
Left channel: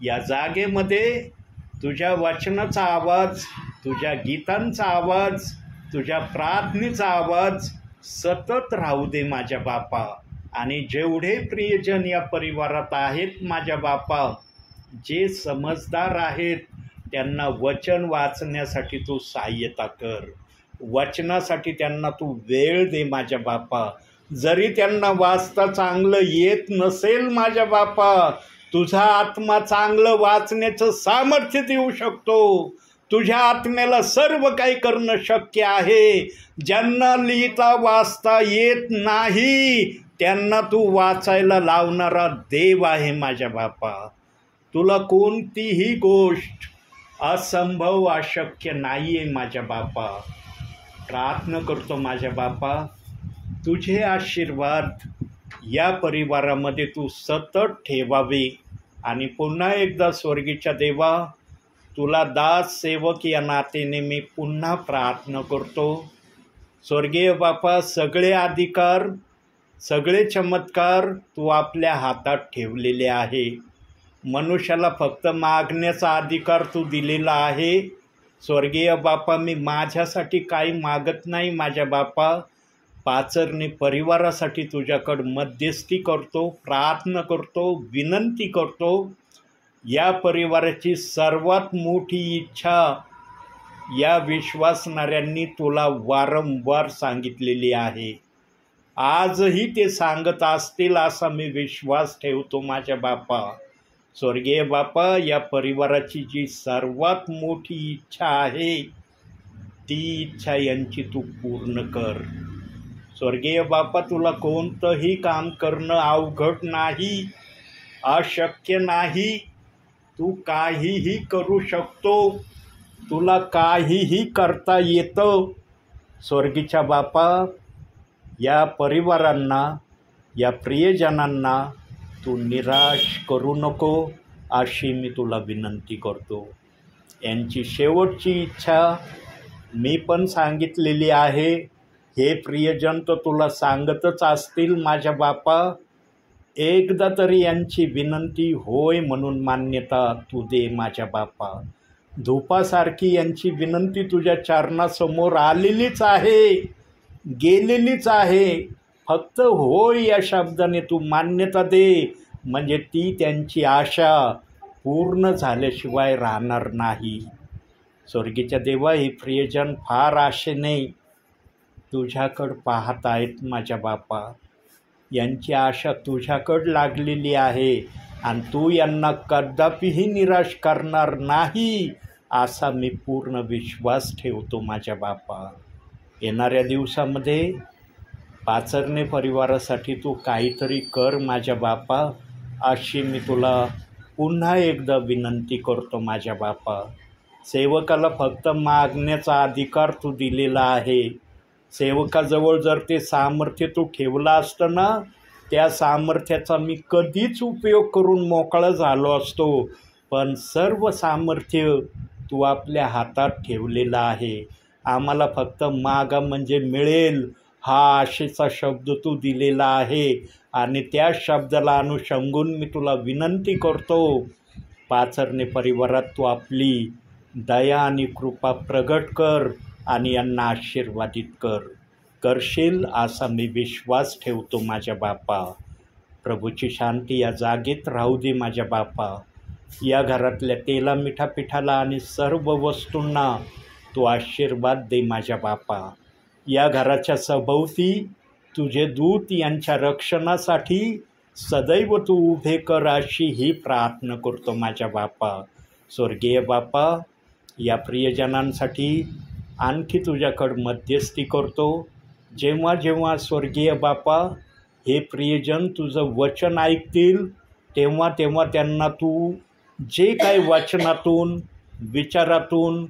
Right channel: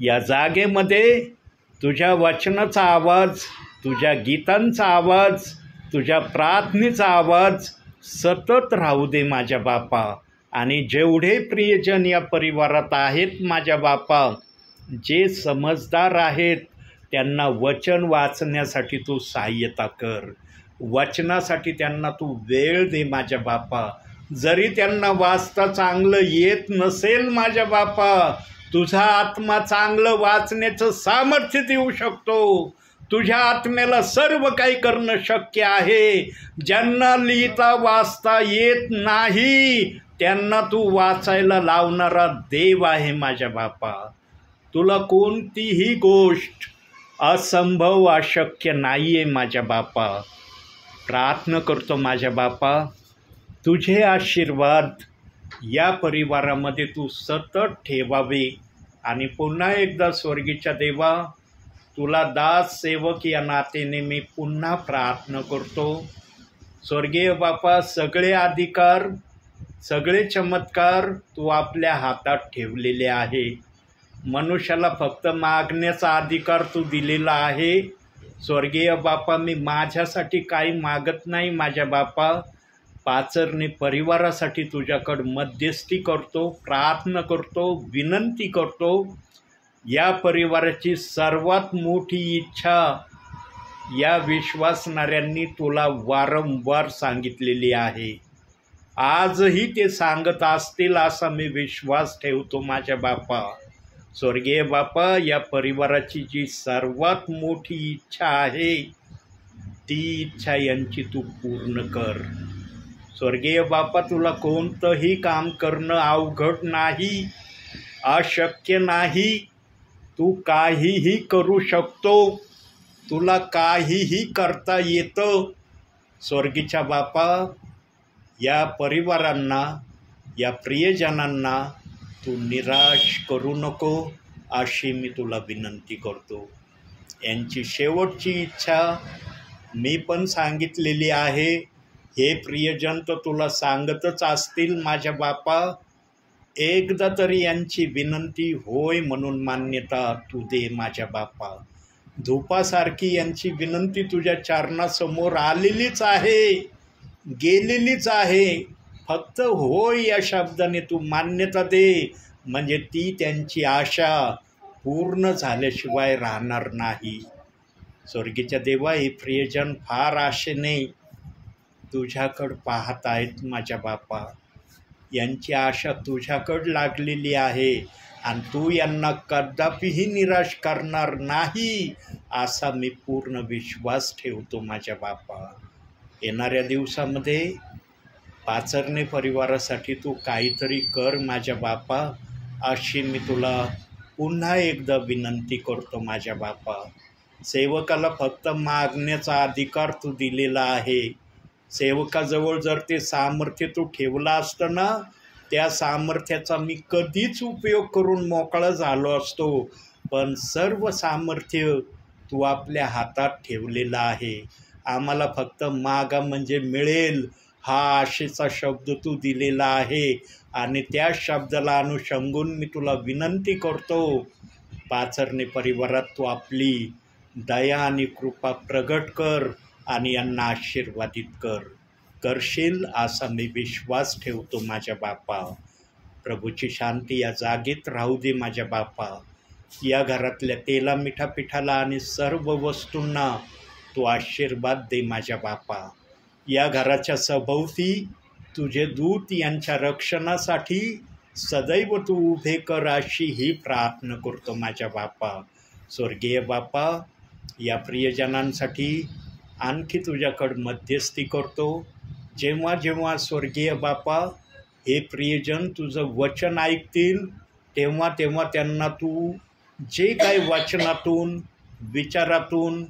या जागेमध्ये तुझ्या वचनाचा आवाज, तुझ्या गीतांचा आवाज, तुझ्या प्रार्थनेचा आवाज सतत राहू दे माझ्या बापा. आणि जेवढे प्रियजन या परिवारात आहेत माझ्या बापा, जे समजदार आहेत, त्यांना वचन वाचण्यासाठी तू सहाय्यता कर. वचनासाठी त्यांना तू वेळ दे माझ्या बापा. जरी त्यांना वाचता चांगलं येत नसेल माझ्या बापा, तुझा आत्मा चांगलं वाचण्याचं सामर्थ्य देऊ शकतो. तुझ्या आत्म्याला सर्व काही करणं शक्य आहे. ज्यांना लिहिता वाचता येत नाही त्यांना तू वाचायला लावणारा देव आहे माझ्या बापा. तुला कोणतीही गोष्ट असंभव, अशक्य नाही आहे माझ्या बापा. प्रार्थना करतो माझ्या बापा, तुझे आशीर्वाद या परिवारामध्ये तू सतत ठेवावे. आणि पुन्हा एकदा स्वर्गीच्या देवा, तुला दास सेवक या नातेने मी पुन्हा प्रार्थना करतो. स्वर्गीय बापा, सगळे अधिकार, सगळे चमत्कार तू आपल्या हातात ठेवलेले आहे. मनुष्याला फक्त मागण्याचा अधिकार तू दिलेला आहे. स्वर्गीय बापा, मी माझ्यासाठी काही मागत नाही माझ्या बापा. पाचरणे परिवारासाठी तुझ्याकडं मध्यस्थी करतो, प्रार्थना करतो, विनंती करतो. या परिवाराची सर्वात मोठी इच्छा या विश्वासणाऱ्यांनी तुला वारंवार सांगितलेली आहे. आजही ते सांगत असतील असा मी विश्वास ठेवतो माझ्या बापा. स्वर्गीय बापा, या परिवाराची जी सर्वात मोठी इच्छा आहे, ती इच्छा यांची तू पूर्ण कर. स्वर्गीय बापा, तुला कोणतंही काम करणं अवघड नाही, अशक्य नाही. तू काहीही करू शकतो, तुला काहीही करता येतं. स्वर्गीच्या बापा, या परिवारांना, या प्रियजनांना तू निराश करू नको अशी मी तुला विनंती करतो. यांची शेवटची इच्छा मी पण सांगितलेली आहे. हे प्रियजन तर तुला सांगतच असतील माझ्या बापा. एकदा तरी यांची विनंती होय म्हणून मान्यता तू दे माझ्या बापा. धूपासारखी यांची विनंती तुझ्या चरणासमोर आलेलीच आहे, गेलेलीच आहे. फक्त होय या शब्दाने तू मान्यता दे, म्हणजे ती त्यांची आशा पूर्ण झाल्याशिवाय राहणार नाही. स्वर्गीच्या देवा, हे प्रियजन फार आशेने तुझ्याकडं पाहत आहेत माझ्या बापा. यांची आशा तुझ्याकडं लागलेली आहे आणि तू यांना कदापिही निराश करणार नाही असा मी पूर्ण विश्वास ठेवतो माझ्या बापा. येणाऱ्या दिवसामध्ये पाचरणे परिवारासाठी तू काहीतरी कर माझ्या बापा, अशी मी तुला पुन्हा एकदा विनंती करतो माझ्या बापा. सेवकाला फक्त मागण्याचा अधिकार तू दिलेला आहे. सेवकाजवळ जर ते सामर्थ्य तू ठेवलं असतं ना, त्या सामर्थ्याचा मी कधीच उपयोग करून मोकळा झालो असतो. पण सर्व सामर्थ्य तू आपल्या हातात ठेवलेलं आहे. आम्हाला फक्त मागा म्हणजे मिळेल हा आशेचा शब्द तू दिलेला आहे. आणि त्या शब्दाला अनुषंगून मी तुला विनंती करतो, पाचरणे परिवारात तू आपली दया आणि कृपा प्रगट कर आणि यांना आशीर्वादित करशील असा मी विश्वास ठेवतो माझ्या बापा. प्रभूची शांती या जागेत राहू दे माझ्या बापा. या घरातल्या तेला मिठा पिठाला आणि सर्व वस्तूंना तू आशीर्वाद दे माझ्या बापा. या घराच्या सभोवती तुझे दूत यांच्या रक्षणासाठी सदैव तू उभे कर अशी ही प्रार्थना करतो माझ्या बापा. स्वर्गीय बापा, या प्रियजनांसाठी आणखी तुझ्याकडं मध्यस्थी करतो. जेव्हा जेव्हा स्वर्गीय बापा हे प्रियजन तुझं वचन ऐकतील तेव्हा तेव्हा त्यांना तू जे काही वचनातून विचारातून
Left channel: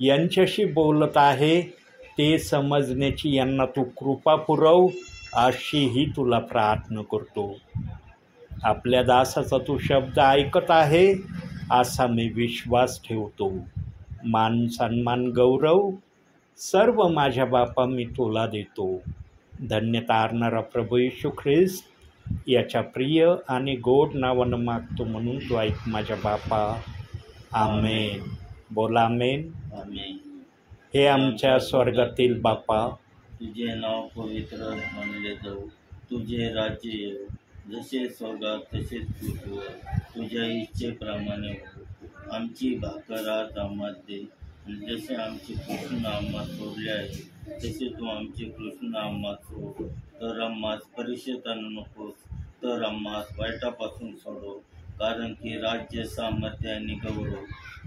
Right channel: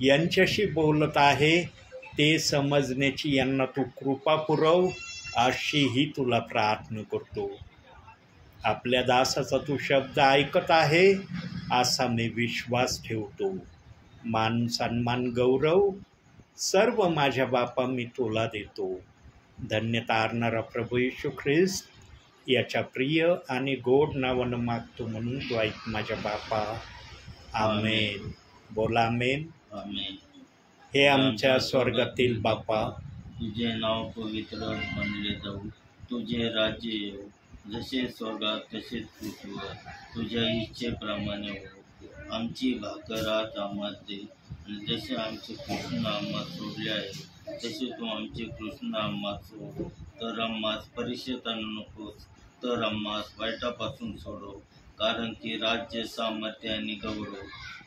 यांच्याशी बोलत आहे ते समजण्याची यांना तू कृपा पुरव अशीही तुला प्रार्थना करतो. आपल्या दासाचा तू शब्द ऐकत आहे असा मी विश्वास ठेवतो. मान सन्मान गौरव सर्व माझ्या बापा मी तुला देतो. धन्य तारणारा प्रभू येशू ख्रिस्त याच्या प्रिय आणि गोड नावानं मागतो म्हणून तू ऐक माझ्या बापा. आमेन. बोला आमेन. आमेन. हे आमच्या स्वर्गातील बापा, तुझे नाव पवित्र मानले जाऊ, तुझे राज्य येऊ, जसे स्वर्गात तसेच पृथ्वीवर तुझ्या इच्छेप्रमाणे हो. आमची भाकर आज आम्हाला दे, आणि जसे आमचे कृष्ण आम्हाला सोडले आहे तसे तू आमचे कृष्ण आम्हाला सोड. तर आम्हास परीक्षेत आणू नकोस, तर आम्हास वाईटापासून सोडव, कारण की राज्य, सामर्थ्य आणि गौरव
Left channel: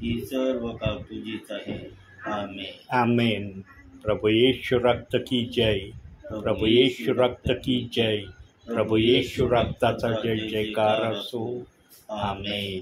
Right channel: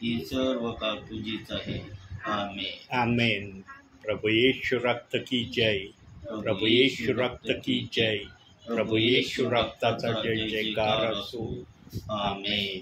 ही सर्व काळ तुझीच आहे. आमेन. आमेन. प्रभु येशू रक्त की जय. प्रभु येशू रक्त की जय. प्रभु येशू रक्ताचा जय जयकार असो. आमेन.